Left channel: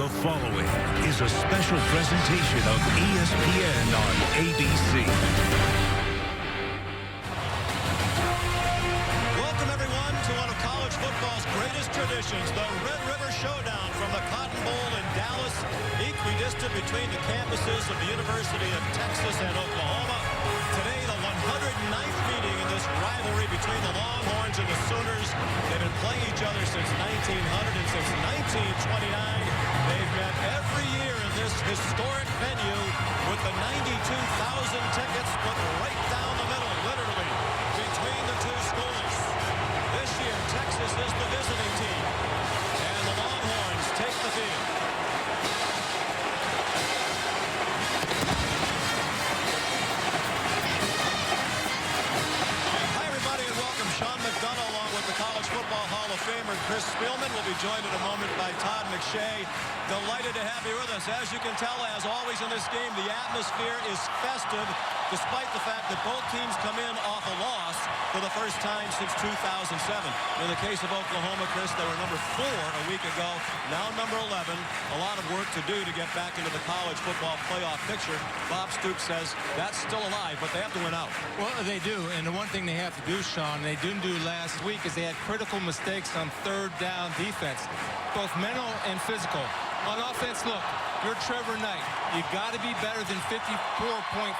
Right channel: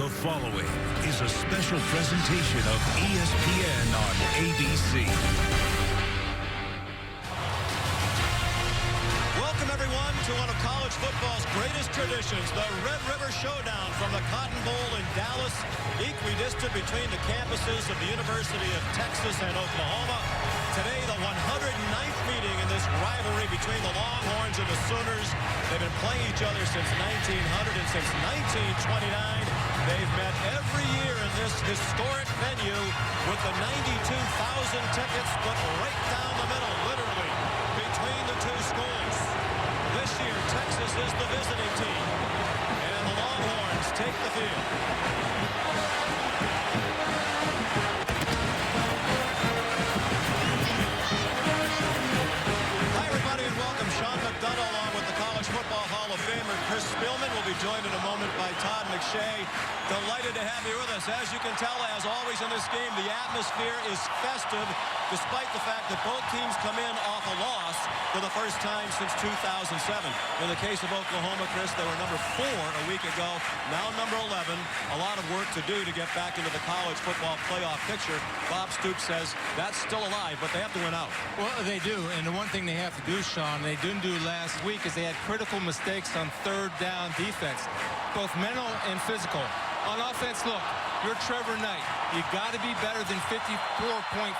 The following is a special presentation of ESPN on ABC. Welcome, everyone, to one of college football's greatest traditions, the Red River Showdown from the Cotton Bowl in Dallas, equidistant between the campuses of the University of Texas and Oklahoma. Today, the 109th meeting in this rivalry between the Longhorns and the Sooners. They've been playing each other since 1900 and since 1929. They've met every year in this historic venue with the 92,000 tickets split right down the middle, literally, between the two schools. This year, Texas is the visiting team, and the Longhorns take the field. Hi, everybody, and welcome. Sean McDonough, along with the College Football Hall of Famer Chris Spielman, will be joined in a moment by Todd McShay. Delighted to have you with us. As you can tell, as always in this game, the atmosphere is festive, despite the fact that both teams come in off a loss for the first time since 2007. In the case of Oklahoma, Chris, they were number 4 a week ago, now number 11. A lot of work to do to get back into the college football playoff picture. Bob Stoops says that's still alive, but they have to win out. Well, they do, and the one thing they have to do, Sean, they didn't do last week, is they had critical mistakes on third down defense, both mental and physical. On offense, look, you're Trevor Knight. You got to be better than 54.5%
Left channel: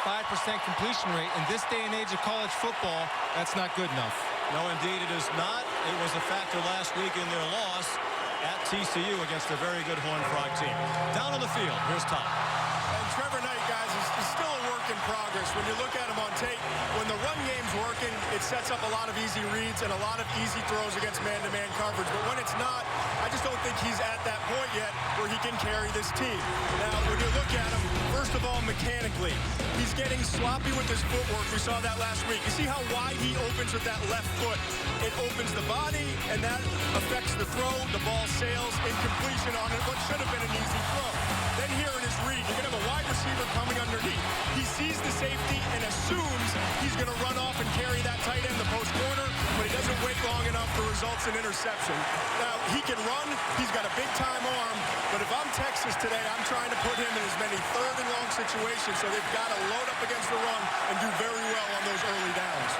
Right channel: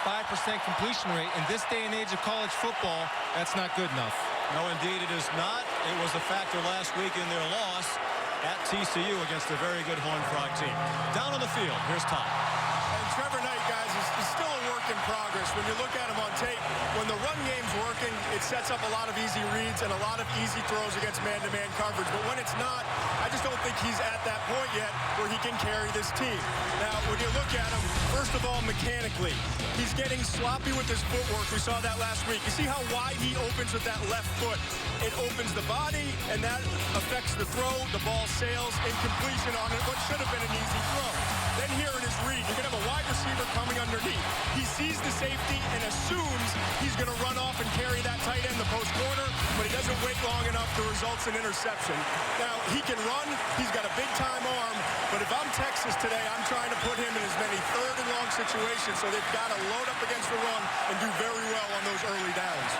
completion rate. In this day and age of college football, that's not good enough. No, indeed, it is not. It was a factor last week in their loss at TCU against a very good Horned Frog team. Down on the field, here's Todd. And Trevor Knight, guys, is still a work in progress. When you look at him on tape, when the run game's working, it sets up a lot of easy reads and a lot of easy throws against man-to-man coverage. But when it's not, I just don't think he's at that point yet where he can carry this team. Now, when you look at him, first of all, mechanically, he's getting sloppy with his footwork. We saw that last week. You see how wide he opens with that left foot? It opens the body, and that affects the throw. The ball sails, incompletion on it, what should have been an easy throw. Then here in his read, you're going to have a wide receiver coming underneath. He sees the safety and assumes he's going to run off and carry that tight end, the post corner, but he doesn't wait long enough to result in interception. Now, he can run. He's got a big-time arm, but if I'm Texas today, I'm trying to put him in as many third and long situations, so they've got to load up against the run and do very well on those early downs.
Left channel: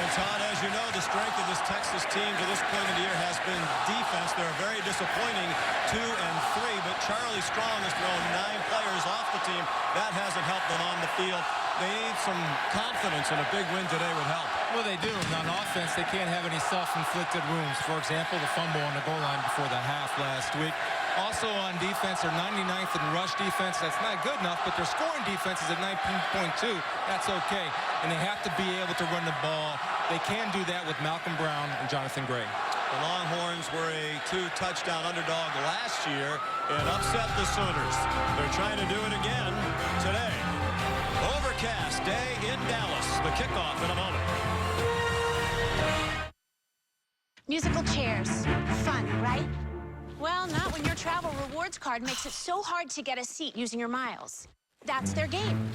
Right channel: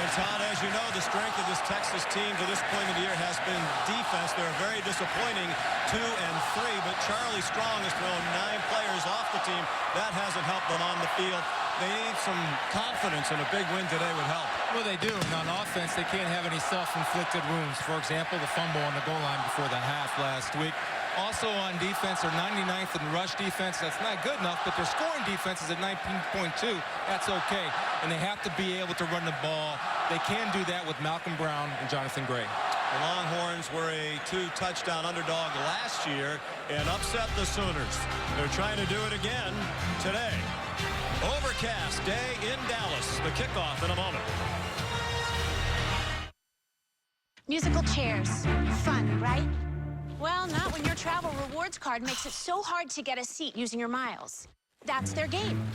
And Todd, as you know, the strength of this Texas team to this point of the year has been defense. They're very disappointing 2 and 3, but Charlie Strong has thrown 9 players off the team. That hasn't helped them on the field. They need some confidence, and a big win today would help. Well, they do. And on offense, they can't have any self-inflicted wounds. For example, the fumble on the goal line before the half last week. Also on defense, they're 99th in rush defense. That's not good enough, but their scoring defense is at 19.2. That's okay. And they have to be able to run the ball. They can do that with Malcolm Brown and Jonathan Gray. The Longhorns were a 2-touchdown underdog last year and upset the Sooners. They're trying to do it again today. Overcast day in Dallas. The kickoff in a moment. Musical chairs. Fun, right? Well, not when your travel rewards card makes it so hard to get a seat using your miles. That's their game.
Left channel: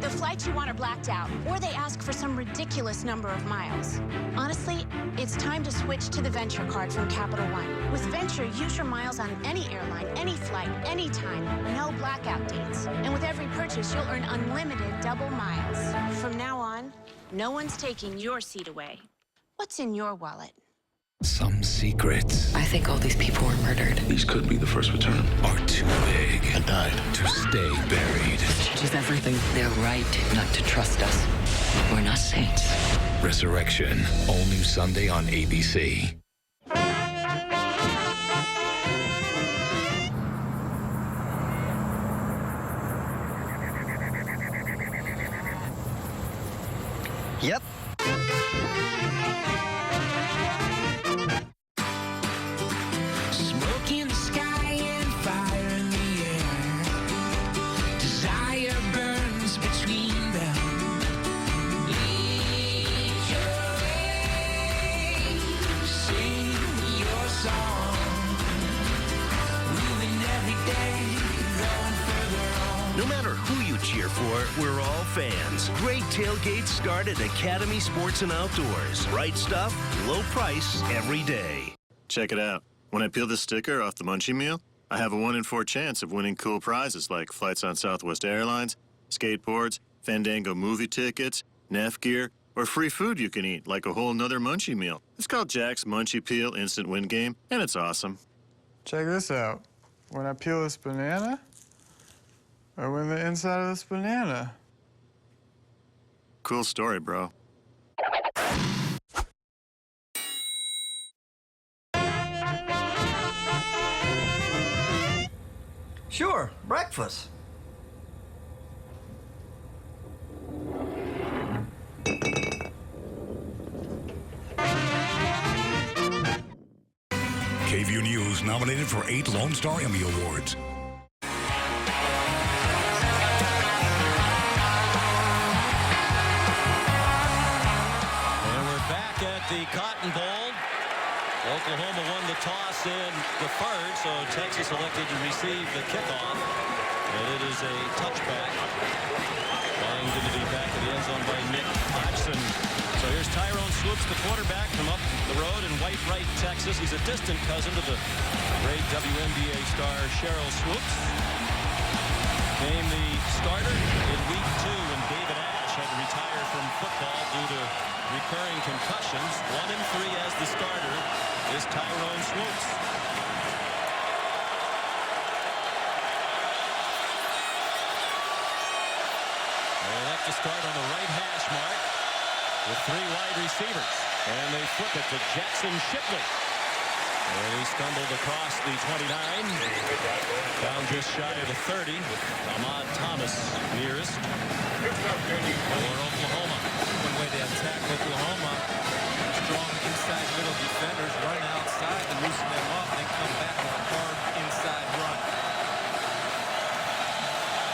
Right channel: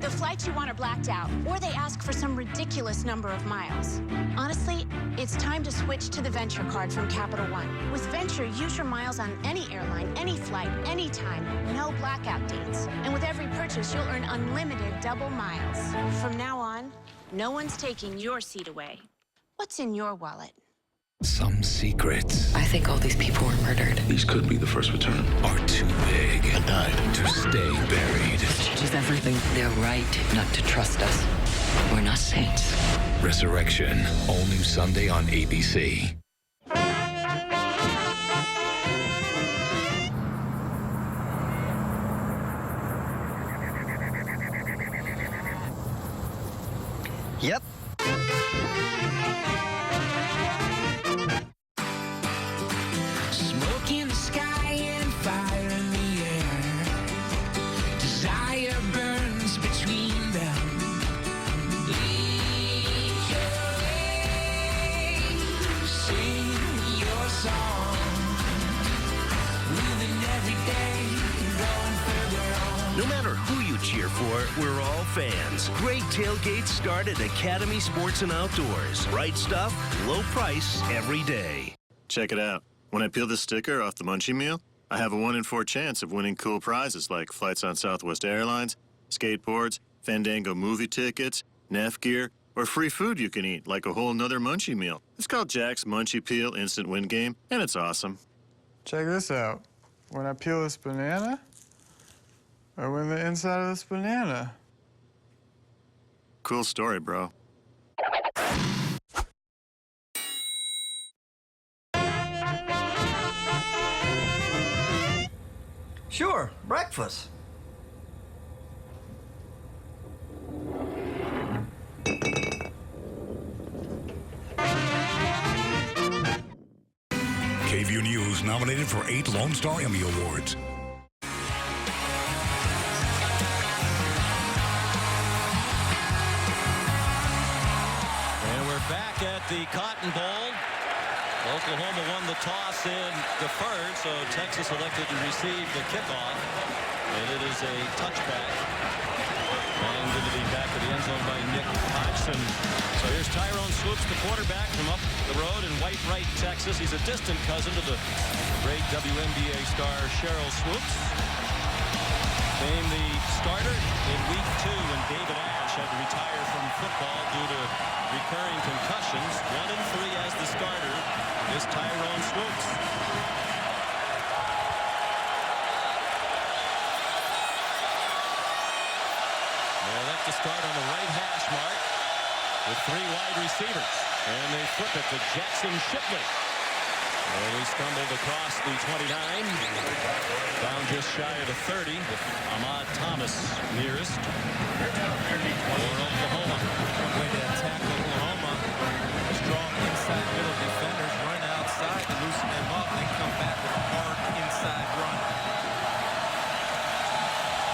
The flights you want are blacked out, or they ask for some ridiculous number of miles. Honestly, it's time to switch to the Venture card from Capital One. With Venture, use your miles on any airline, any flight, anytime, no blackout dates. And with every purchase, you'll earn unlimited double miles. From now on, no one's taking your seat away. What's in your wallet? Some secrets I think all these people were murdered. These could be the first return. are too big I died. to stay buried. This changes everything. They're right not to trust us. We're not saints. Resurrection, all new Sunday on ABC. Yep. Smoke in the sky and fire in the air. Desire burns between them. Lead your way. Sing your song. Moving every day, going further on. No matter who you cheer for, we're all fans. Great tailgates start at Academy Sports and Outdoors. Right stuff, low price every day. Check it out. When I peel this sticker off the munchie meal, I have a 1 in 4 chance of winning cool prizes like flights on Southwest Airlines, skateboards, Fandango movie tickets, Neff gear, or free food you can eat like a whole nother munchie meal. It's called Jack's Munchie Peel Instant Win Game, and it's awesome. Check this out. When I peel this banana, I win the inside of this banana. Cool story, bro. Sure, breakfast. KVU News nominated for 8 Lone Star Emmy Awards. And we're back at the Cotton Bowl. Oklahoma won the toss and deferred, so Texas elected to receive the kickoff. And it is a touchback. Banged into the back of the end zone by Nick Hodgson. So here's Tyrone Swoops, the quarterback from up the road in White Wright, Texas. He's a distant cousin to the great WNBA star Cheryl Swoops. Became the starter in week 2 when David Ash had to retire from football due to recurring concussions. 1 in 3 as the starter is Tyrone Swoops. They elect to start on the right hash mark with 3 wide receivers. And they flip it to Jackson Shipley. And he stumbled across the 29. Down just shy of the 30 with Ahmad Thomas nearest for Oklahoma. One way to attack Oklahoma. Strong inside middle defenders run outside to loosen them up and then come back with a hard inside run.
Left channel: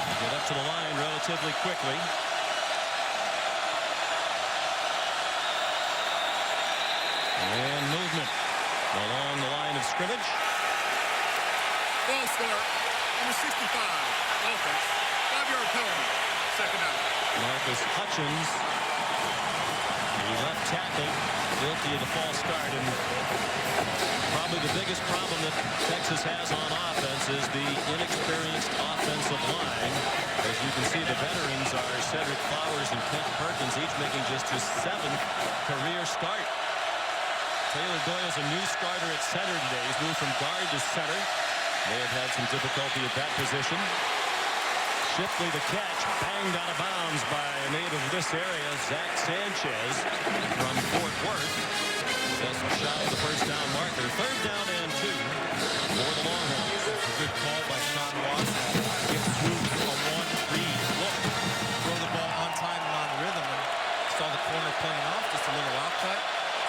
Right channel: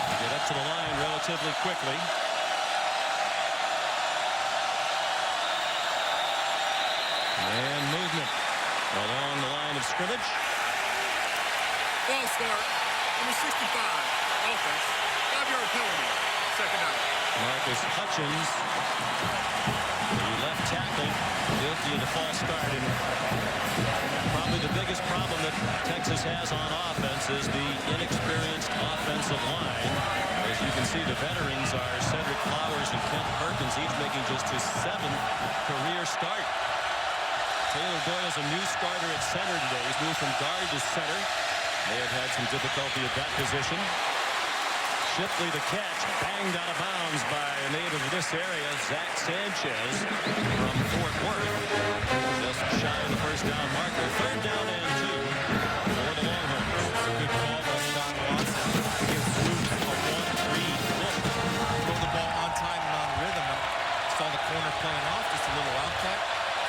They get up to the line relatively quickly. And movement along the line of scrimmage. Ball start. Number 65. Offense. 5-yard penalty. Second down. Marcus Hutchins, the left tackle, guilty of the false start. And probably the biggest problem that Texas has on offense is the inexperienced offensive line. As you can see, the veterans are Cedric Flowers and Kent Perkins, each making just his 7th career start. Taylor Doyle's a new starter at center today. He's moved from guard to center. They have had some difficulty at that position. Shipley the catch, banged out of bounds by a native of this area, Zach Sanchez from Fort Worth. Just shy of the first down marker. 3rd down and 2 for the Longhorns. Good call by Sean Watson to give Swoops a 1-read look. Throw the ball on time and on rhythm. And saw the corner playing off, just a little out cut.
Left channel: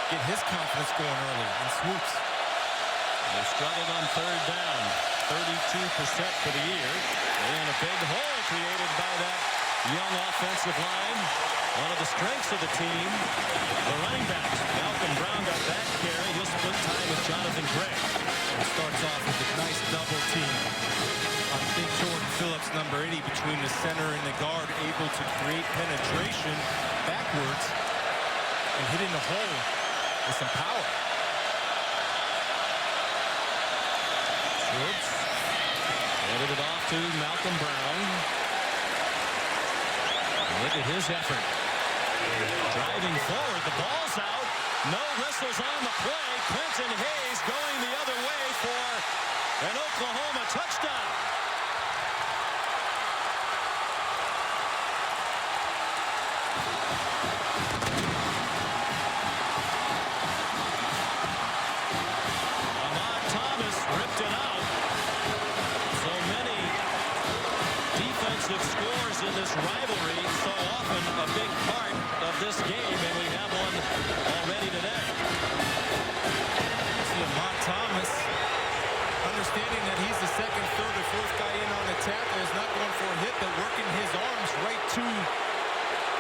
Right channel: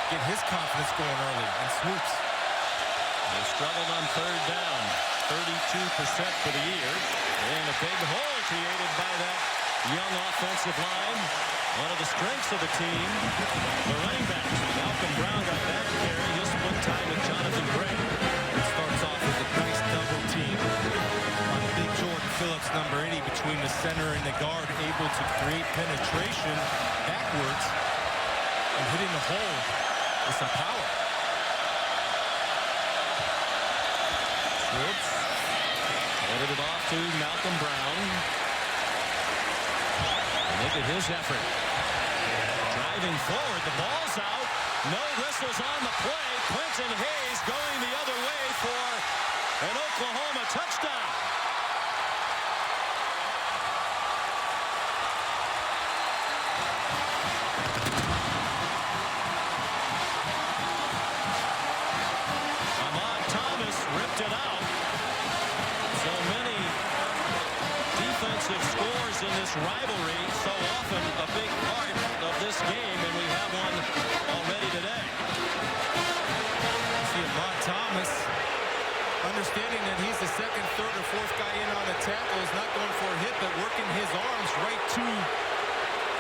Get his confidence going early, and Swoops. They struggled on 3rd down. 32% for the year. And a big hole created by that young offensive line. One of the strengths of the team, the running backs. Malcolm Brown got that carry. He'll split time with Jonathan Gray. It starts off with a nice double team on Big Jordan Phillips, number 80, between the center and the guard, able to create penetration backwards and hitting the hole with some power. Swoops handed it off to Malcolm Brown. Look at his effort. Driving forward, the ball's out. No whistles on the play. Quentin Hayes going the other way for an Oklahoma touchdown. Ahmad Thomas ripped it out. So many defensive scores in this rivalry, so often a big part of this game, and we have one already today. See Ahmad Thomas, understanding that he's the 2nd, 3rd, or 4th guy in on the tackle, is not going for a hit, but working his arms right to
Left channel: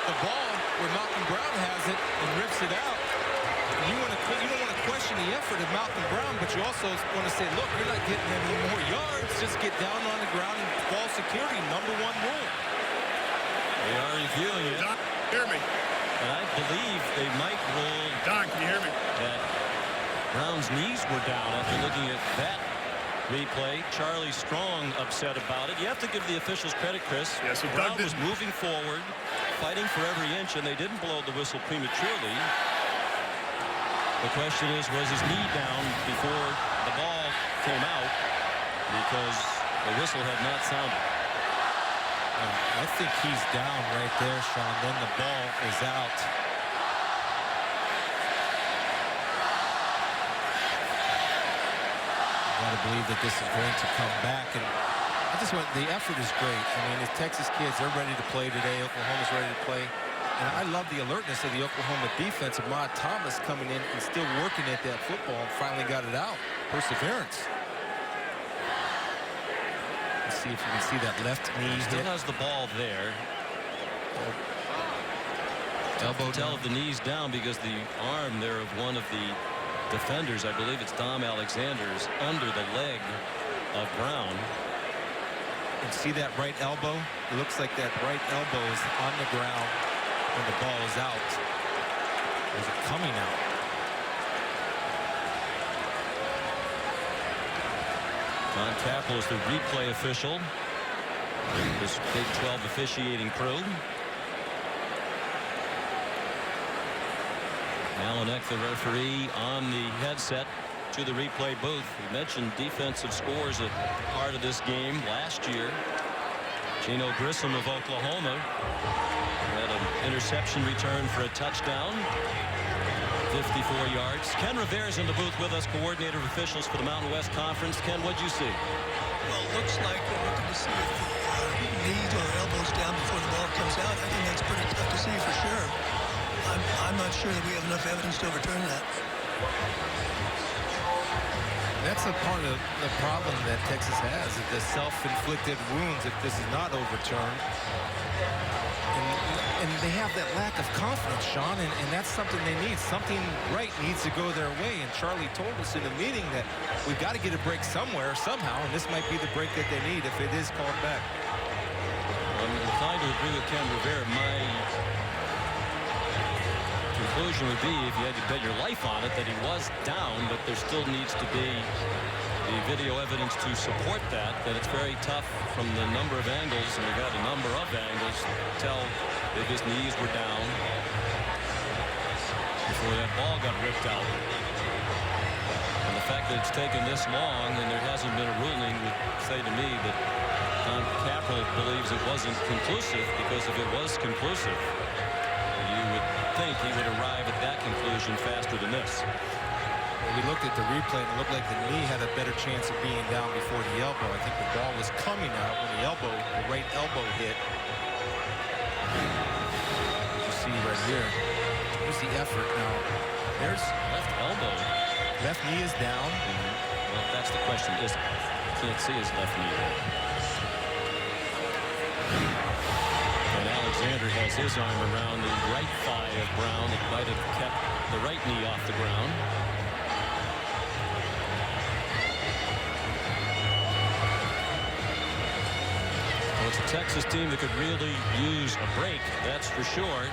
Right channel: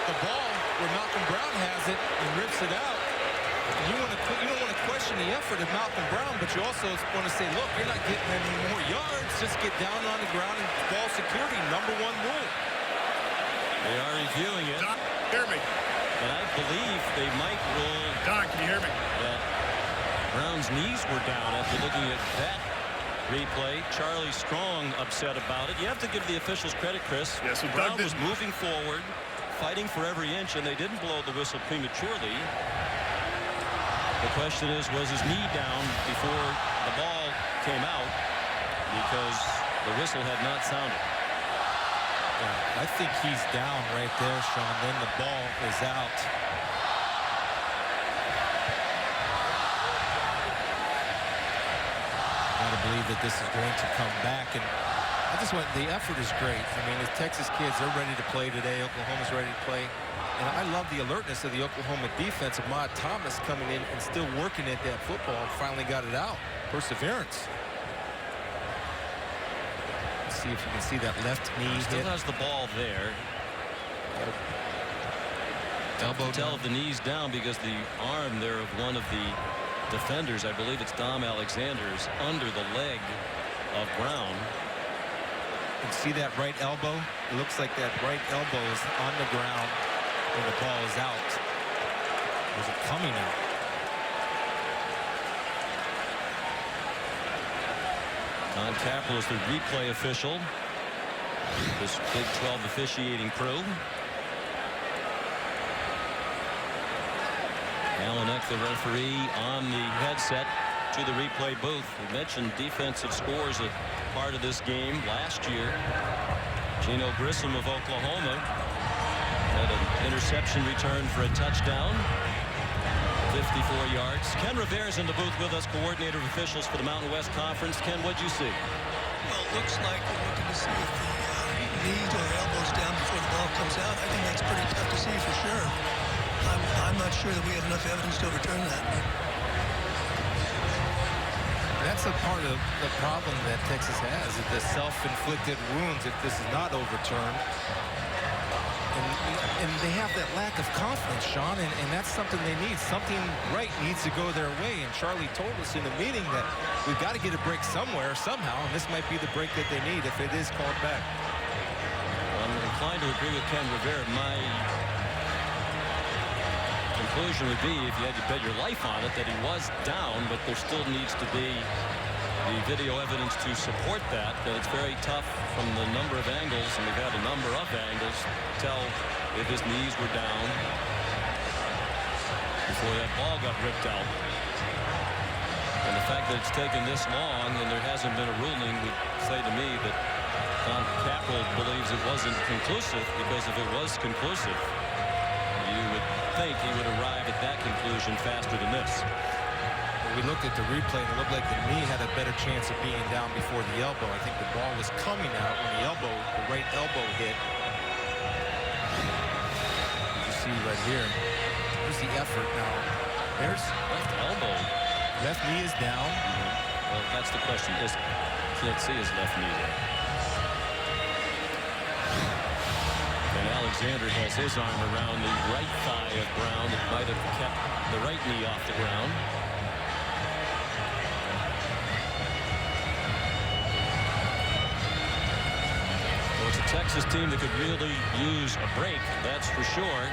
the ball where Malcolm Brown has it and rips it out. You don't want to question the effort of Malcolm Brown, but you also want to say, look, you're not getting any more yards. Just get down on the ground and ball security, #1 rule. They are reviewing it. Don, hear me. But I believe they might rule Don, can you hear me? that Brown's knees were down after looking at that replay. Charlie Strong upset about it. You have to give the officials credit, Chris. Yeah, so Brown was moving forward, fighting for every inch, and they didn't blow the whistle prematurely. The question is, was his knee down before the ball came out? Because the whistle had not sounded. Yeah, I think he's down right there, Sean. Then the ball is out. Got to believe that this is going to come back, and I just want the effort is great. I mean, the Texas kids, they're ready to play today. Oklahoma's ready to play, and I love the alertness of the Oklahoma defense. Ahmad Thomas coming in and still working at that football and finally got it out. Perseverance. Let's see if you can see that left knee Still hit. has the ball there. Elbow tell down. if the knee's down because the arm there of one of the defenders, I believe it's Dom Alexander's, under the leg of Brown. And see that right elbow? It looks like that right elbow is on the ground when the ball is out. Or is it coming out? Don Capel is the replay official. This Big 12 officiating crew. Alan Eck, the referee, on the headset to the replay booth. We mentioned defensive scores a part of this game last year. Geno Grissom of Oklahoma had an interception return for a touchdown. 54 yards. Ken Rivera's in the booth with us, coordinator of officials for the Mountain West Conference. Ken, what'd you see? Well, it looks like we're looking to see if the knees or elbows down before the ball comes out. I think that's pretty tough to see for sure. I'm not sure that we have enough evidence to overturn that. That's a part of the problem that Texas has, is the self-inflicted wounds if this is not overturned. And they have that lack of confidence, Sean, and that's something they need. Something right needs to go their way. And Charlie told us in the meeting that we've got to get a break somewhere, somehow, and this might be the break that they need if it is called back. Well, I'm inclined to agree with Ken Rivera. My conclusion would be, if you had to bet your life on it, that he was down, but there still needs to be the video evidence to support that it's very tough from the number of angles, and we've had a number of angles, tell if his knees were down before that ball got ripped out. And the fact that it's taken this long and there hasn't been a ruling would say to me that Don Capel believes it wasn't conclusive, because if it was conclusive, you would think he would arrive at that conclusion faster than this. We looked at the replay and it looked like the knee had a better chance of being down before the elbow. I think the ball was coming out when the right elbow hit. You can see right here. There's the effort now. There's left elbow. Left knee is down. Well, that's the question. Can't see his left knee there. And Alexander has his arm around the right thigh of Brown that might have kept the right knee off the ground. Well, it's a Texas team that could really use a break, that's for sure.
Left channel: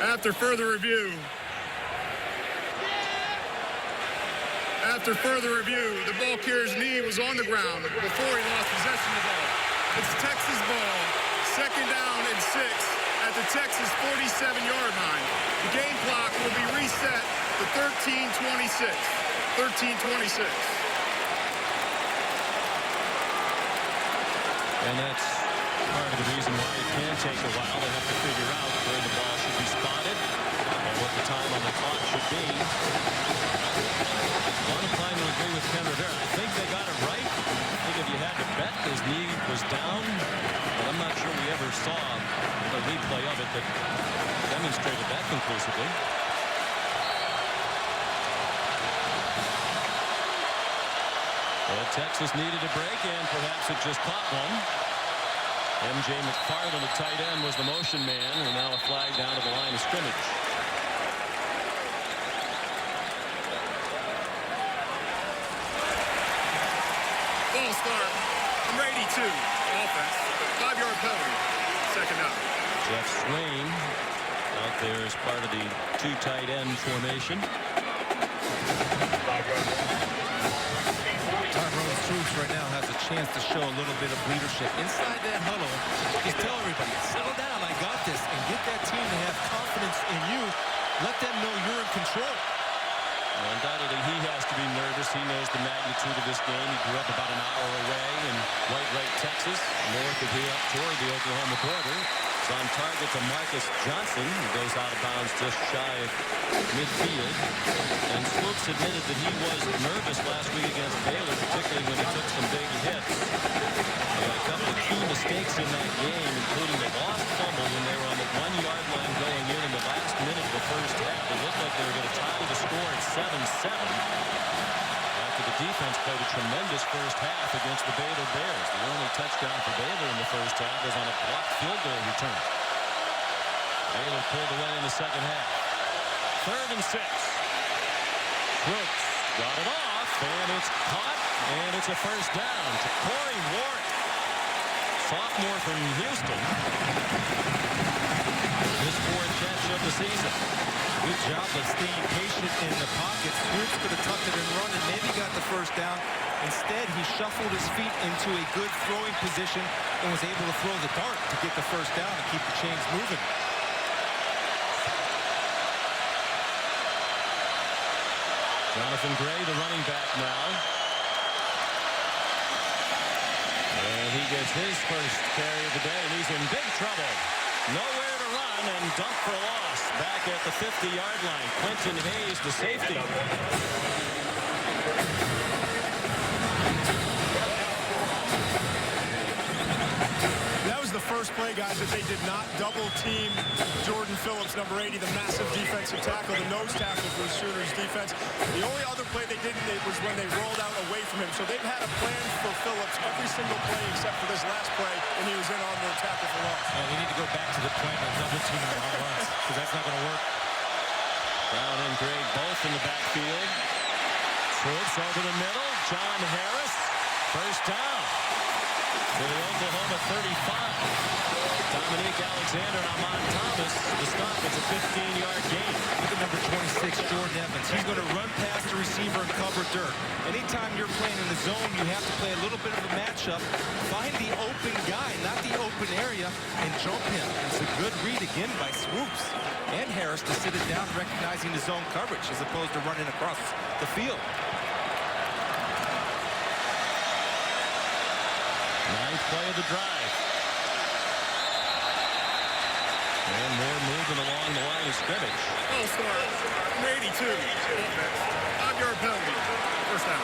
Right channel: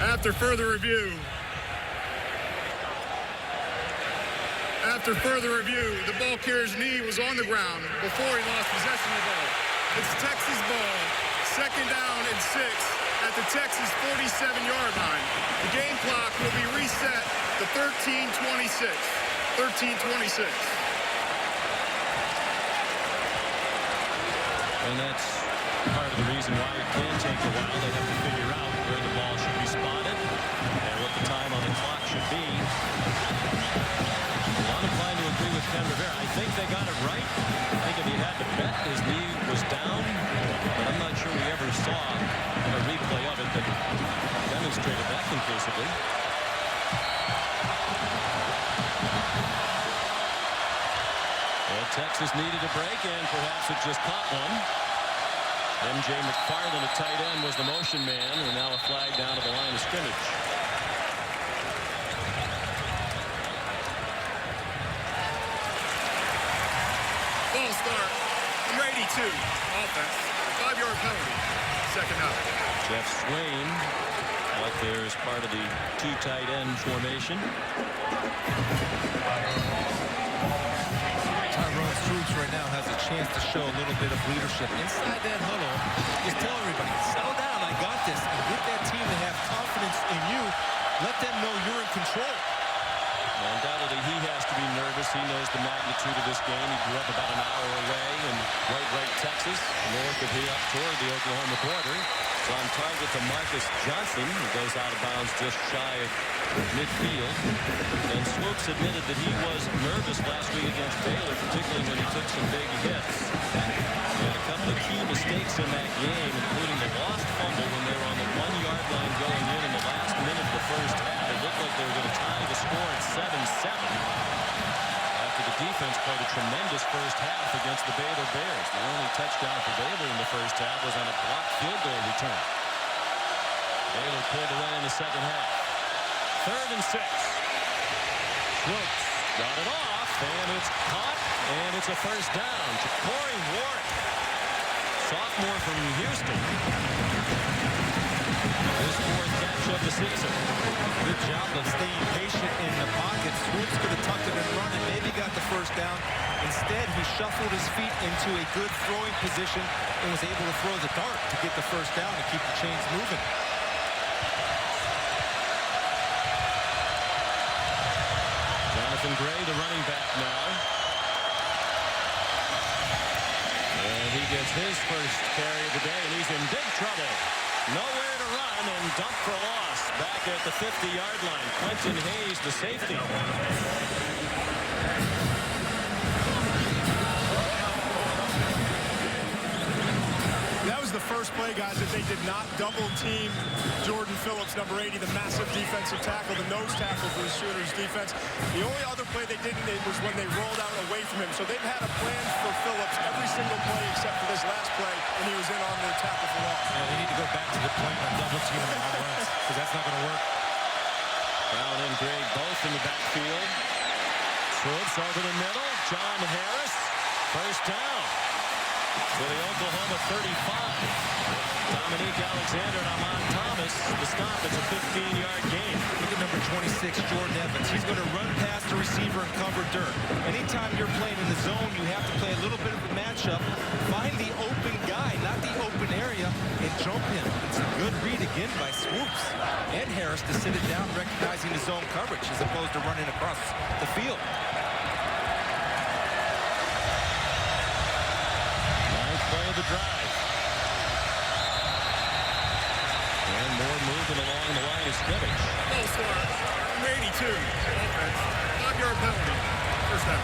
After further review, the ball carrier's knee was on the ground before he lost possession of the ball. It's Texas ball, 2nd down and 6 at the Texas 47-yard line. The game clock will be reset to 13:26. 13:26. And that's part of the reason why it can take a while. They have to figure out where the ball should be spotted and what the time on the clock should be. Well, I'm inclined to agree with Ken Rivera. I think they got it right. I think if you had to bet, his knee was down, but I'm not sure we ever saw a replay of it that demonstrated that conclusively. Well, Texas needed a break, and perhaps it just caught one. M.J. McFarland, a tight end, was the motion man, and now a flag down to the line of scrimmage. Ball start. Number 82. Offense. 5-yard penalty. 2nd down. Jeff Swain out there as part of the 2 tight end formation. Tyrone Swoops right now has a chance to show a little bit of leadership inside that huddle. Just tell everybody, settle down, I got this, and get that team to have confidence in you. Let them know you're in control. Well, undoubtedly, he has to be nervous. He knows the magnitude of this game. He grew up about an hour away in White Wright, Texas, north of here up toward the Oklahoma border. It's on target to Marcus Johnson, who goes out of bounds just shy of midfield. And Swoops admitted that he was nervous last week against Baylor, particularly when he took some big hits. He had a couple of key mistakes in that game, including the lost fumble when they were on the 1-yard line going in the last minute of the first half. It looked like they were going to tie the score at 7-7. After the defense played a tremendous first half against the Baylor Bears. The only touchdown for Baylor in the first half was on a blocked field goal return. Baylor pulled away in the second half. 3rd and 6. Swoops got it off, and it's caught, and it's a first down to Corey Warren, sophomore from Houston. His 4th catch of the season. Good job of staying patient in the pocket. Swoops could have tucked it and run and maybe got the first down. Instead, he shuffled his feet into a good throwing position and was able to throw the dart to get the first down and keep the chains moving. Jonathan Gray, the running back now. And he gets his first carry of the day, and he's in big trouble. Nowhere to run and dump for loss back at the 50-yard line. Quentin Hayes, the safety. That was the first play, guys, that they did not double team Jordan Phillips, number 80, the massive defensive tackle, the nose tackle for the Sooners defense. The only other play they didn't was when they rolled out away from him. So they've had a plan for Phillips every single play except for this last play, and he was in on their tackle for loss. Yeah, they need to go back to the plan on double team and on runs, because that's not going to work. Brown and Gray both in the backfield. Swoops over the middle. John Harris, first down to the Oklahoma 35. Dominique Alexander and Amon Thomas, the stop. It's a 15-yard gain. Look at number 26, Jordan Evans. He's going to run past the receiver and cover dirt. Anytime you're playing in the zone, you have to play a little bit of a matchup. Find the open guy, not the open area, and jump him. It's a good read again by Swoops and Harris to sit it down, recognizing the zone coverage as opposed to running across the field. 9th play of the drive. And more movement along the line of scrimmage. Ball start, number 82, offense, 5-yard penalty, first down.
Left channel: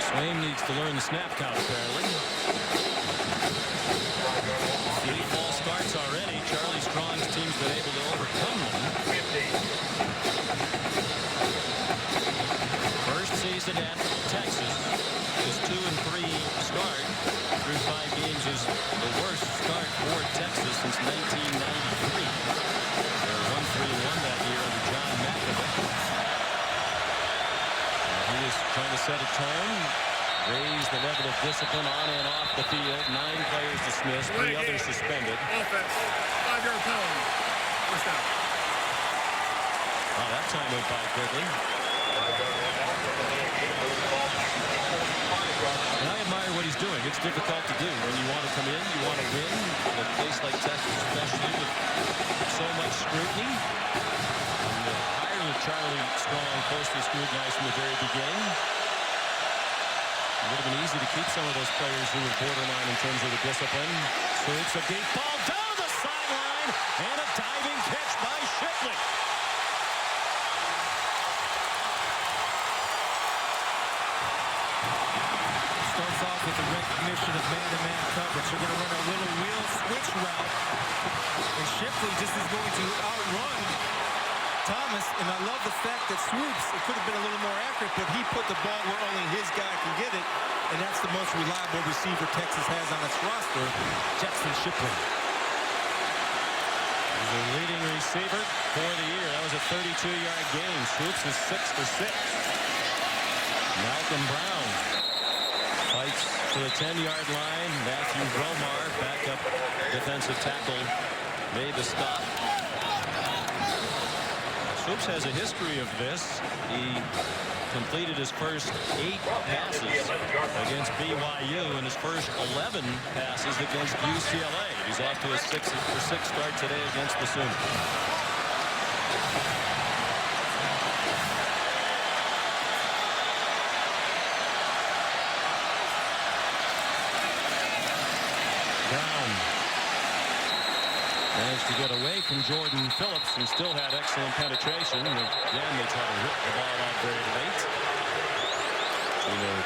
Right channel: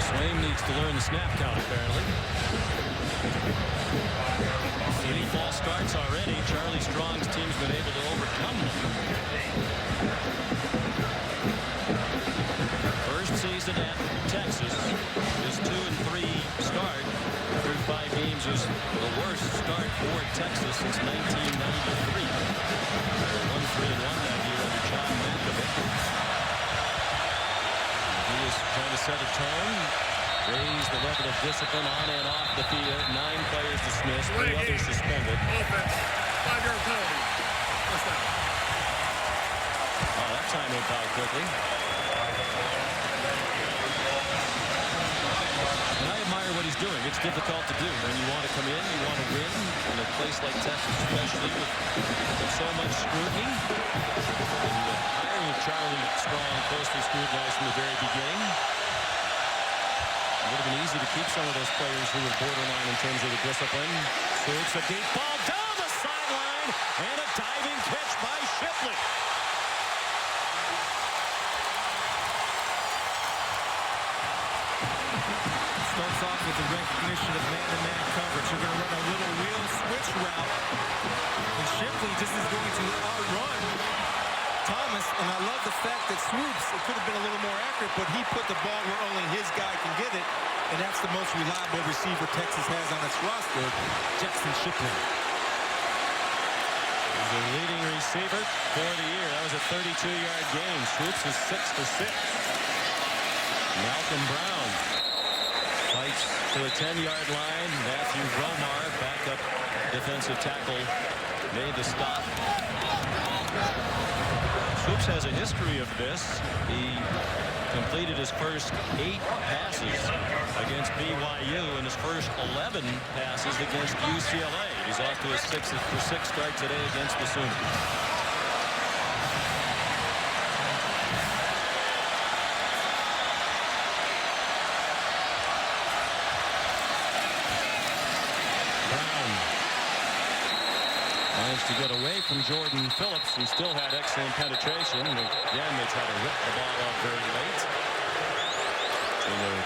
Swaim needs to learn the snap count, apparently. 3 false starts already. Charlie Strong's team's been able to overcome them. First season at Texas. His 2-3 start through 5 games is the worst start for Texas since 1993. They were 1-3-1 that year under John Mackovic. He is trying to set a tone, raise the level of discipline on and off the field. 9 players dismissed, 3 others suspended. Offense, 5-yard penalty, first down. Oh, that time went by quickly. And I admire what he's doing. It's difficult to do when you want to come in, you want to win in a place like Texas, especially with so much scrutiny. And the hiring of Charlie Strong closely scrutinized from the very beginning. It would have been easy to keep some of those players who were borderline in terms of the discipline. Swoops a deep ball down the sideline and a diving catch by Shipley. Starts off with the recognition of man-to-man coverage. They're going to run a little wheel switch route. And Shipley just is going to outrun Thomas. And I love the fact that Swoops, it could have been a little more accurate, but he put the ball where only his guy can get it. And that's the most reliable receiver Texas has on its roster, Jackson Shipley. He's the leading receiver for the year. That was a 32-yard gain. Swoops is 6 for 6. Malcolm Brown fights to the 10-yard line. Matthew Romar, backup defensive tackle, made the stop. Swoops has a history of this. He completed his first 8 passes against BYU and his first 11 passes against UCLA. He's off to a 6-for-6 start today against the Sooners. Brown managed to get away from Jordan Phillips, who still had excellent penetration. Again, they try to rip the ball out very late.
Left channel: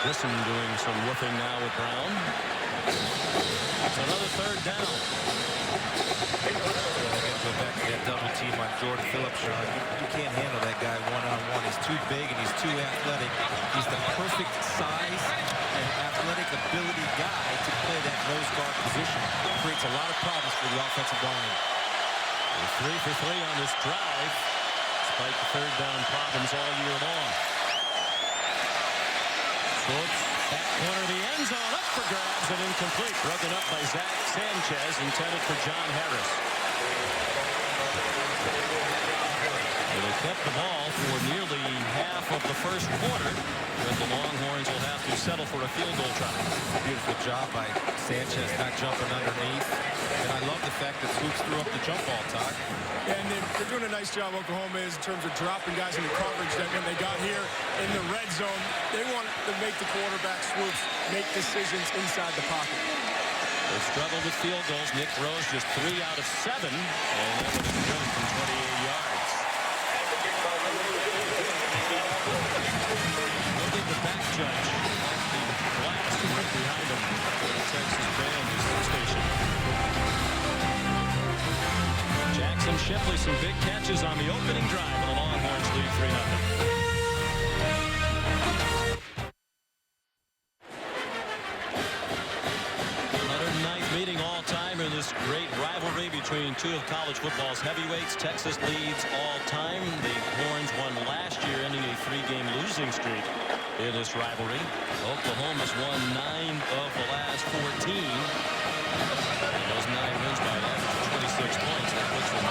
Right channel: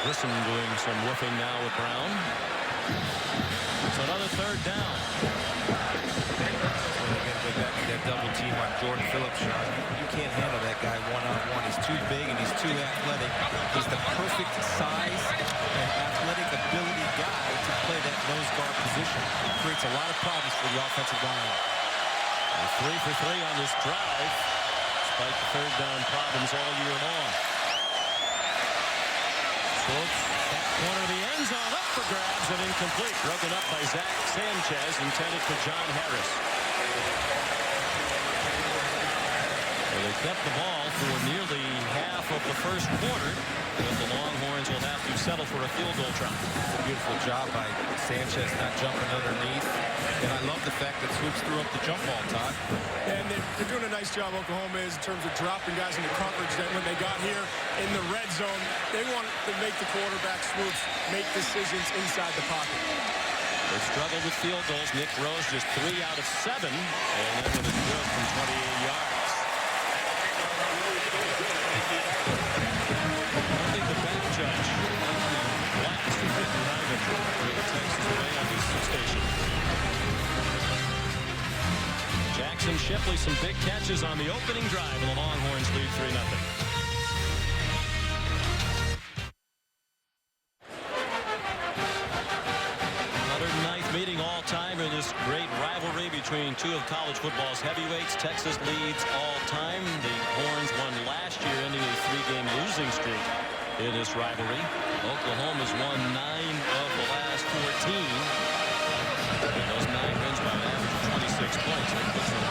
Grissom doing some woofing now with Brown. It's another 3rd down. Well, I got to go back to that double team on Jordan Phillips, Sean. You can't handle that guy one-on-one. He's too big and he's too athletic. He's the perfect size and athletic ability guy to play that nose guard position. Creates a lot of problems for the offensive line. 3 for 3 on this drive, despite the 3rd down problems all year long. Swoops, back corner of the end zone, up for grabs and incomplete. Broken up by Zach Sanchez, intended for John Harris. Well, they kept the ball for nearly half of the first quarter, but the Longhorns will have to settle for a field goal try. It's a beautiful job by Sanchez, not jumping underneath. And I love the fact that Swoops threw up the jump ball, Todd. And they're doing a nice job, Oklahoma is, in terms of dropping guys into coverage. That when they got here in the red zone, they want to make the quarterback, Swoops, make decisions inside the pocket. They struggled with field goals. Nick Rose just 3 out of 7, and that one is good from 28 yards. I don't think the back judge liked the blast from right behind him where the Texas band is stationed. Jackson Shipley, some big catches on the opening drive, and the Longhorns lead 3-0. 109th meeting all time in this great rivalry between 2 of college football's heavyweights. Texas leads all time. The Horns won last year, ending a 3-game losing streak in this rivalry. Oklahoma's won 9 of the last 14. And those 9 wins by an average of 26 points. That puts some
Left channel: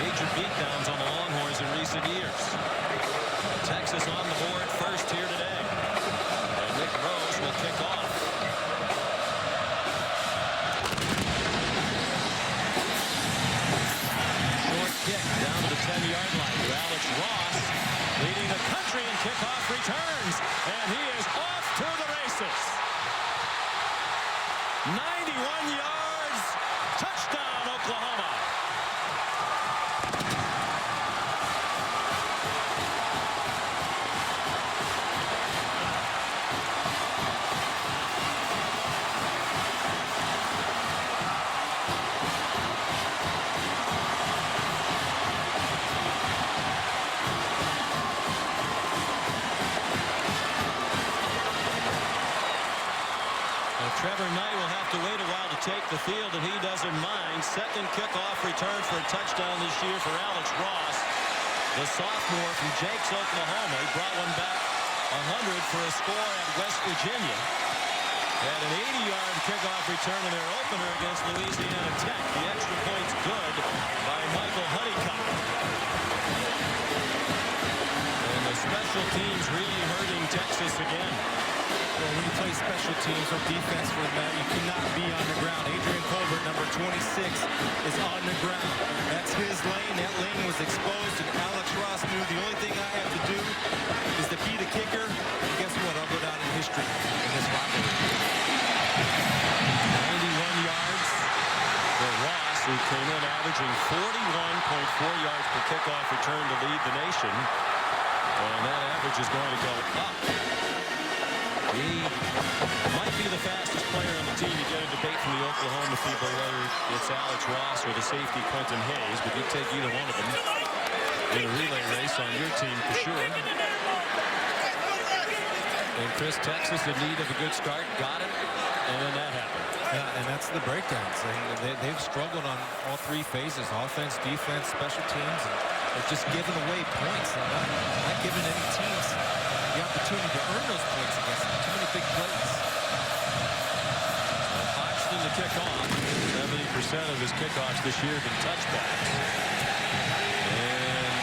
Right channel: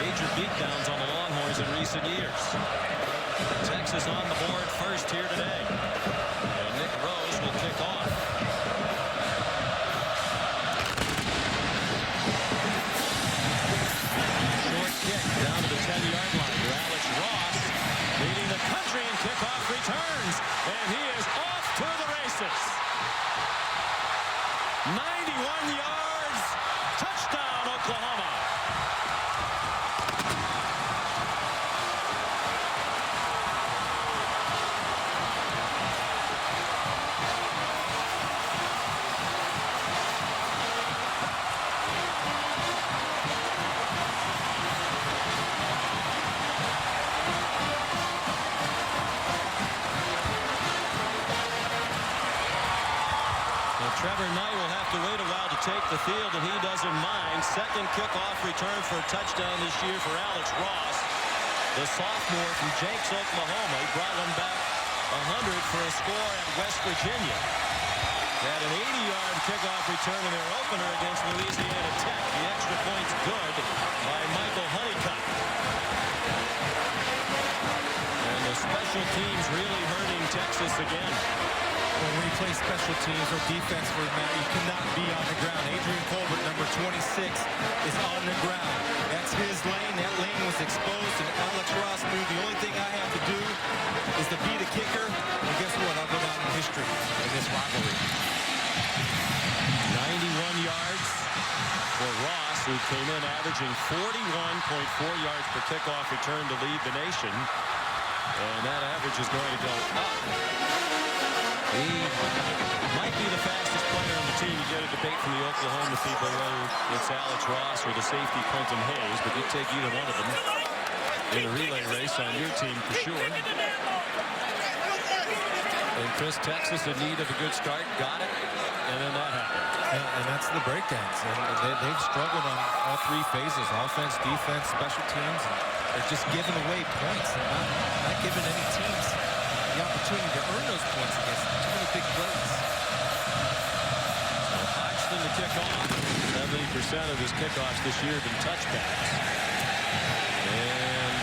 major beatdowns on the Longhorns in recent years. Texas on the board first here today. And Nick Rose will kick off. Short kick down to the 10-yard line to Alex Ross, leading the country in kickoff returns. And he is off to the races. 91 yards, touchdown Oklahoma. Trevor Knight will have to wait a while to take the field, and he doesn't mind. Second kickoff return for a touchdown this year for Alex Ross, the sophomore from Jenks, Oklahoma. He brought one back 100 for a score at West Virginia. Had an 80-yard kickoff return in their opener against Louisiana Tech. The extra point's good by Michael Honeycutt. And the special teams really hurting Texas again. Well, when you play special teams or defense for the matter, you cannot be on the ground. Adrian Colbert, number 26, is on the ground. That's his lane. That lane was exposed, and Alex Ross knew the only thing I have to do is to be the kicker. And guess what? I'll go down in history in this rivalry. 91 yards for Ross, who came in averaging 41.4 yards per kickoff return to lead the nation. And that average is going to go up. He might be the fastest player on the team. You get a debate from the Oklahoma people whether it's Alex Ross or the safety Quentin Hayes, but you take either one of them in a relay race on your team for sure. And Chris, Texas in need of a good start, got it, and then that happened. Yeah, and that's the breakdowns. And they've struggled on all 3 phases: offense, defense, special teams, and they're just giving away points and not giving any teams the opportunity to earn those points against them. Too many big plays. So Hodgson to kick off. 70% of his kickoffs this year have been touchbacks. And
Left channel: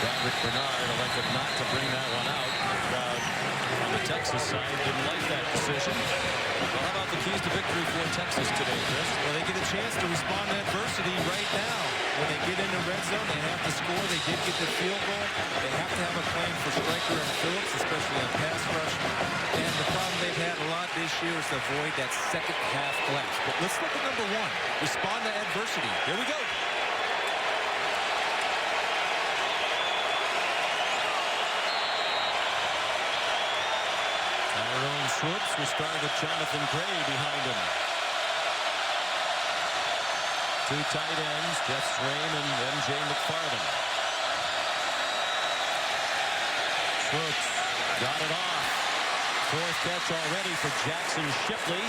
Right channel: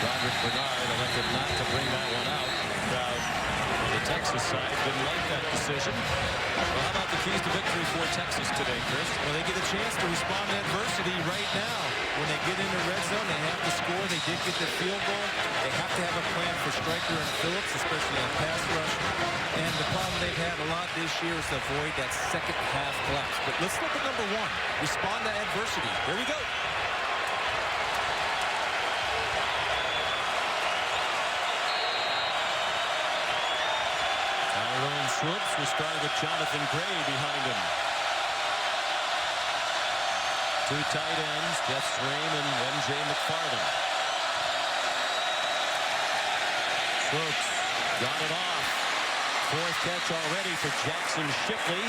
Roderick Bernard elected not to bring that one out. The crowd on the Texas side didn't like that decision. Well, how about the keys to victory for Texas today, Chris? Well, they get a chance to respond to adversity right now. When they get into red zone, they have to score. They did get the field goal. They have to have a plan for Stryker and Phillips, especially on pass rush. And the problem they've had a lot this year is to avoid that second half collapse. But let's look at number one. Respond to adversity. Here we go. Tyrone Swoops will start with Jonathan Gray behind him. Two tight ends, Jeff Swaim and M.J. McFarland. Swoops got it off. Fourth catch already for Jackson Shipley.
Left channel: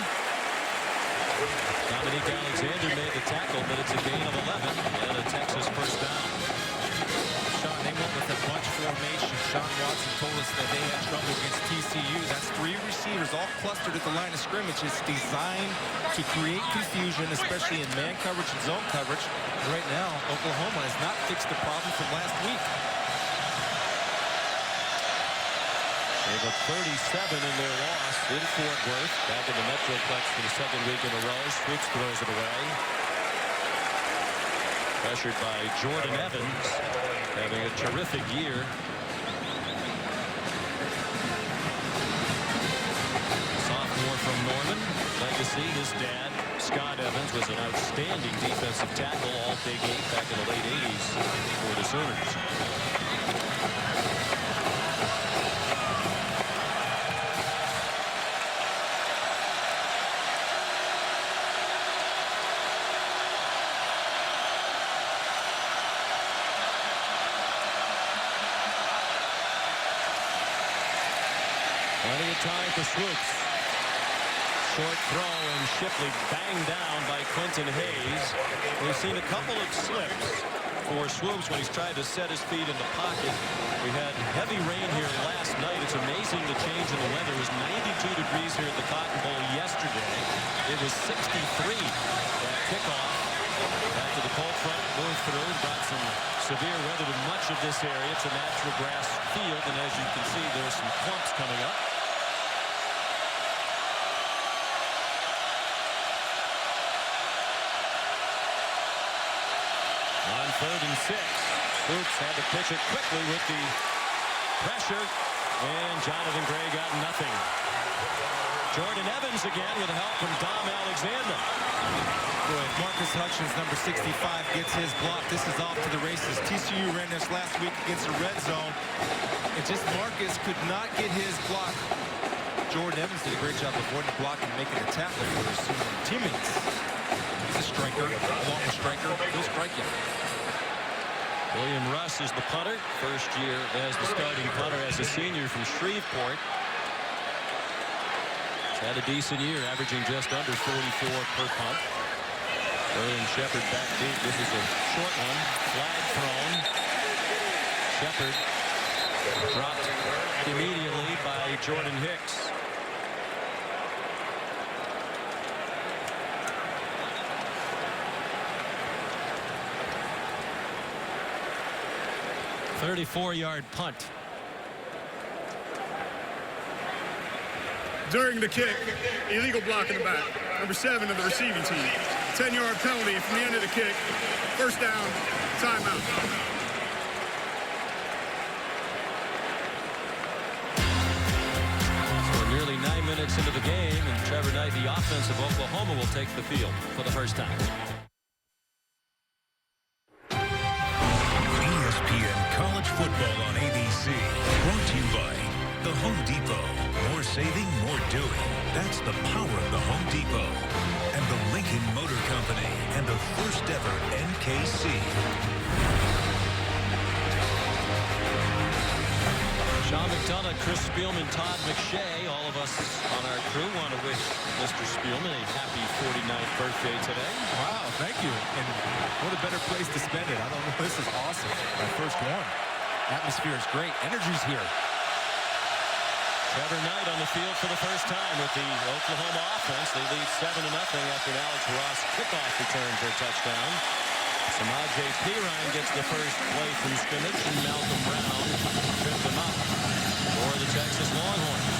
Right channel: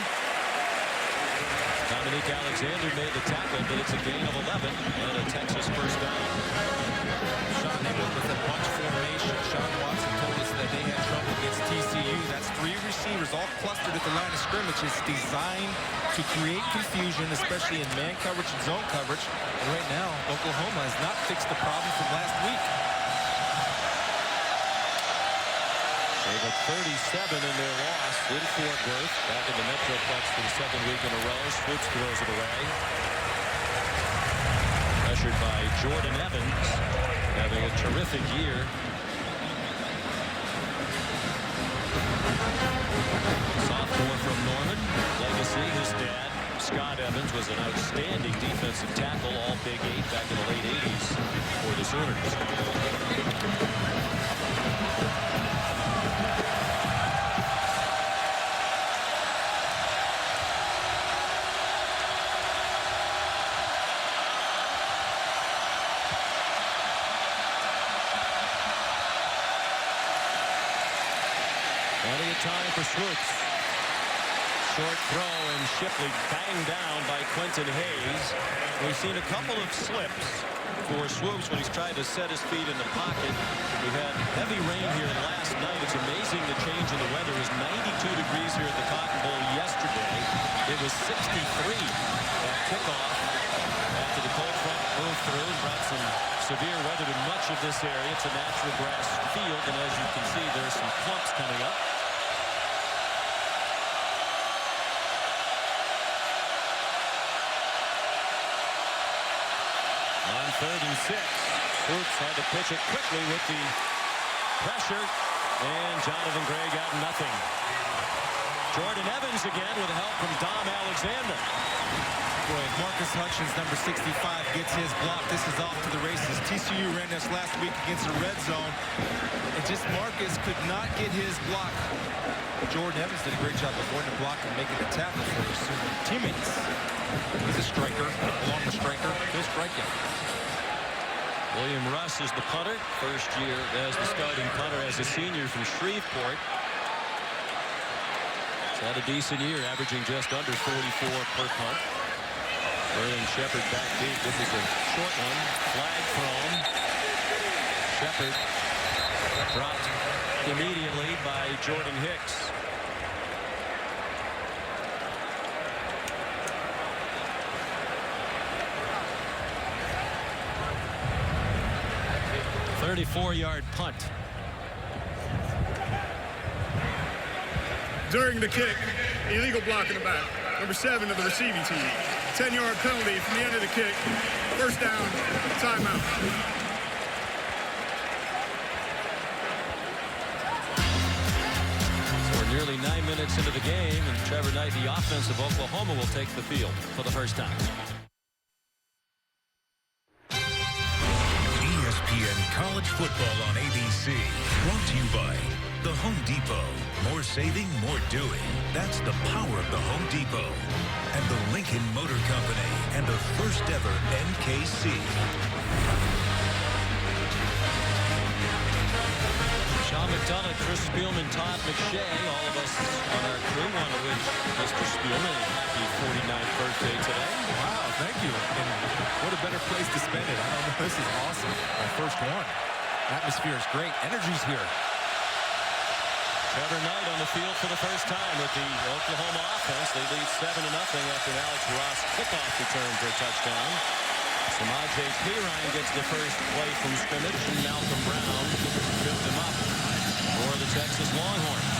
Dominique Alexander made the tackle, but it's a gain of 11 and a Texas first down. Sean, they went with a bunch formation. Sean Watson told us that they had trouble against TCU. That's three receivers all clustered at the line of scrimmage. It's designed to create confusion, especially in man coverage and zone coverage. And right now, Oklahoma has not fixed the problem from last week. They've got 37 in their loss in Fort Worth. Back in the Metroplex for the second week in a row. Swoops throws it away. Pressured by Jordan Evans, having a terrific year. Sophomore from Norman. Legacy, his dad, Scott Evans, was an outstanding defensive tackle, all Big 8 back in the late 80s for the Sooners. Plenty of time for Swoops. Short throw, and Shipley banged down by Quentin Hayes. We've seen a couple of slips for Swoops when he's tried to set his feet in the pocket. We had heavy rain here last night. It's amazing the change in the weather. It was 92 degrees here at the Cotton Bowl yesterday. It was 63 at kickoff after the cold front moved through and brought some severe weather to much of this area. It's a natural grass field, and as you can see, there's some clumps coming up. On 3rd and 6, Swoops had to pitch it quickly with the pressure, and Jonathan Gray got nothing. Jordan Evans again with help from Dom Alexander. Boy, if Marcus Hutchins, number 65, gets his block, this is off to the races. TCU ran this last week against the red zone, and just Marcus could not get his block. Jordan Evans did a great job avoiding the block and making the tackle for his teammates. He's a striker. Along with Stryker, he'll strike you. William Russ is the punter. First year as the starting punter as a senior from Shreveport. He's had a decent year, averaging just under 44 per punt. Sterling Shepard back deep. This is a short one. Flag thrown. Shepard dropped immediately by Jordan Hicks. .34-yard punt. During the kick, illegal block in the back. Number 7 of the receiving team. 10-yard penalty from the end of the kick. First down, timeout. So we're nearly 9 minutes into the game, and Trevor Knight, the offense of Oklahoma, will take the field for the first time. ESPN College Football on ABC. Brought to you by The Home Depot. More saving, more doing. That's the power of the Home Depot. And the Lincoln Motor Company. And the first ever NKC. Sean McDonough, Chris Spielman, Todd McShay, all of us on our crew want to wish Mr. Spielman a happy 49th birthday today. Wow, thank you. And what a better place to spend it. I don't know. This is awesome. My first one. Atmosphere is great. Energy's here. Trevor Knight on the field for the first time with the Oklahoma offense. They lead 7-0 after an Alex Ross kickoff return for a touchdown. Samaje Perine gets the first play from scrimmage, and Malcolm Brown tripped him up for the Texas Longhorns.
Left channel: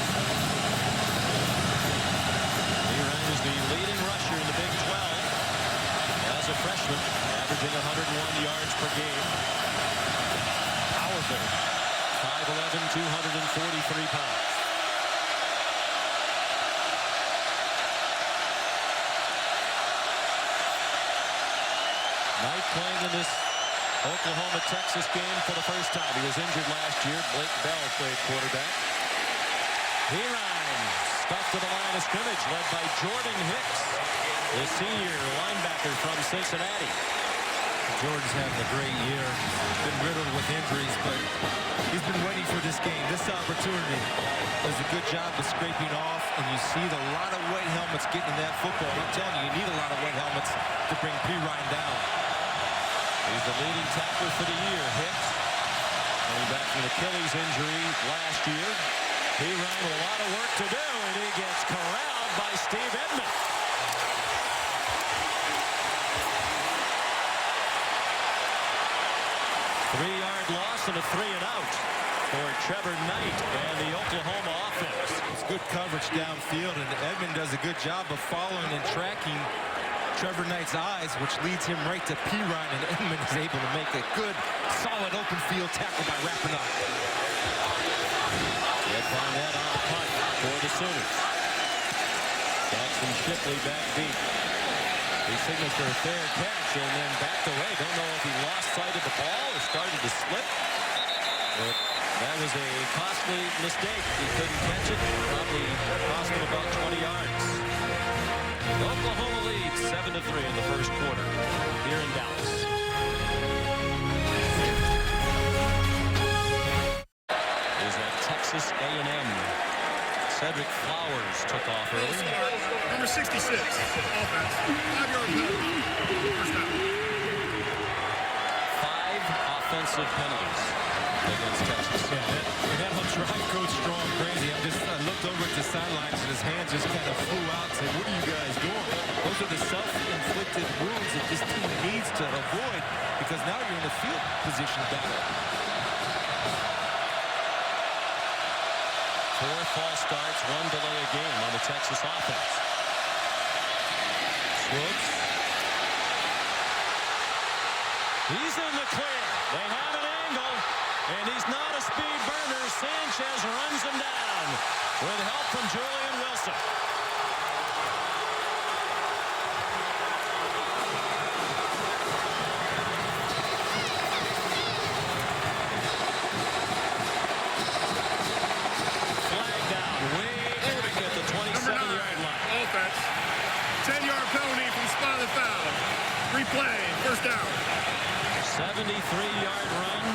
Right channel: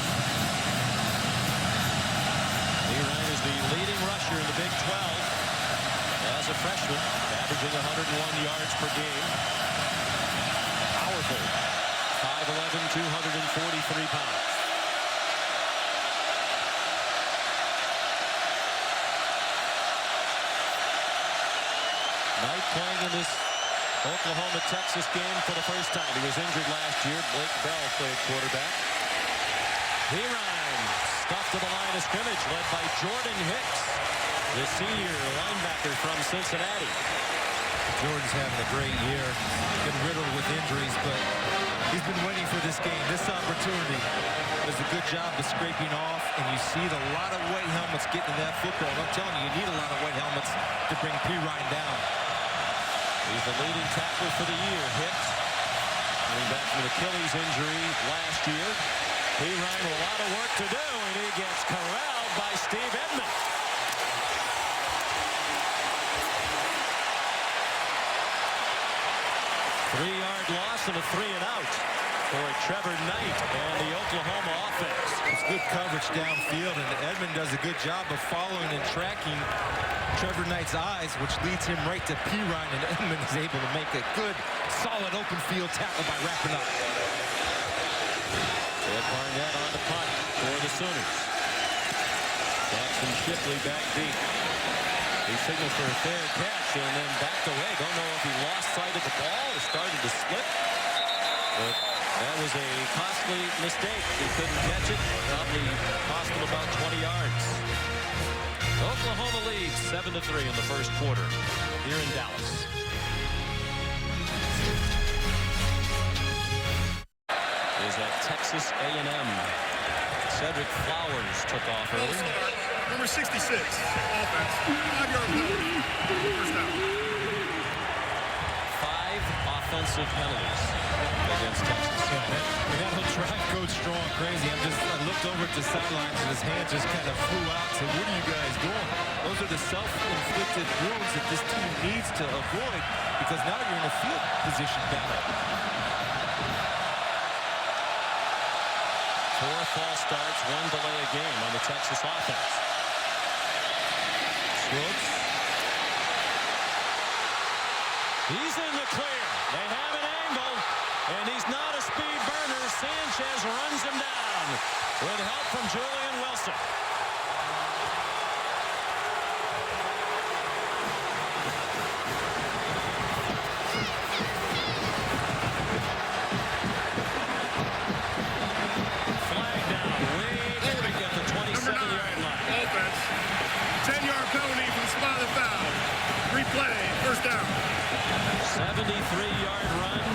Perine is the leading rusher in the Big 12 as a freshman, averaging 101 yards per game. Powerful. 5'11", 243 pounds. Knight playing in this Oklahoma-Texas game for the first time. He was injured last year. Blake Bell played quarterback. Perine stuffed to the line of scrimmage, led by Jordan Hicks, the senior linebacker from Cincinnati. Jordan's having a great year. Been riddled with injuries, but he's been waiting for this game, this opportunity. Does a good job of scraping off, and you see a lot of white helmets getting in that football. And I'm telling you, you need a lot of white helmets to bring Perine down. He's the leading tackler for the year. Hicks coming back from an Achilles injury last year. Perine with a lot of work to do, and he gets corralled by Steve Edmond. Three-yard loss and a 3-and-out for Trevor Knight and the Oklahoma offense. It's good coverage downfield, and Edmond does a good job of following and tracking Trevor Knight's eyes, which leads him right to Perine, and Edmond is able to make a good, solid open field tackle by wrapping up. Ed Barnett on the punt for the Sooners. Jackson Shipley back deep. He signals for a fair catch and then backed away. Don't know if he lost sight of the ball or started to slip. But that was a costly mistake. He couldn't catch it. Probably cost him about 20 yards. Oklahoma leads 7-3 in the first quarter here in Dallas. Is at Texas A&M. Cedric Flowers took off early. Number 66, offense. 5-yard penalty. First down. 5 offensive penalties against Texas. Yeah, that'll drive Coach Strong crazy. I looked over at the sidelines, and his hands just kind of flew out and said, what are you guys doing? Those are the self-inflicted wounds that this team needs to avoid, because now you're in a field position battle. 4 false starts, 1 delay a game on the Texas offense. Swoops. He's in the clear. They have an angle, and he's not a speed burner. Sanchez runs him down with help from Julian Wilson. Flag down way back at the 27-yard line. Offense. 10-yard penalty from the spot of the foul. Replay. First down. 73-yard run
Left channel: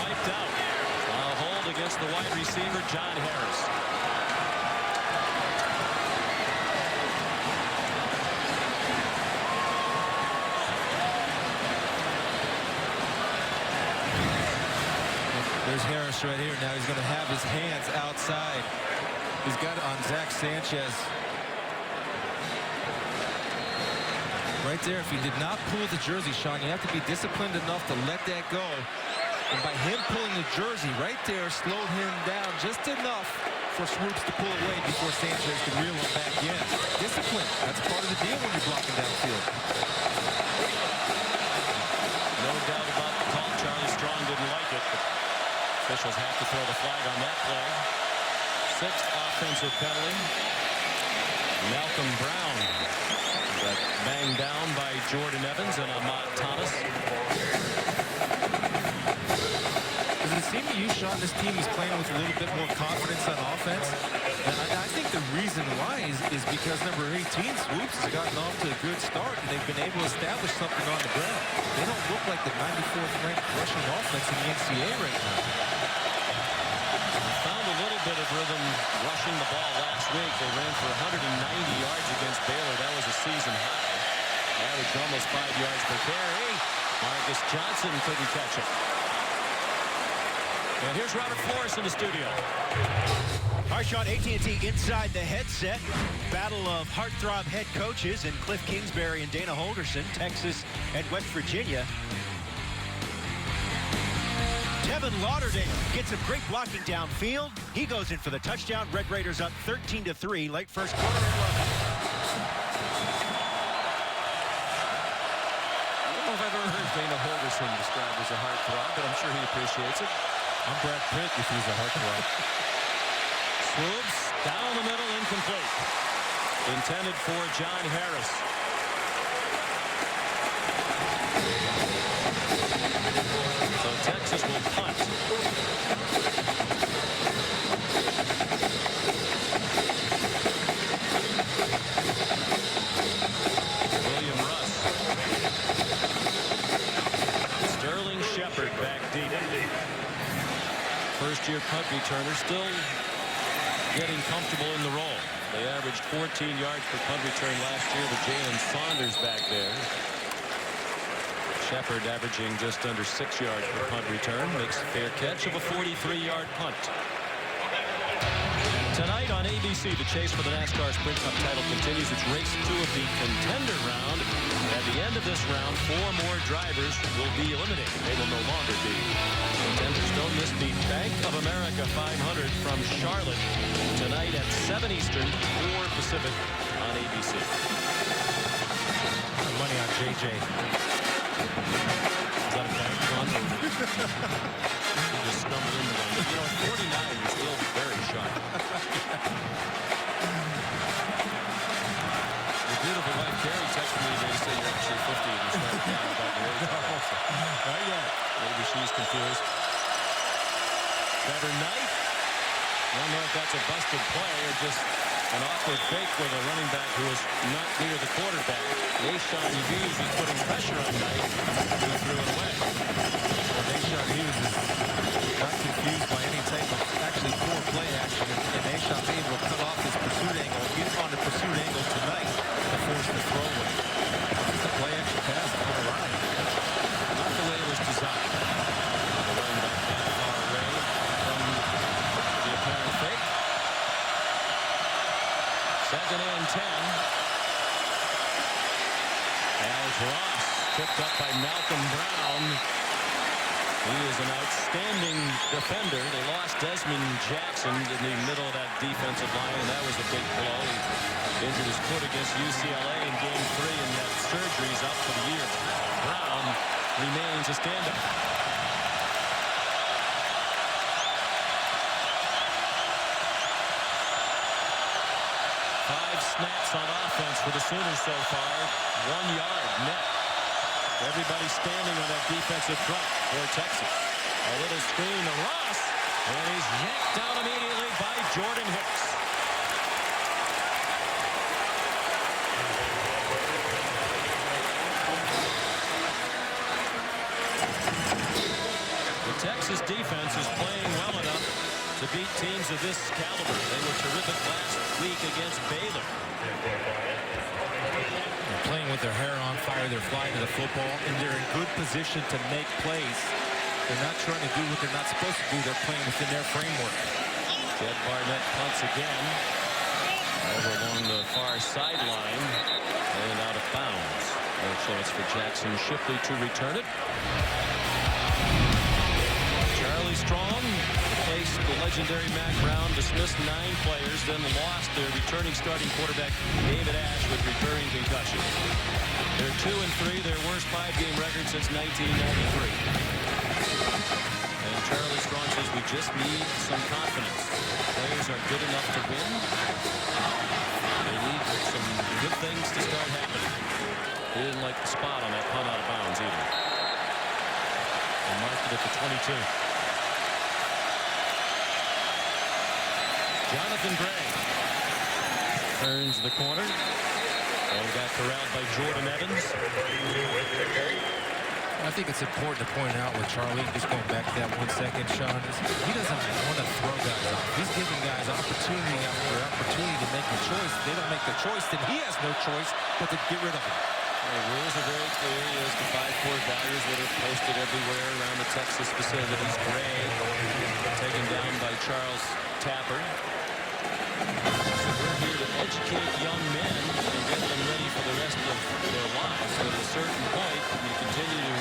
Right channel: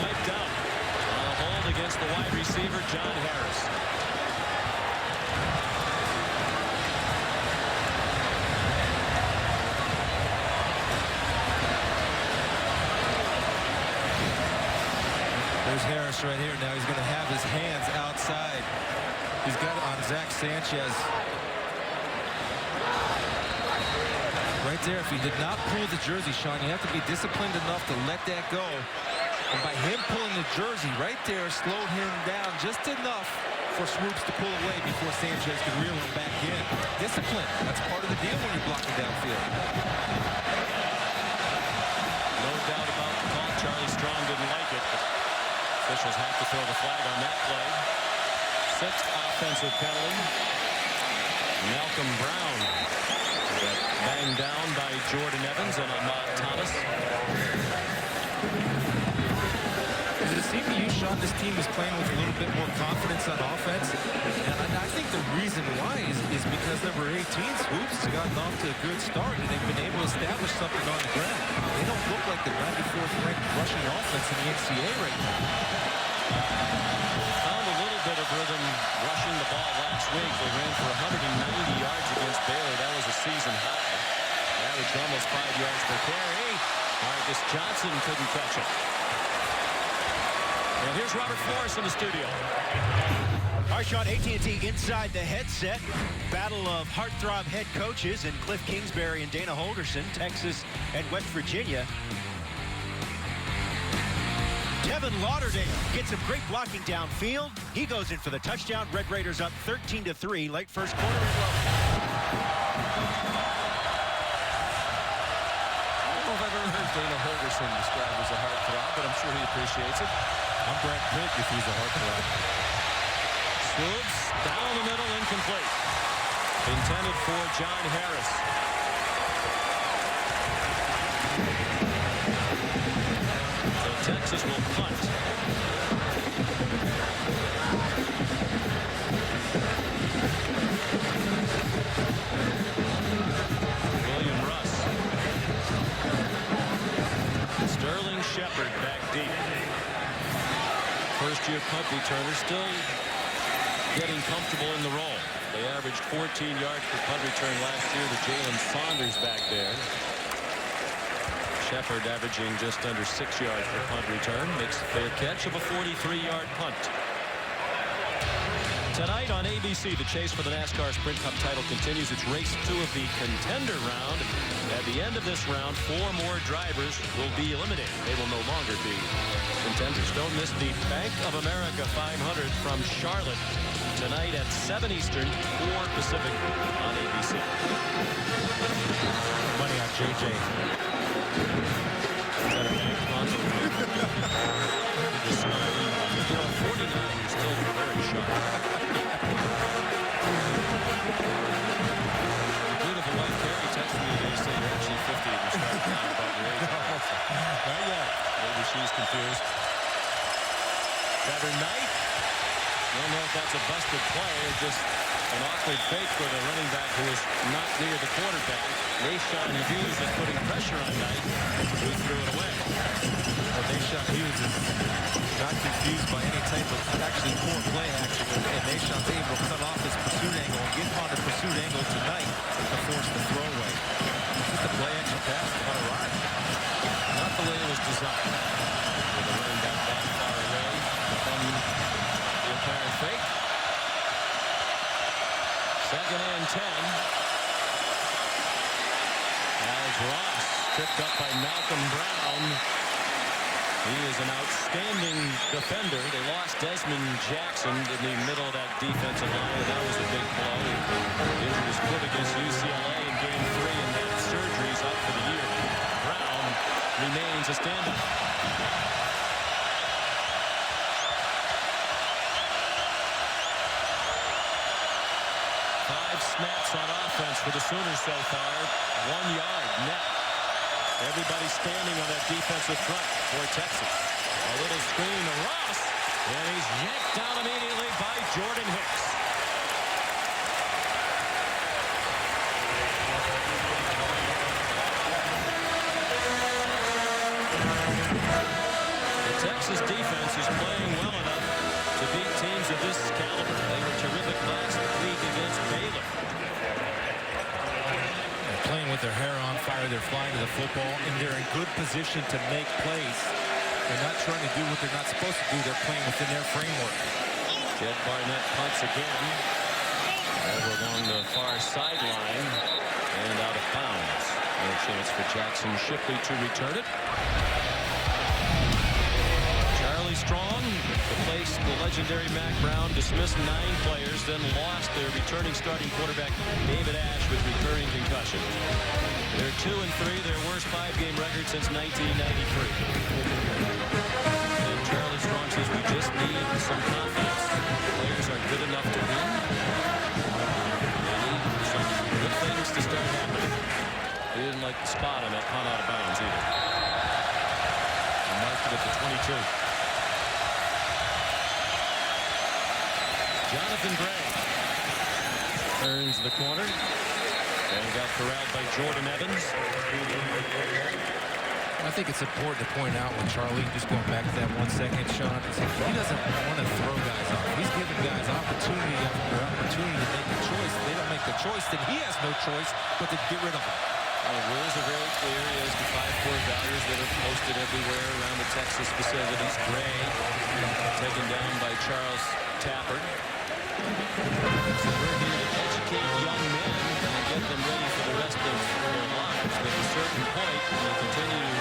wiped out on a hold against the wide receiver John Harris. There's Harris right here. Now he's going to have his hands outside. He's got it on Zach Sanchez. Right there, if he did not pull the jersey, Sean, you have to be disciplined enough to let that go. And by him pulling the jersey right there, slowed him down just enough for Swoops to pull away before Sanchez could reel him back in. Discipline, that's part of the deal when you're blocking downfield. No doubt about the call. Charlie Strong didn't like it, but officials have to throw the flag on that play. 6th offensive penalty. Malcolm Brown got banged down by Jordan Evans and Ahmad Thomas. Does it seem to you, Sean, this team is playing with a little bit more confidence on offense? And I think the reason why is because number 18, Swoops, has gotten off to a good start, and they've been able to establish something on the ground. They don't look like the 94th ranked rushing offense in the NCAA right now. They found a little bit of rhythm rushing the ball last week. They ran for 190 yards against Baylor. That was a season high. Averaged almost 5 yards per carry. Marcus Johnson couldn't catch it. And here's Robert Flores in the studio. All right, Sean, AT&T Inside the Headset. Battle of heartthrob head coaches in Cliff Kingsbury and Dana Holgorsen, Texas and West Virginia. Devin Lauderdale gets some great blocking downfield. He goes in for the touchdown. Red Raiders up 13-3, late first quarter in Lubbock. I don't know if I've ever heard Dana Holgorsen described as a heartthrob, but I'm sure he appreciates it. I'm Brad Pitt if he's a heartthrob. Swoops down the middle, incomplete. Intended for John Harris. So Texas will punt. William Russ. Sterling Shepard back deep. First-year punt returner still getting comfortable in the role. They averaged 14 yards per punt return last year with Jalen Saunders back there. Shepard averaging just under 6 yards per punt return. Makes a fair catch of a 43-yard punt. Tonight on ABC, the chase for the NASCAR Sprint Cup title continues its race 2 of the contender round. At the end of this round, 4 more drivers will be eliminated. They will no longer be contenders. Don't miss the Bank of America 500 from Charlotte tonight at 7 Eastern, 4 Pacific on ABC. Money on JJ. Is that a bank run? You just stumble into one. But, you know, at 49, you're still very sharp. Your beautiful wife, Carrie, texted me today to say you're actually 50 and you're starting down about your age. No, not yet. Maybe she's confused. Trevor Knight. I don't know if that's a busted play or just an awkward fake with a running back who was not near the quarterback. Nashawn Hughes was putting pressure on Knight, who threw it away. Well, Nashawn Hughes is not confused by any type of actually poor play action, and Nashawn's able to cut off his pursuit angle, get on the pursuit angle tonight to force the throwaway. Just a play action pass on a ride. Not the way it was designed. With the running back that far away from the apparent fake. Second and 10. Alex Ross tripped up by Malcolm Brown. He is an outstanding defender. They lost Desmond Jackson in the middle of that defensive line, and that was a big blow. He injured his foot against UCLA in Game 3 and had surgeries out for the year. Brown remains a stand-up. 5 snaps on offense for the Sooners so far. 1 yard net. Everybody standing on that defensive front for Texas. A little screen to Ross, and he's yanked down immediately by Jordan Hicks. The Texas defense is playing well enough to beat teams of this caliber. They were terrific last week against Baylor. They're playing with their hair on fire. They're flying to the football, and they're in good position to make plays. They're not trying to do what they're not supposed to do. They're playing within their framework. Jed Barnett punts again. Over along the far sideline and out of bounds. No chance for Jackson Shipley to return it. Charlie Strong replaced the legendary Mack Brown, dismissed 9 players, then lost their returning starting quarterback David Ash with recurring concussion. They're 2-3, their worst 5-game record since 1993. And Charlie Strong says we just need some confidence. Players are good enough to win. They need some good things to start happening. He didn't like the spot on that punt out of bounds either. And marked it at the 22. Jonathan Gray turns the corner and got corralled by Jordan Evans. I think it's important to point out with Charlie, just going back to that 1 second, Sean, is he doesn't want to throw guys off. He's giving guys opportunity after opportunity to make a choice. If they don't make the choice, then he has no choice but to get rid of them. The rules are very clear. He has the 5 core values that are posted everywhere around the Texas facilities. Gray taken down by Charles Tapper. So we're here to educate young men and get them ready for the rest of their lives. But at a certain point, when you continue to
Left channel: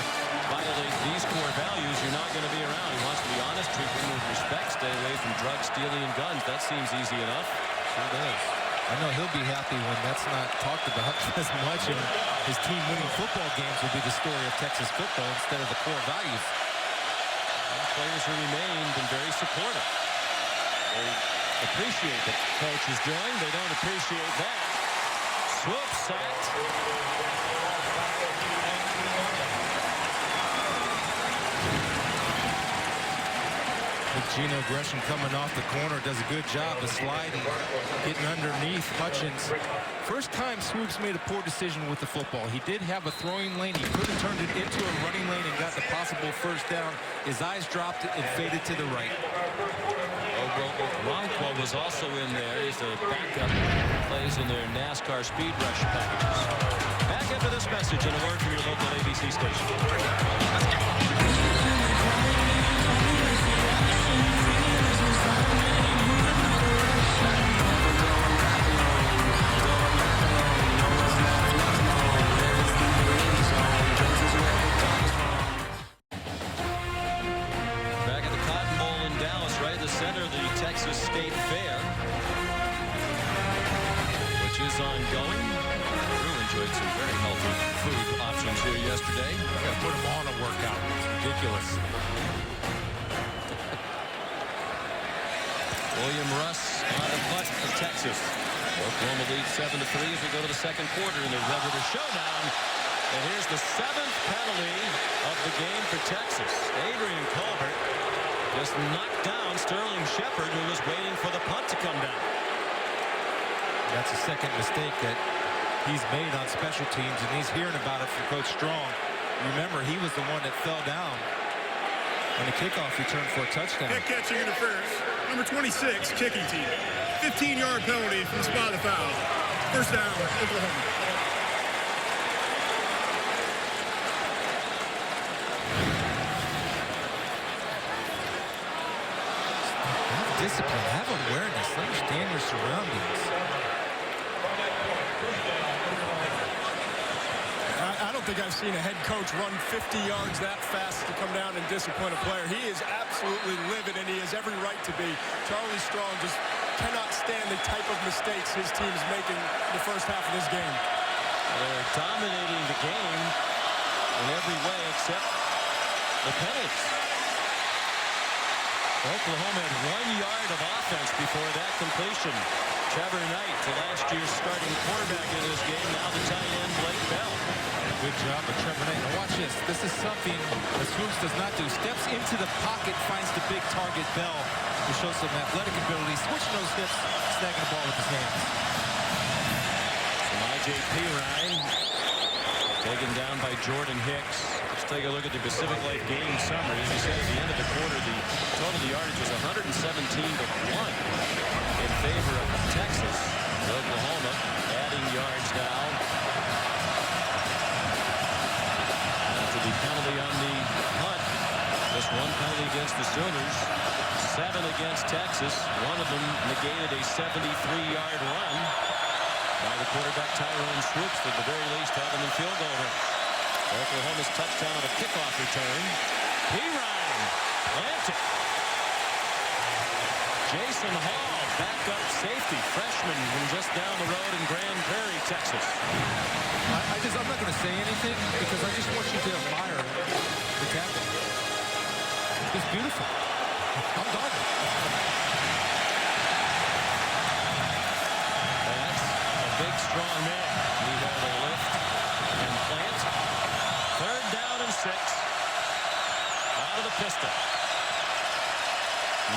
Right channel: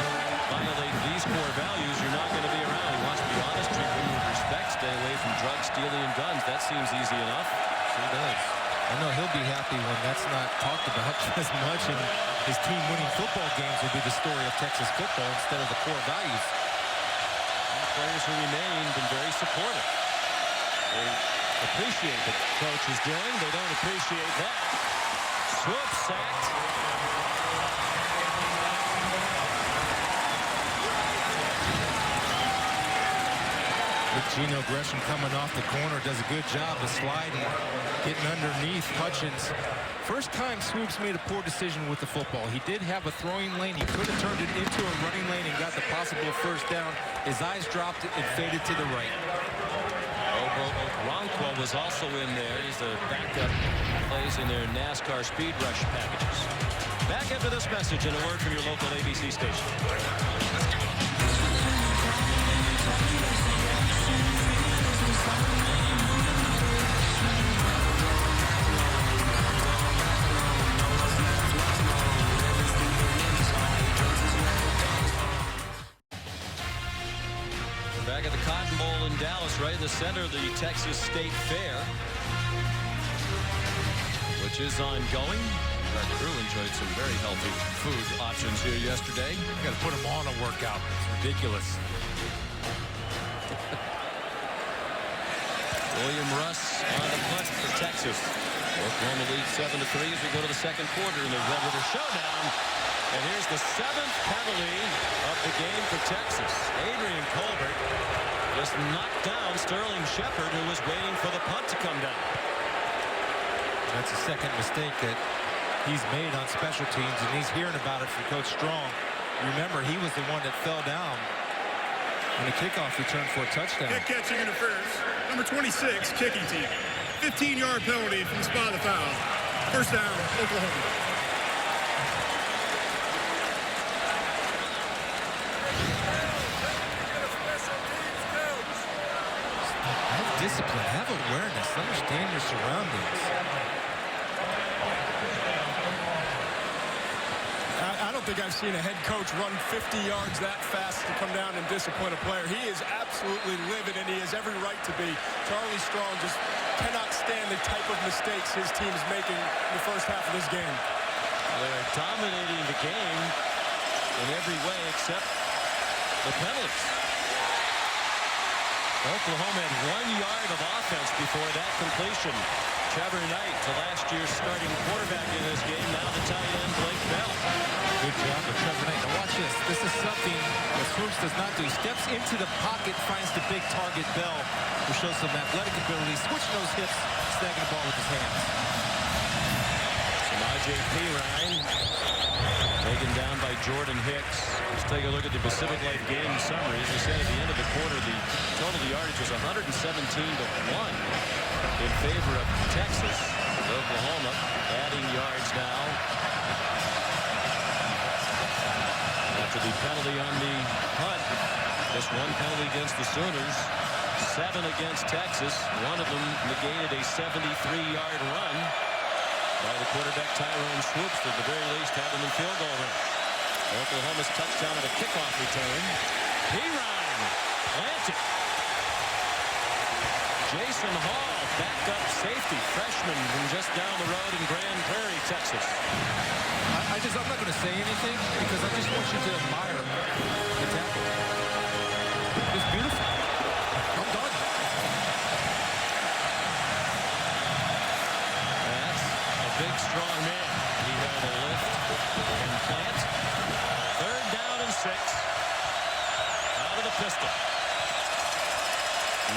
violate these core values, you're not going to be around. He wants to be honest, treat women with respect, stay away from drugs, stealing, and guns. That seems easy enough. Sure does. I know he'll be happy when that's not talked about as much, and his team winning football games will be the story of Texas football instead of the core values. And the players who remain been very supportive. They appreciate what the coach is doing. They don't appreciate that. Swoop sacked. Gino Gresham coming off the corner does a good job of sliding, getting underneath Hutchins. First time Swoops made a poor decision with the football. He did have a throwing lane. He could have turned it into a running lane and got the possible first down. His eyes dropped and faded to the right. Okoronkwo was also in there. He's the backup, plays in their NASCAR Speed Rush packages. Back after this message and a word from your local ABC station. Back at the Cotton Bowl in Dallas, right in the center of the Texas State Fair, which is ongoing. Our crew enjoyed some very healthy food options here yesterday. I got to put them on a workout. It's ridiculous. William Russ on the punt for Texas. Oklahoma leads 7-3 as we go to the second quarter in the Red River Showdown. And here's the 7th penalty of the game for Texas. Adrian Colbert just knocked down Sterling Shepard, who was waiting for the punt to come down. That's a second mistake that he's made on special teams, and he's hearing about it from Coach Strong. Remember, he was the one that fell down on the kickoff return for a touchdown. Head catching interference. Number 26, kicking team. 15-yard penalty from the spot of the foul. First down, Oklahoma. Have discipline, have awareness, understand your surroundings. I don't think I've seen a head coach run 50 yards that fast to come down and disappoint a player. He is absolutely livid, and he has every right to be. Charlie Strong just cannot stand the type of mistakes his team is making in the first half of this game. Well, they're dominating the game in every way except the penalties. Oklahoma had 1 yard of offense before that completion. Trevor Knight, to last year's starting quarterback in this game, now the tight end Blake Bell. Good job of Trevor Knight. Now watch this. This is something that Swoops does not do. He steps into the pocket, finds the big target Bell, who shows some athletic ability, switching those hips, snagging the ball with his hands. Some IJP Ryan taken down by Jordan Hicks. Let's take a look at the Pacific Life game summary. As we said at the end of the quarter, the total yardage was 117-1 in favor of Texas. Oklahoma adding yards now after the penalty on the punt. Just one penalty against the Sooners, 7 against Texas. One of them negated a 73-yard run by the quarterback Tyrone Swoops, to the very least have them in field goal range. Oklahoma's touchdown on a kickoff return. Perine planted. Jason Hall, backup safety, freshman from just down the road in Grand Prairie, Texas. I'm not going to say anything because I just want you to admire the tackle. It's beautiful. I'm done. That's a big, strong man. He had a lift and plant. 3rd down and 6. Out of the pistol.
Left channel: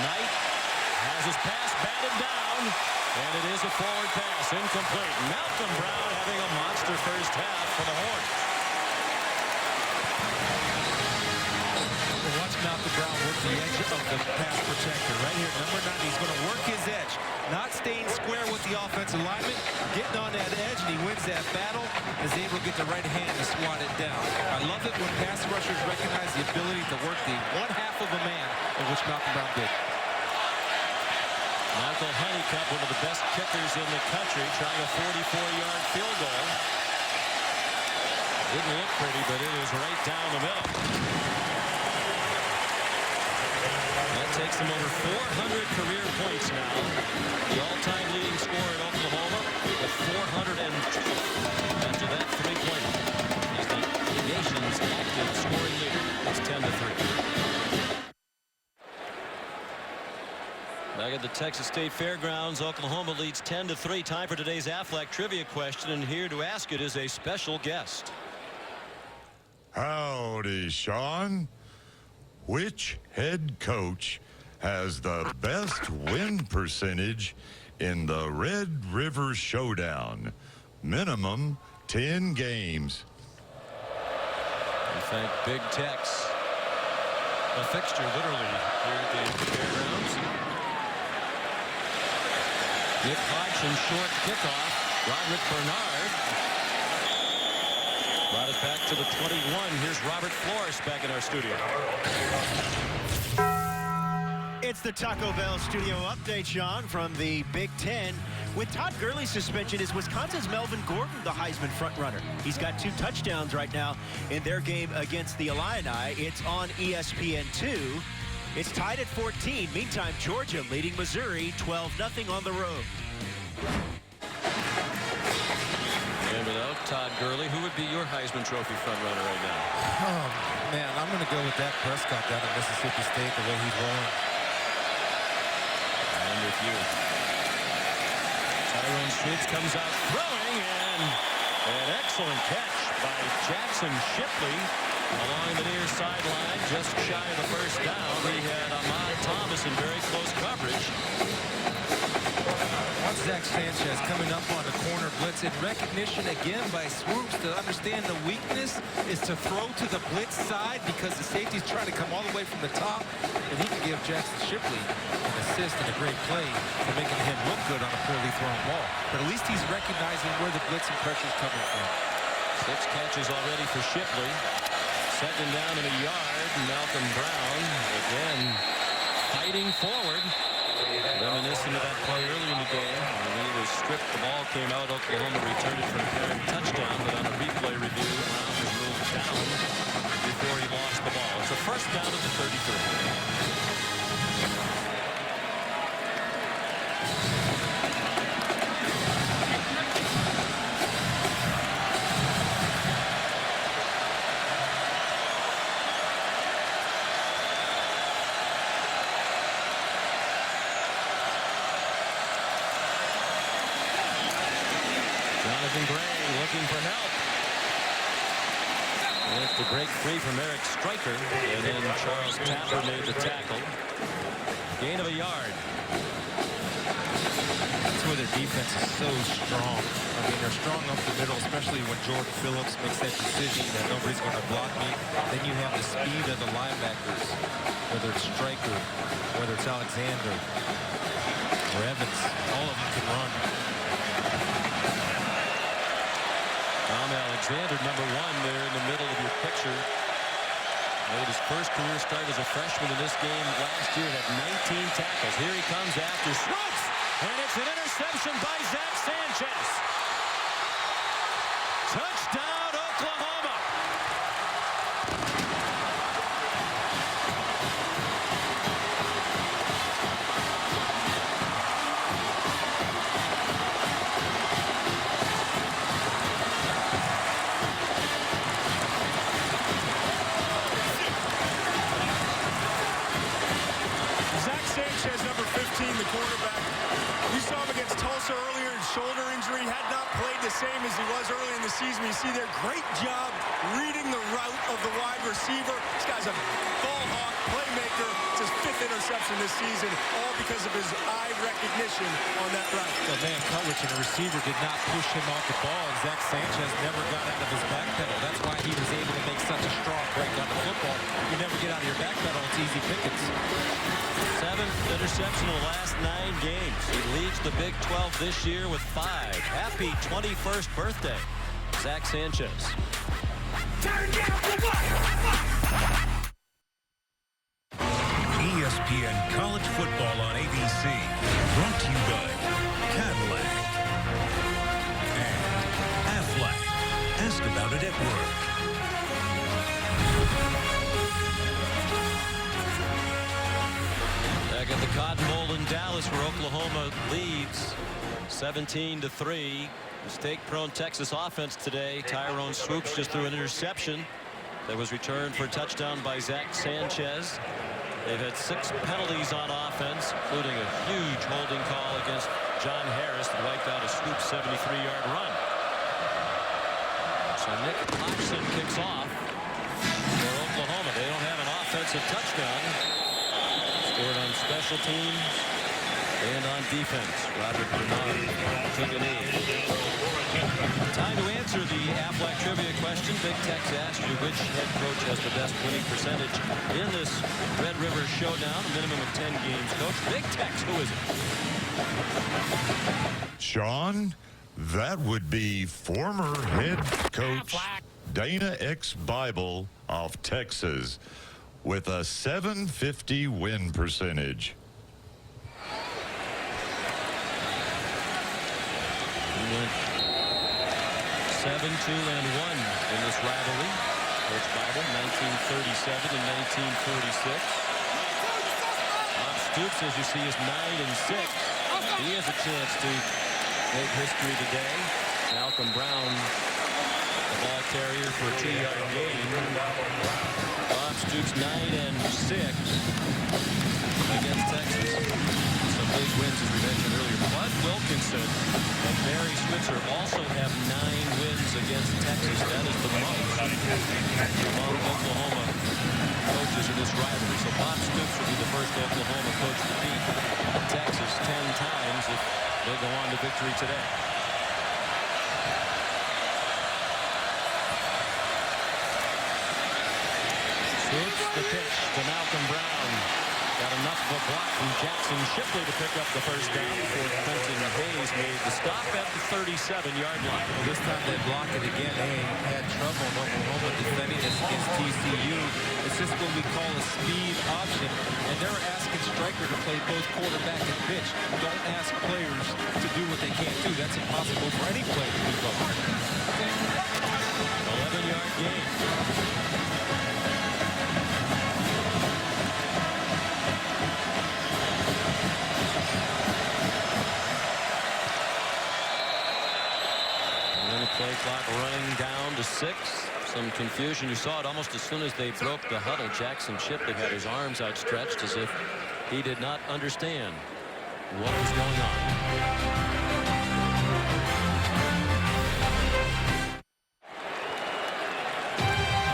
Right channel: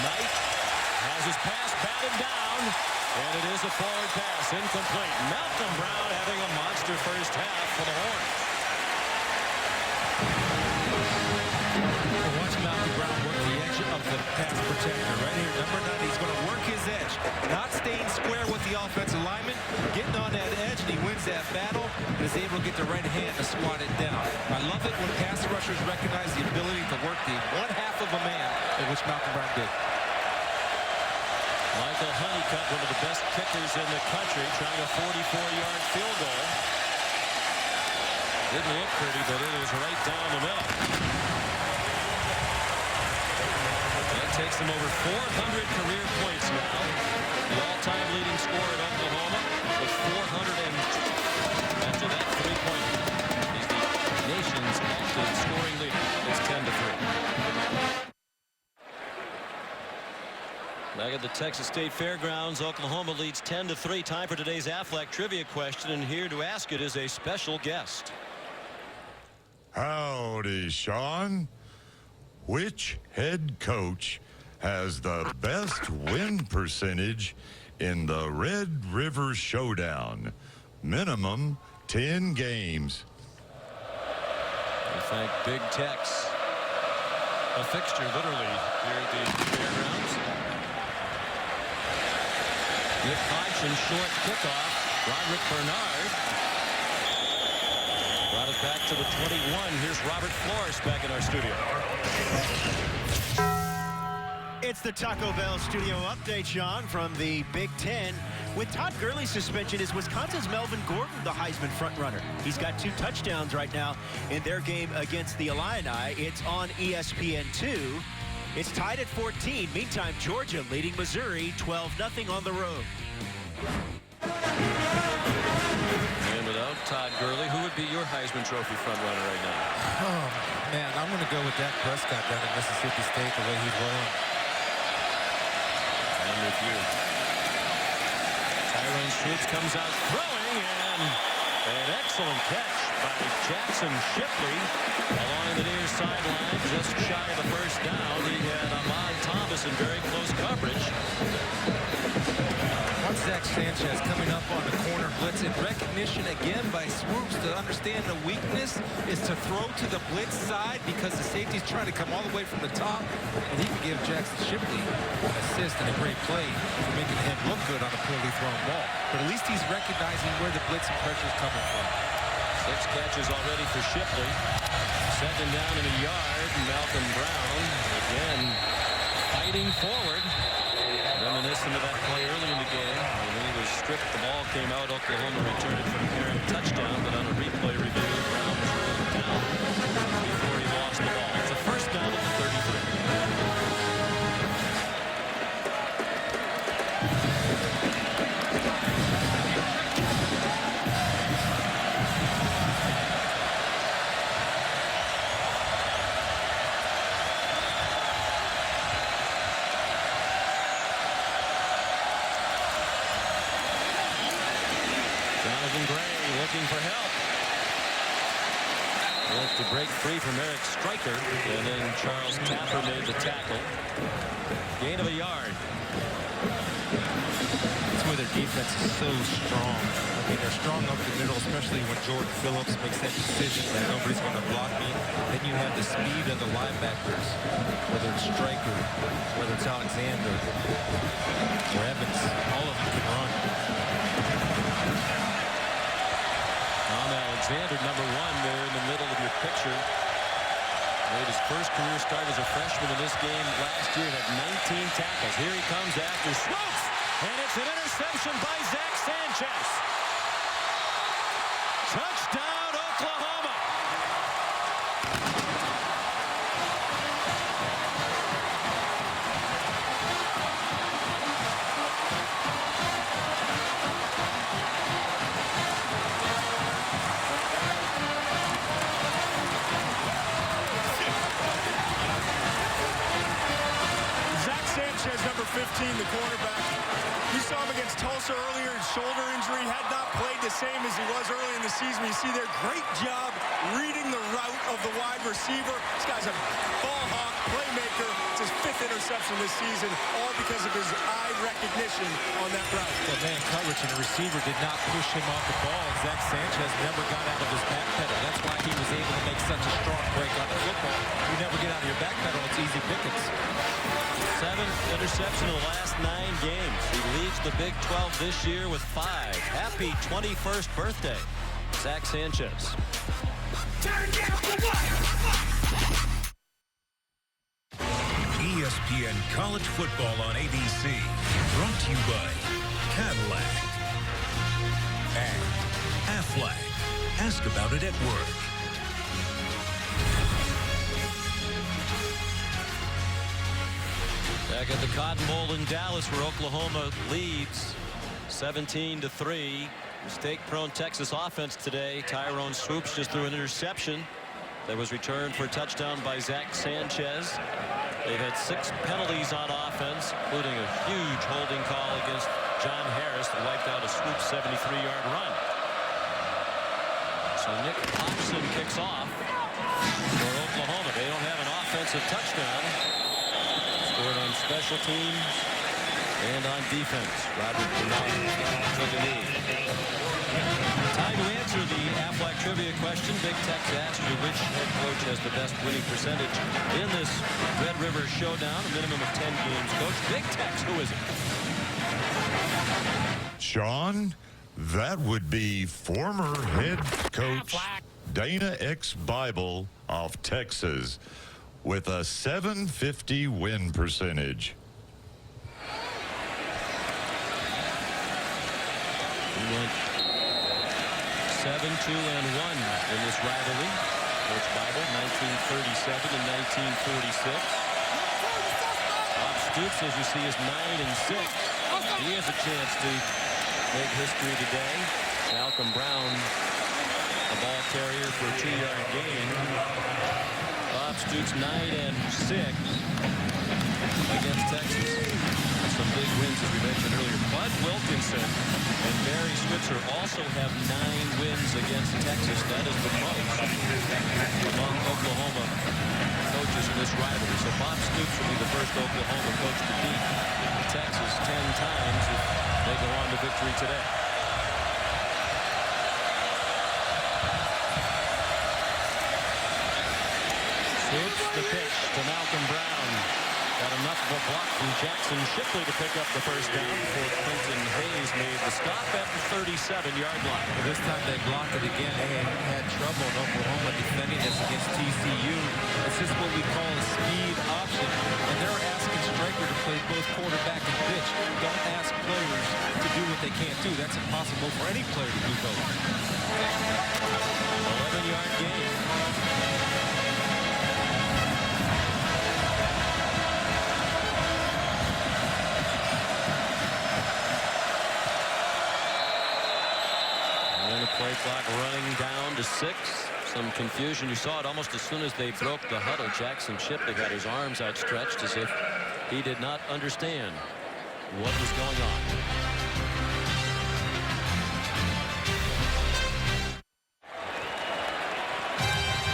Knight has his pass batted down, and it is a forward pass, incomplete. Malcolm Brown having a monster first half for the Horns. Well, watch Malcolm Brown work the edge of the pass protector right here. Number 90, he's going to work his edge, not staying square with the offensive lineman, getting on that edge, and he wins that battle and is able to get the right hand to swat it down. I love it when pass rushers recognize the ability to work the one half of a man, in which Malcolm Brown did. Michael Honeycutt, one of the best kickers in the country, trying a 44-yard field goal. Didn't look pretty, but it is right down the middle. That takes him over 400 career points now. The all-time leading scorer at Oklahoma with 400, and after that three-pointer, he's the nation's active scoring leader. It's 10-3. Back at the Texas State Fairgrounds, Oklahoma leads 10-3. Time for today's Aflac trivia question, and here to ask it is a special guest. Howdy, Sean. Which head coach has the best win percentage in the Red River Showdown? Minimum 10 games. We thank Big Tex, a fixture literally here at the fairgrounds. Nick Hodgson, short kickoff. Roderick Bernard brought it back to the 21. Here's Robert Flores back in our studio. It's the Taco Bell studio update, Sean, from the Big Ten. With Todd Gurley's suspension, is Wisconsin's Melvin Gordon the Heisman frontrunner? He's got 2 touchdowns right now in their game against the Illini. It's on ESPN2. It's tied at 14. Meantime, Georgia leading Missouri 12-0 on the road. And without Todd Gurley, who would be your Heisman Trophy frontrunner right now? Oh, man, I'm going to go with Dak Prescott down at Mississippi State, the way he's rolling. I'm with you. Tyrone Schultz comes out throwing, and an excellent catch by Jackson Shipley along the near sideline, just shy of the first down. He had Ahmad Thomas in very close coverage. Watch Zach Sanchez coming up on the corner blitz in recognition again by Swoops to understand the weakness is to throw to the blitz side because the safety's trying to come all the way from the top, and he can give Jackson Shipley an assist and a great play for making him look good on a poorly thrown ball. But at least he's recognizing where the blitz and pressure is coming from. 6 catches already for Shipley. Second down and a yard. Malcolm Brown again fighting forward. Reminiscent of that play early in the game. When he was stripped, the ball came out. Oklahoma returned it for an apparent touchdown, but on a replay review, Brown was ruled down before he lost the ball. It's a first down at the 33. Jonathan Gray looking for help. Wants to break free from Eric Stryker, and then Charles Tapper made the tackle. Gain of a yard. That's where their defense is so strong. I mean, they're strong up the middle, especially when Jordan Phillips makes that decision that nobody's going to block me. Then you have the speed of the linebackers, whether it's Stryker, whether it's Alexander or Evans. All of them can run. Tom Alexander, number 1 there in the middle of your picture. Made his first career start as a freshman in this game last year and had 19 tackles. Here he comes after Swoops, and it's an interception by Zach Sanchez. Touchdown, Oklahoma. Sanchez, number 15, the cornerback. We saw him against Tulsa earlier, shoulder injury, had not played the same as he was early in the season. You see there, great job reading the route of the wide receiver. This guy's a ball hawk, playmaker. It's his 5th interception this season, all because of his eye recognition on that route. Well, man coverage, and the receiver did not push him off the ball. And Zach Sanchez never got out of his back pedal. That's why he was able to make such a strong break on the football. You never get out of your back pedal, it's easy pickings. 7th interception in the last 9 games. He leads the Big 12 this year with 5. Happy 21st birthday, Zach Sanchez. ESPN ESPN College Football on ABC. Brought to you by Cadillac and Aflac. Ask about it at work. Back at the Cotton Bowl in Dallas, where Oklahoma leads 17-3. Mistake-prone Texas offense today. Tyrone Swoops just threw an interception that was returned for a touchdown by Zach Sanchez. They've had 6 penalties on offense, including a huge holding call against John Harris that wiped out a Swoops 73-yard run. So Nick Hodgson kicks off for Oklahoma. They don't have an offensive touchdown. Scored on special teams and on defense. Roderick Bernard took a knee. Time to answer the Aflac trivia question. Big Tex asked you which head coach has the best winning percentage in this Red River Showdown. A minimum of 10 games coach. Big Tex, who is it? Sean, that would be former head coach Dana X. Bible of Texas with a .750 win percentage. He went 7-2-1 in this rivalry. Coach Bible, 1937 and 1946. Bob Stoops, as you see, is 9-6. He has a chance to make history today. Malcolm Brown, the ball carrier for a 2-yard gain. Bob Stoops 9-6 against Texas. Some big wins, as we mentioned earlier. Bud Wilkinson and Barry Switzer also have 9 wins against Texas. That is the most among Oklahoma coaches in this rivalry. So Bob Stoops will be the first Oklahoma coach to beat Texas 10 times if they go on to victory today. Swoops the pitch to Malcolm Brown. Got enough of a block from Jackson Shipley to pick up the first down before Quentin Hayes made the stop at the 37-yard line. Well, this time they block it again. They had trouble in Oklahoma defending this against TCU. It's just what we call a speed option, and they're asking Stryker to play both quarterback and pitch. Don't ask players to do what they can't do. That's impossible for any player to do both. 11-yard gain. And the play clock running down to 6. Some confusion. You saw it almost as soon as they broke the huddle. Jackson Shipley had his arms outstretched as if he did not understand what was going on.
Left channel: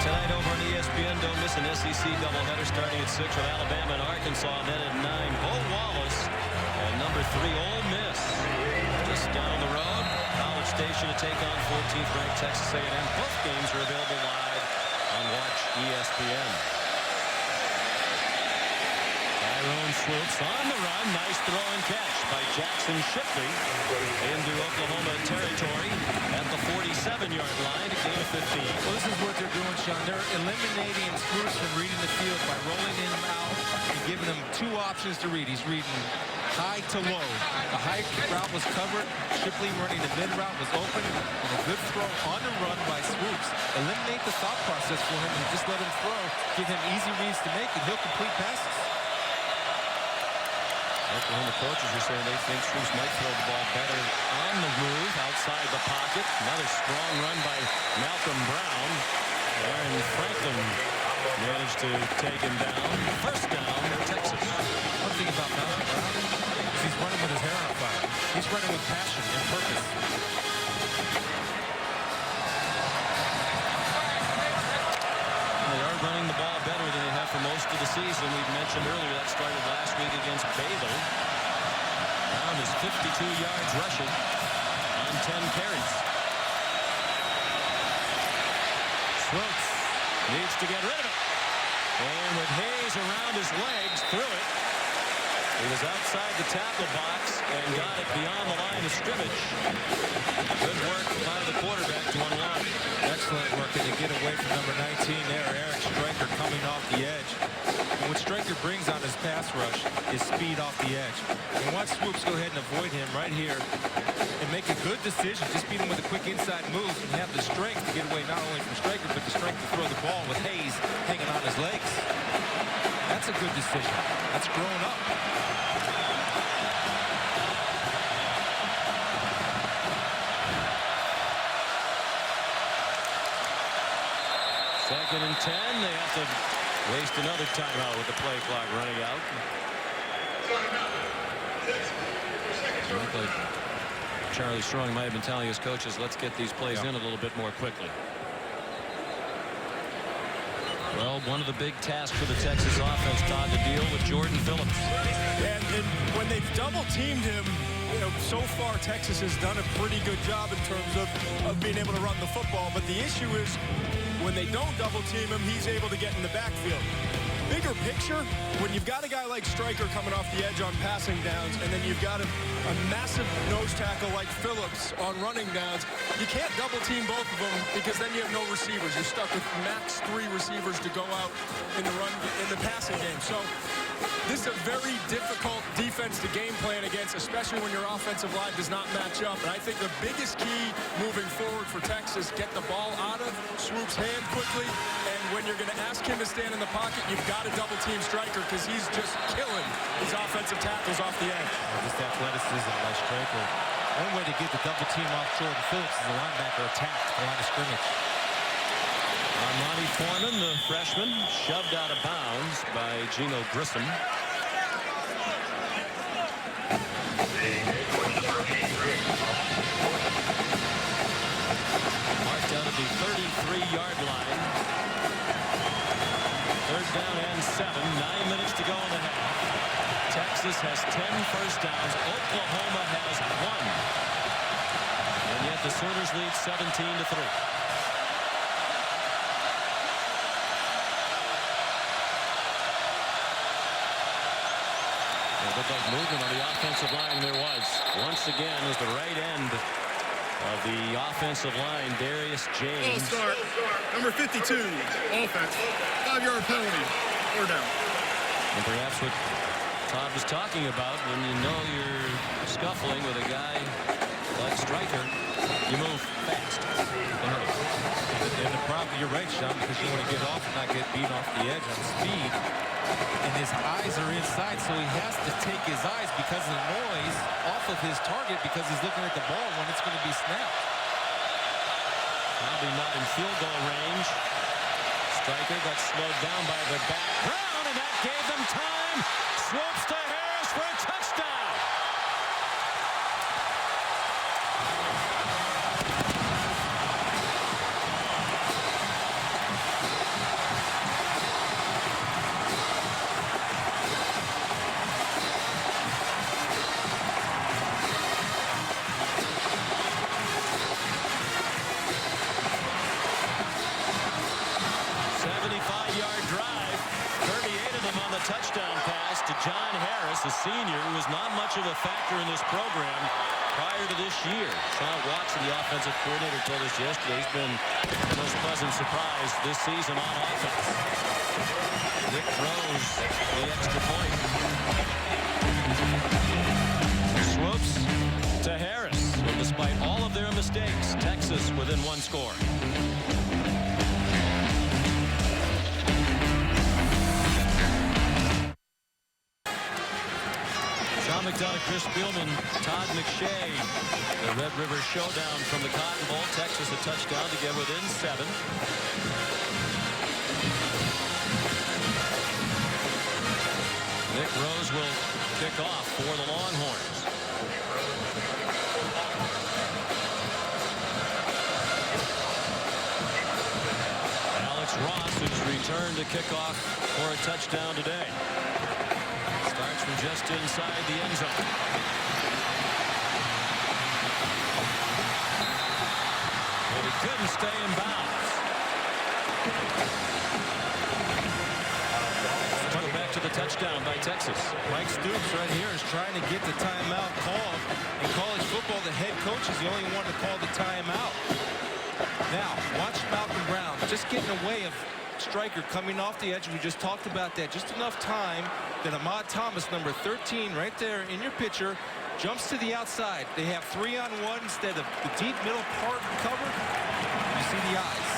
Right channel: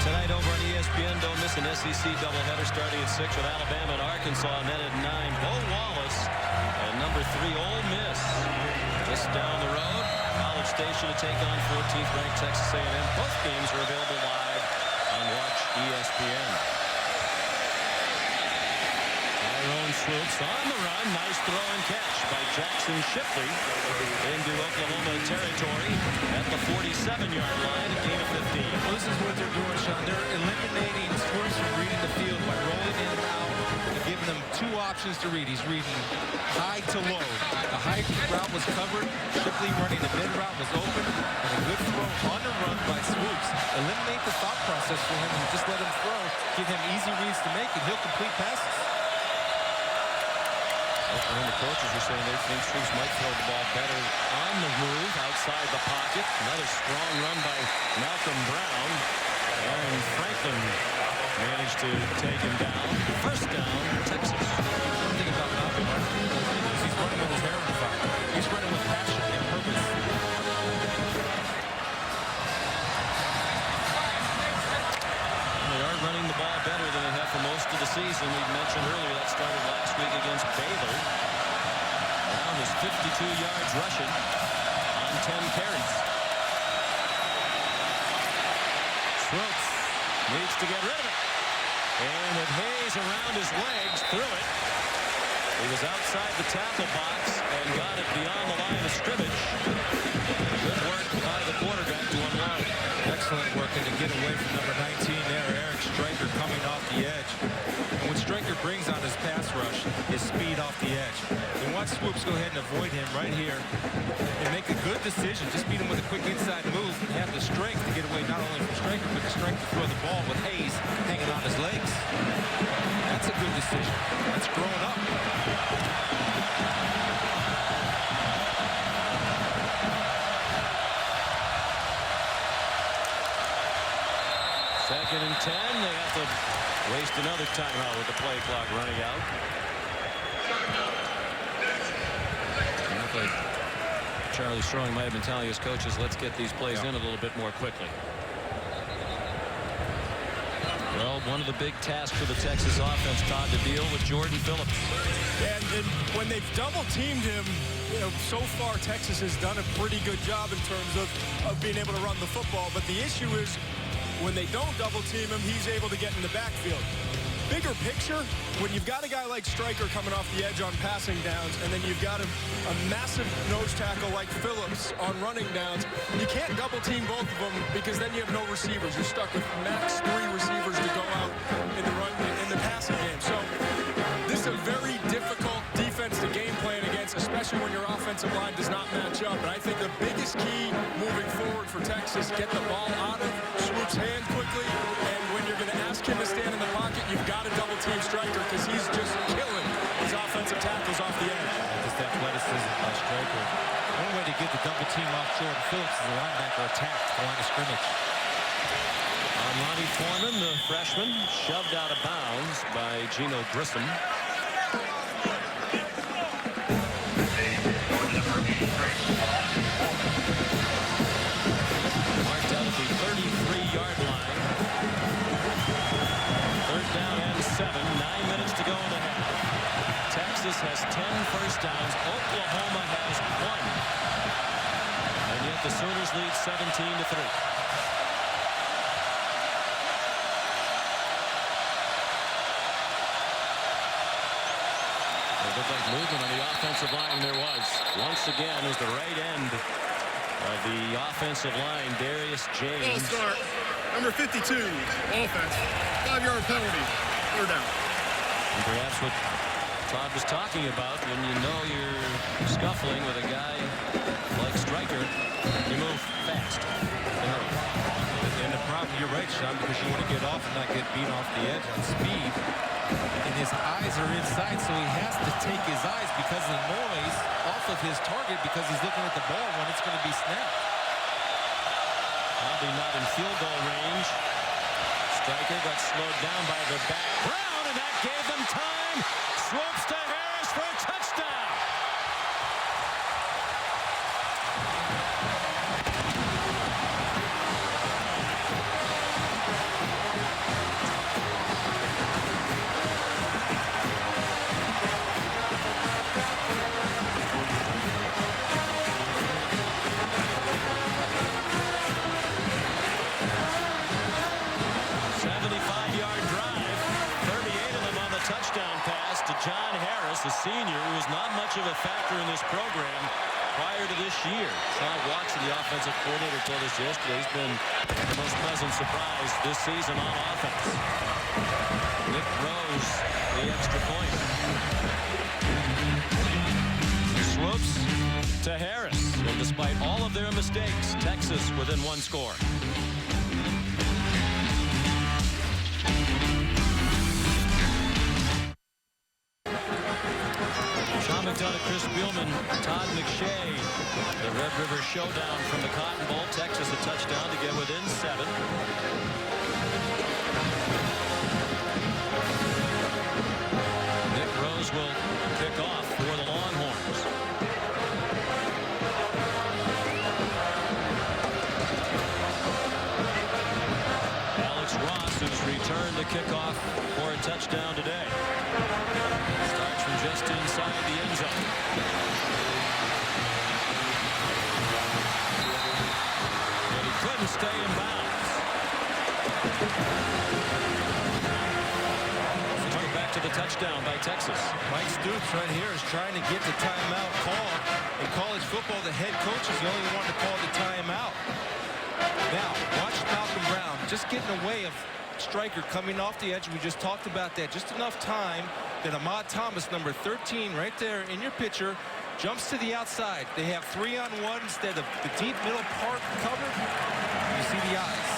Tonight over on ESPN, don't miss an SEC doubleheader starting at 6 with Alabama and Arkansas, and then at 9, Bo Wallace and number 3, Ole Miss. Just down the road, College Station to take on 14th ranked Texas A&M. Both games are available live on Watch ESPN. Tyrone Swoops on the run. Nice throw and catch by Jackson Shipley into Oklahoma territory at the 47-yard line, a gain of 15. Well, this is what they're doing, Sean. They're eliminating Swoops from reading the field by rolling him out and giving him 2 options to read. He's reading high to low. The high route was covered. Shipley running the mid route was open, and a good throw on the run by Swoops. Eliminate the thought process for him and just let him throw. Give him easy reads to make, and he'll complete passes. Oklahoma coaches are saying they think Swoops might throw the ball better on the move outside the pocket. Another strong run by Malcolm Brown. Aaron Franklin managed to take him down. First down, Texas. One thing about Malcolm Brown is he's running with his hair on fire. He's running with passion and purpose. They are running the ball better than they have for most of the season. We've mentioned earlier that started last week against Baylor. Brown is 52 yards rushing on 10 carries. Swoops needs to get rid of it. And with Hayes around his legs, threw it He was outside the tackle box and got it beyond the line of scrimmage. Good work by the quarterback to unload. Excellent work, and to get away from number 19 there, Eric Stryker coming off the edge. And what Stryker brings on his pass rush is speed off the edge. And watch Swoops go ahead and avoid him right here and make a good decision. Just beat him with a quick inside move and have the strength to get away not only from Stryker, but the strength to throw the ball with Hayes hanging on his legs. That's a good decision. That's growing up. Second and 10. They have to waste another timeout with the play clock running out. It looked like Charlie Strong might have been telling his coaches, let's get these plays in a little bit more quickly. Well, one of the big tasks for the Texas offense, Todd, to deal with Jordan Phillips. And when they've double-teamed him, you know, so far Texas has done a pretty good job in terms of being able to run the football. But the issue is when they don't double-team him, he's able to get in the backfield. Bigger picture, when you've got a guy like Stryker coming off the edge on passing downs, and then you've got a massive nose tackle like Phillips on running downs, you can't double team both of them because then you have no receivers. You're stuck with max 3 receivers to go out in the passing game. So this is a very difficult defense to game plan against, especially when your offensive line does not match up. And I think the biggest key moving forward for Texas, get the ball out of Swoop's hand quickly, and when you're going to ask him to stand in the pocket, you've got to double team Stryker because he's just killing these offensive tackles off the edge. Just athleticism by Stryker. One way to get the double team off Jordan Phillips is the linebacker attack the line of scrimmage. Monty Foreman, the freshman, shoved out of bounds by Gino Grissom. Marked out at the 33-yard line. 3rd down and 7. 9 minutes to go in the half. Texas has 10 first downs. Oklahoma has 1. And yet the Sooners lead 17-3. It looked like movement on the offensive line. There was. Once again, it was the right end of the offensive line, Darius James. Ball start. Number 52, offense. 5-yard penalty. 4th down. And perhaps what Todd was talking about, when you know you're scuffling with a guy like Stryker, you move fast and hurry. And the problem, you're right, Sean, because you want to get off and not get beaten off the edge on speed. And his eyes are inside, so he has to take his eyes because of the noise off of his target because he's looking at the ball when it's going to be snapped. Probably not in field goal range. Stryker got slowed down by the back. Brown, and that gave them time. Swoops to Harris for a touchdown. Yard drive, 38 of them on the touchdown pass to John Harris, a senior who was not much of a factor in this program prior to this year. Sean Watson, the offensive coordinator, told us yesterday he's been the most pleasant surprise this season on offense. Nick Rose, the extra point. Swoops to Harris. And despite all of their mistakes, Texas within 1 score. Sean McDonough, Chris Spielman, Todd McShay. The Red River Showdown from the Cotton Bowl. Texas a touchdown to get within 7. Nick Rose will kick off for the Longhorns. Alex Ross has returned to kick off for a touchdown today. Starts from just inside the end zone. And he couldn't stay in bounds. Let's go back to the touchdown by Texas. Mike Stoops right here is trying to get the timeout called. In college football, the head coach is the only one to call the timeout. Now, watch Malcolm Brown just getting away of Stryker coming off the edge. We just talked about that. Just enough time that Ahmad Thomas, number 13, right there in your picture, jumps to the outside. They have 3-on-1 instead of the deep middle part covered. You see the eyes.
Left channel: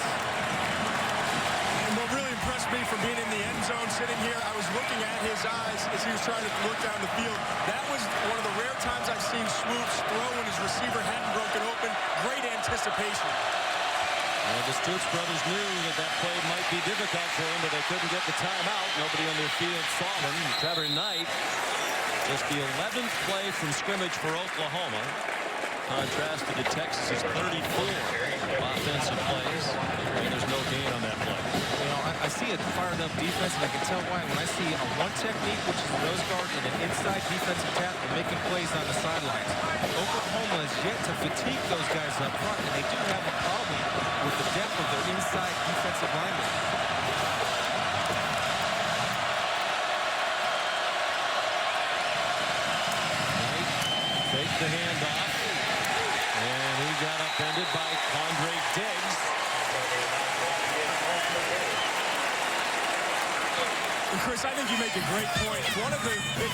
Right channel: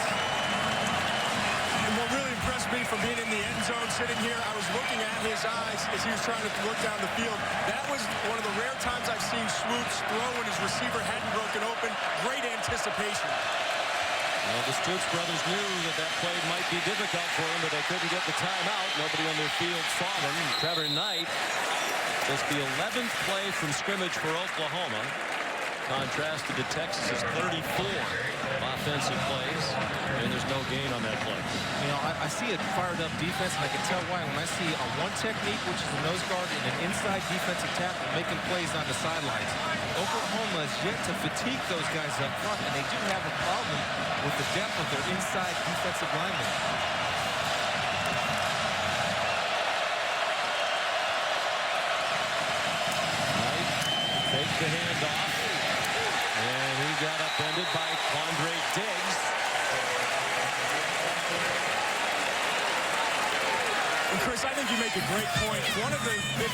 And what really impressed me from being in the end zone sitting here, I was looking at his eyes as he was trying to look down the field. That was one of the rare times I've seen Swoops throw when his receiver hadn't broken open. Great anticipation. Well, the Stoops brothers knew that play might be difficult for them, but they couldn't get the timeout. Nobody on their field saw them. Trevor Knight, just the 11th play from scrimmage for Oklahoma. Contrasted to Texas's 34 offensive plays, and there's no gain on that play. You know, I see a fired-up defense, and I can tell why. When I see a one technique, which is a nose guard, and an inside defensive tackle making plays on the sidelines, Oklahoma has yet to fatigue those guys up front, and they do have a problem with the depth of their inside defensive linemen. Knight faked the handoff. And he got upended by Quandre Diggs. And Chris, I think you make a great point. One of the big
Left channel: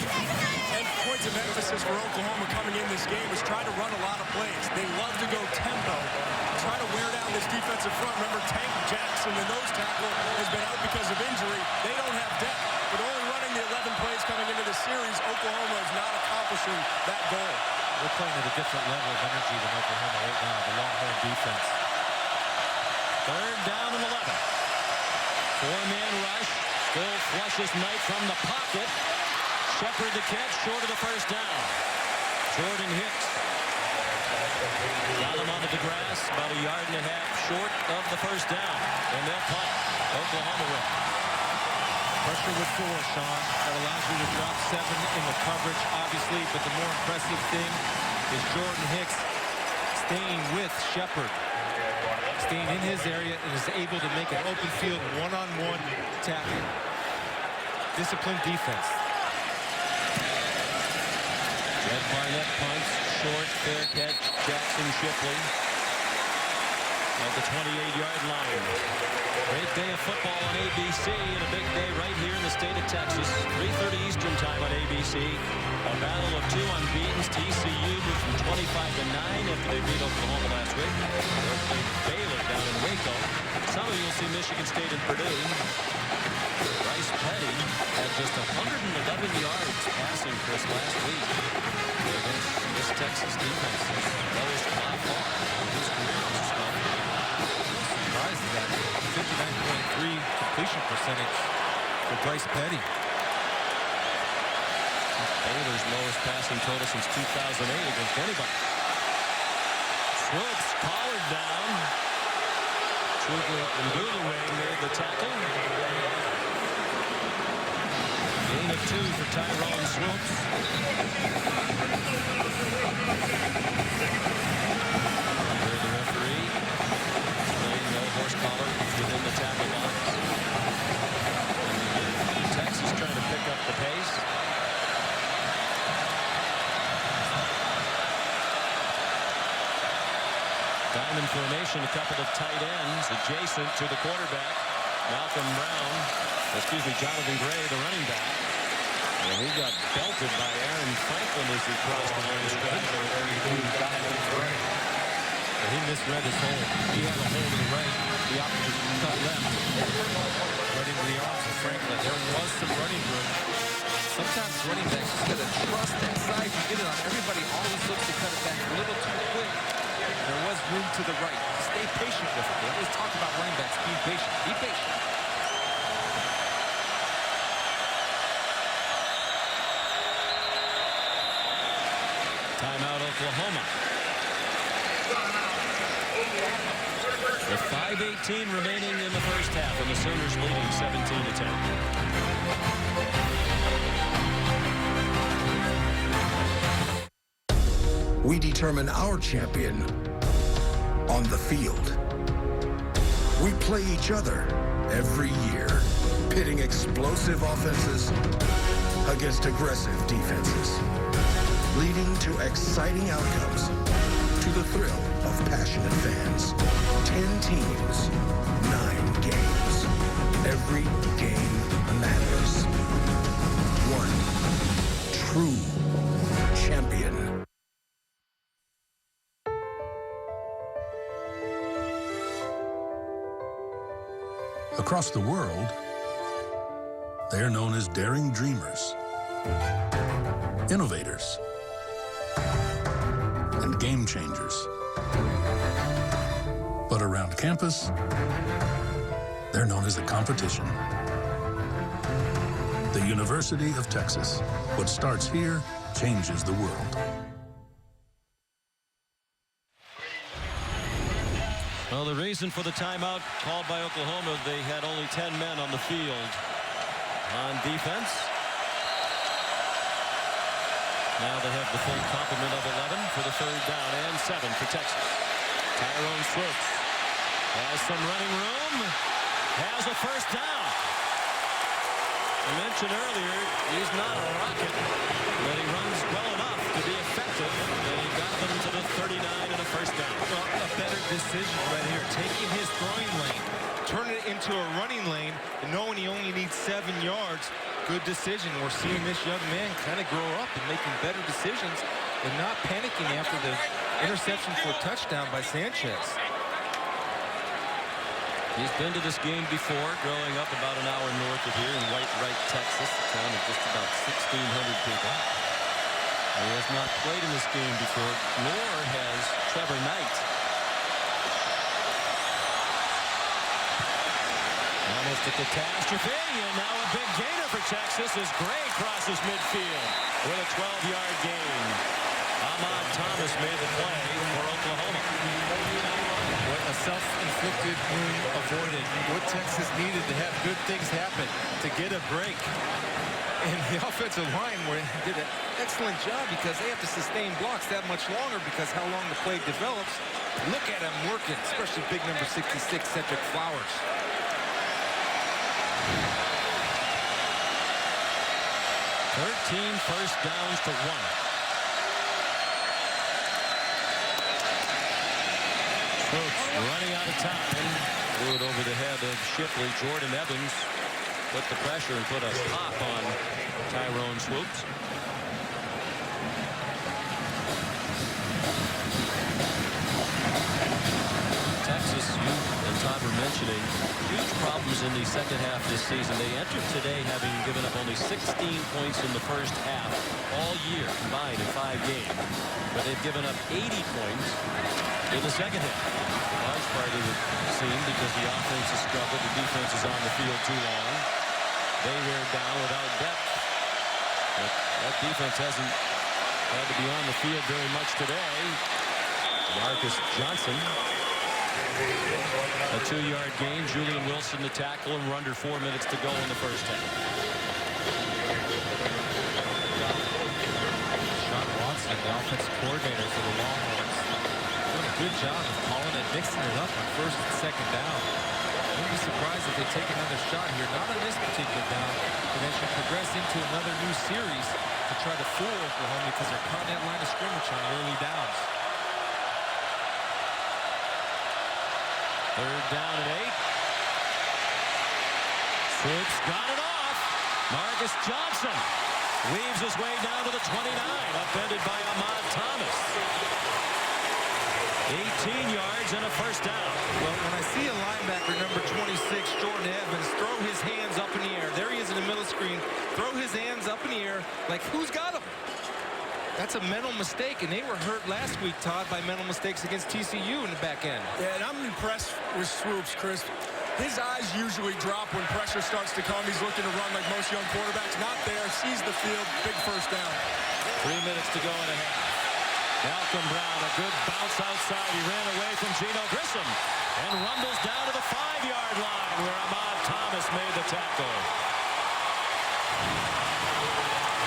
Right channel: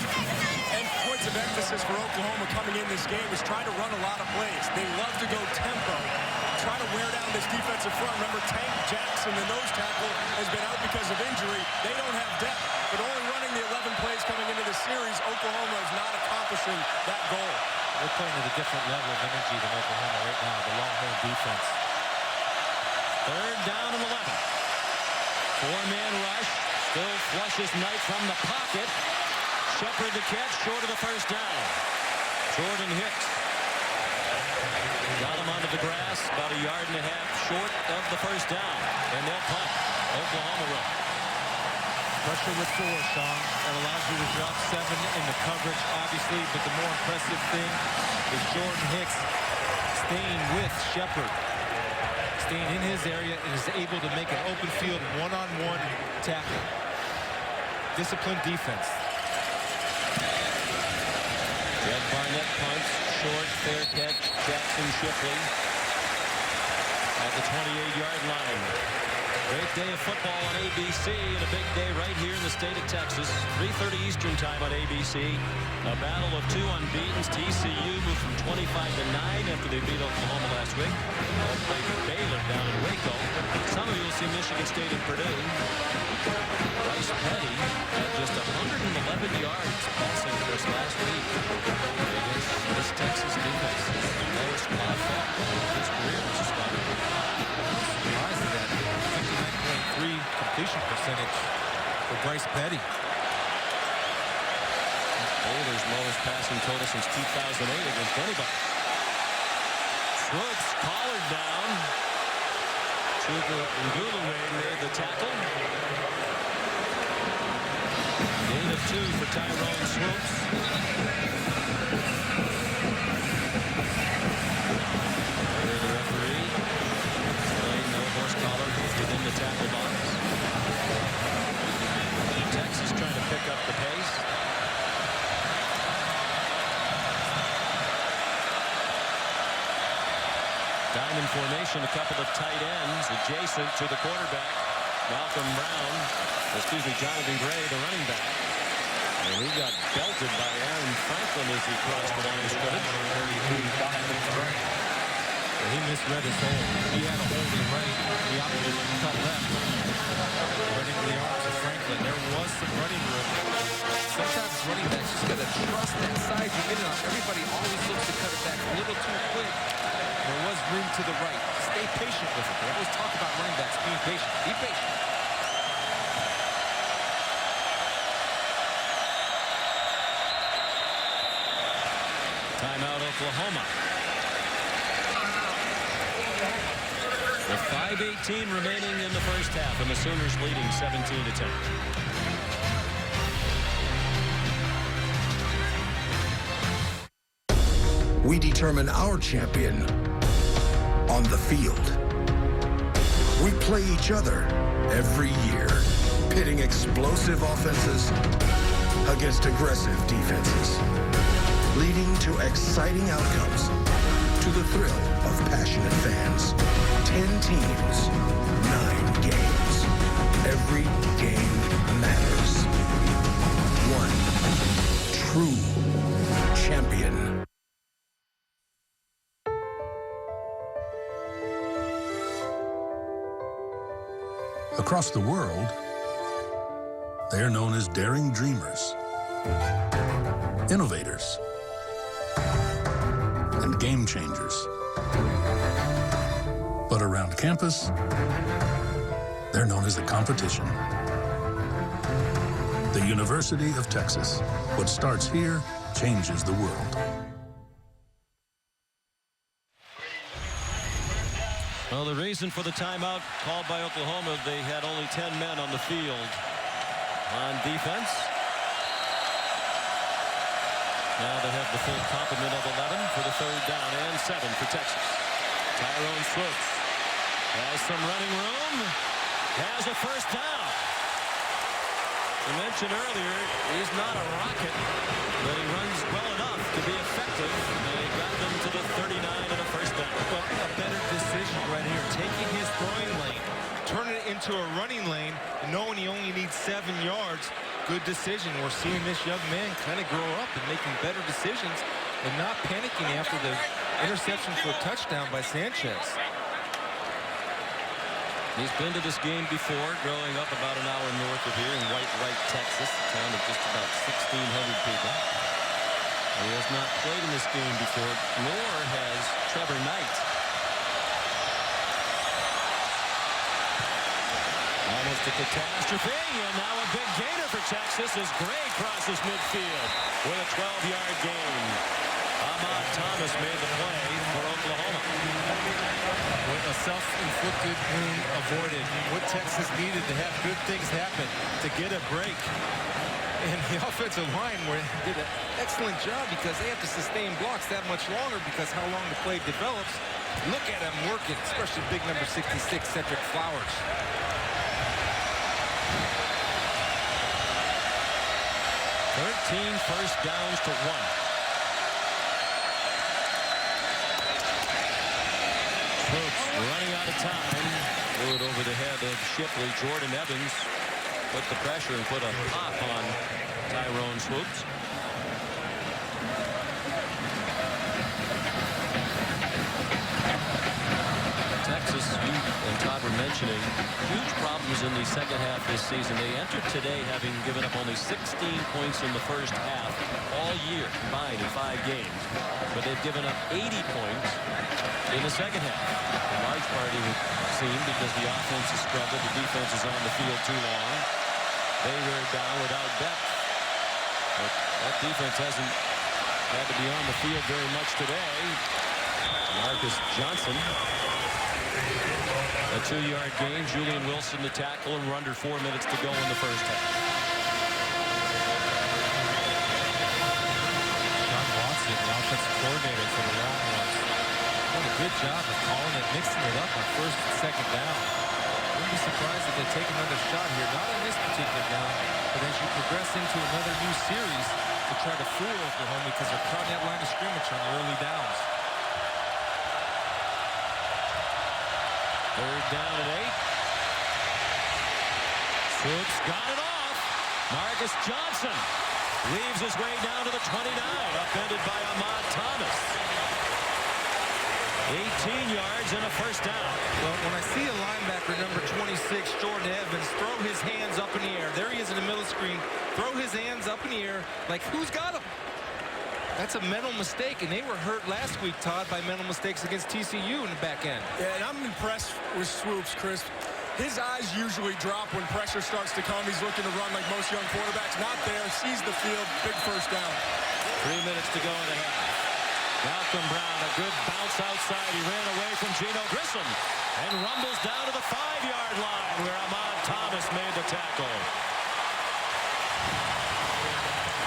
points of emphasis for Oklahoma coming in this game was try to run a lot of plays. They love to go tempo, try to wear down this defensive front. Remember, Tank Jackson, the nose tackle, has been out because of injury. They don't have depth, but only running the 11 plays coming into the series, Oklahoma is not accomplishing that goal. We're playing at a different level of energy than Oklahoma right now, the Longhorn defense. 3rd down and 11. 4-man rush. Still flushes Knight from the pocket. Shepard the catch, short of the first down. Jordan Hicks got him onto the grass, about 1.5 yards short of the first down. And they'll punt. Oklahoma will. Pressure with 4, Sean. That allows you to drop 7 in the coverage, obviously, but the more impressive thing is Jordan Hicks staying with Shepard, staying in his area, and is able to make an open field one-on-one tackle. Disciplined defense. Jed Barnett punts, short, fair catch, Jackson Shipley at the 28-yard line. Great day of football on ABC, and a big day right here in the state of Texas. 3:30 Eastern time on ABC. A battle of 2 unbeatens. TCU moved from 25-9 after they beat Oklahoma last week. They'll play Baylor down in Waco. Some of you will see Michigan State and Purdue. Bryce Petty had just 111 yards passing, Chris, last week against this Texas defense. His lowest by far in his career as a starter. Surprised at that 59.3 completion percentage for Bryce Petty. Baylor's lowest passing total since 2008 against anybody. Swoops collared down. Chuka Ndulue made the tackle. Gain of 2 for Tyrone Swoops. Here the referee. No horse collar within the tackle box. And Texas trying to pick up the pace. Diamond formation, a couple of tight ends adjacent to the quarterback. Jonathan Gray, the running back. And he got belted by Aaron Franklin as he crossed the line of scrimmage. He misread his hole. He had a hole to the right. He opted to cut left. Right into the arms of Franklin. There was some running room. Sometimes running backs just got to trust that side. You get it on. Everybody always looks to cut it back a little too quick. There was room to the right. Stay patient with it. They always talk about running backs being patient. Be patient. Timeout, Oklahoma. With 5:18 remaining in the first half, and the Sooners leading 17-10. We determine our champion on the field. We play each other every year. pitting explosive offenses against aggressive defenses, leading to exciting outcomes, to the thrill of passionate fans. 10 teams, 9 games. Every game matters. One true champion. Across the world, they are known as daring dreamers, innovators, and game changers. But around campus, they're known as the competition. The University of Texas. What starts here changes the world. Well, the reason for the timeout called by Oklahoma, they had only 10 men on the field on defense. Now they have the full complement of 11 for the 3rd down and 7 for Texas. Tyrone Swoops has some running room, has a 1st down. I mentioned earlier, he's not a rocket, but he runs well enough to be effective. They got them to the 39 and a 1st down. Well, a better decision right here. Taking his throwing lane, turning it into a running lane, and knowing he only needs 7 yards. Good decision. We're seeing this young man kind of grow up and making better decisions and not panicking after the interception for a touchdown by Sanchez. He's been to this game before, growing up about an hour north of here in White Wright, Texas, a town of just about 1,600 people. He has not played in this game before, nor has Trevor Knight. Almost a catastrophe, and now a big gainer for Texas as Gray crosses midfield with a 12-yard gain. Ahmad Thomas made the play for Oklahoma. A self-inflicted wound avoided. What Texas needed to have good things happen, to get a break. And the offensive line did an excellent job because they have to sustain blocks that much longer because how long the play develops. Look at him working, especially big number 66, Cedric Flowers. First downs to 1. Swoops running out of time. Threw it over the head of Shipley. Jordan Evans put the pressure and put a pop on Tyrone Swoops. Texas, you and Todd were mentioning huge problems in the second half this season. They entered today having given up only 16 points in the first half all year combined in 5 games. But they've given up 80 points in the second half. In large part, it would seem because the offense has struggled. The defense is on the field too long. They wear down without depth. But that defense hasn't had to be on the field very much today. Marcus Johnson. A 2-yard gain. Julian Wilson the tackle, and we're under 4 minutes to go in the first half. Sean Watson, the offensive coordinator for the Longhorns, doing a good job of calling it, mixing it up on 1st and 2nd down. Wouldn't be surprised if they take another shot here, not on this particular down, but as you progress into another new series to try to fool Oklahoma because they're caught in that line of scrimmage on the early downs. 3rd down and 8. Swoops got it off. Marcus Johnson weaves his way down to the 29, upended by Ahmad Thomas. 18 yards and a 1st down. Well, when I see a linebacker, number 26, Jordan Evans, throw his hands up in the air. There he is in the middle of the screen. Throw his hands up in the air. Like, who's got him? That's a mental mistake, and they were hurt last week, Todd, by mental mistakes against TCU in the back end. Yeah, and I'm impressed with Swoops, Chris. His eyes usually drop when pressure starts to come. He's looking to run like most young quarterbacks. Not there. Sees the field. Big 1st down. 3 minutes to go in the half. Malcolm Brown, a good bounce outside. He ran away from Geno Grissom and rumbles down to the 5-yard line where Ahmad Thomas made the tackle.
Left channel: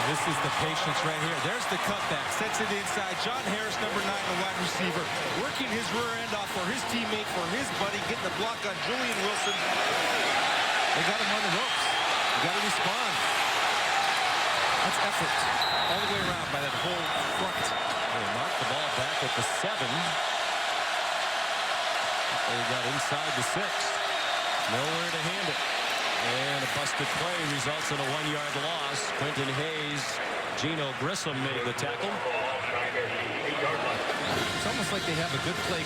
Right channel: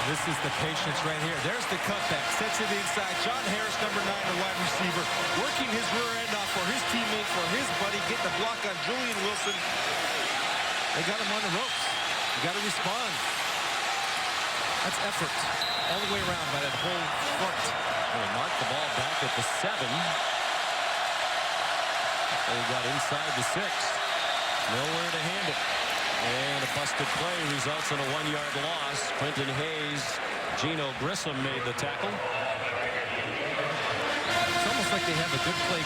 This is the patience right here. There's the cutback. Sets it inside. John Harris, number 9, a wide receiver, working his rear end off for his teammate, for his buddy, getting the block on Julian Wilson. They got him on the ropes. You got to respond. That's effort all the way around by that whole front. They marked the ball back at the 7. They got inside the 6. Nowhere to hand it. And a busted play results in a 1-yard loss. Quentin Hayes, Gino Grissom made the tackle. It's almost like they have a good play,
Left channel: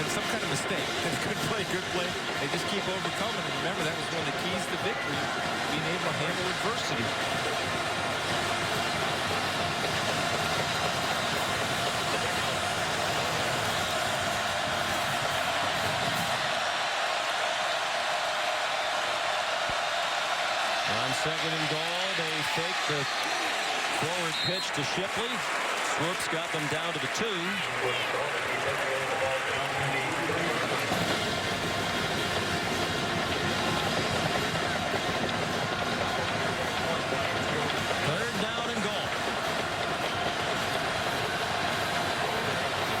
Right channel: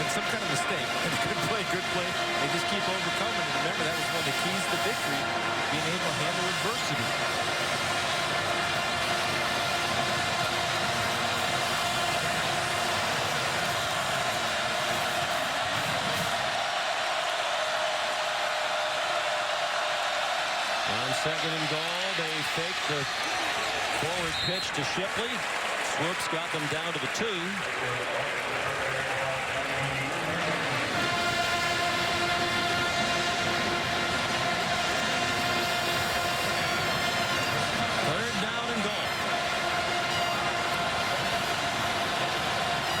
then some kind of mistake. And a good play. They just keep overcoming. And remember, that was one of the keys to victory, being able to handle adversity. On 2nd and goal, they fake the forward pitch to Shipley. Swoops got them down to the 2. Third down and goal.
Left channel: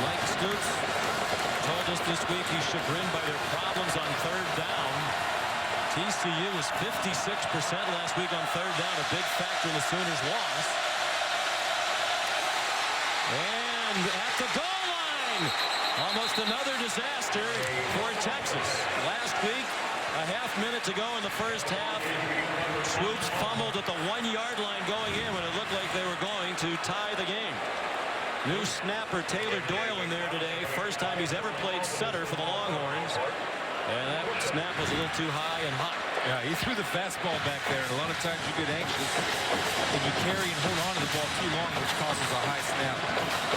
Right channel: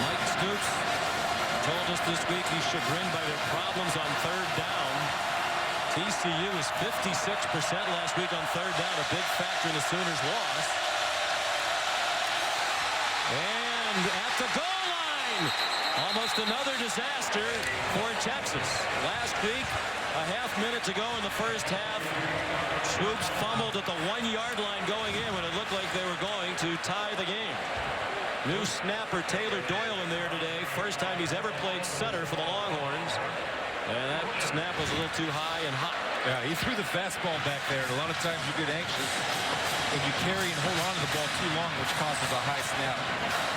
Mike Stoops told us this week he's chagrined by their problems on 3rd down. TCU was 56% last week on 3rd down, a big factor in the Sooners' loss. And at the goal line, almost another disaster for Texas. Last week, a half minute to go in the first half, Swoops fumbled at the 1-yard line going in when it looked like they were going to tie the game. New snapper Taylor Doyle in there today. First time he's ever played center for the Longhorns. And that snap was a little too high and hot. Yeah, he threw the fastball back there, and a lot of times you get anxious and you carry and hold on to the ball too long, which causes a high snap.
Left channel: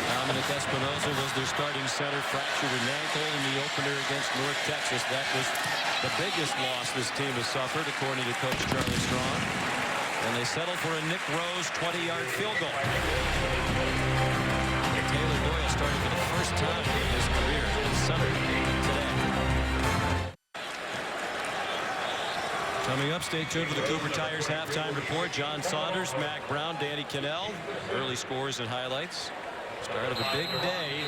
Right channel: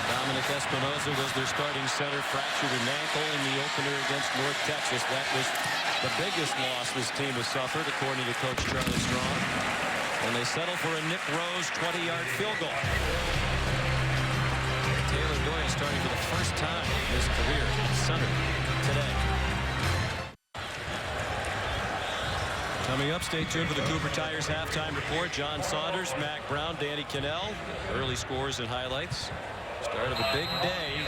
Dominic Espinosa was their starting center, fractured an ankle in the opener against North Texas. That was the biggest loss this team has suffered, according to Coach Charlie Strong. And they settled for a Nick Rose 20-yard field goal. Taylor Doyle starting for the first time in his career at center today. Coming up, stay tuned for the Cooper Tires halftime report. John Saunders, Mac Brown, Danny Cannell. Early scores and highlights. Start of a big day,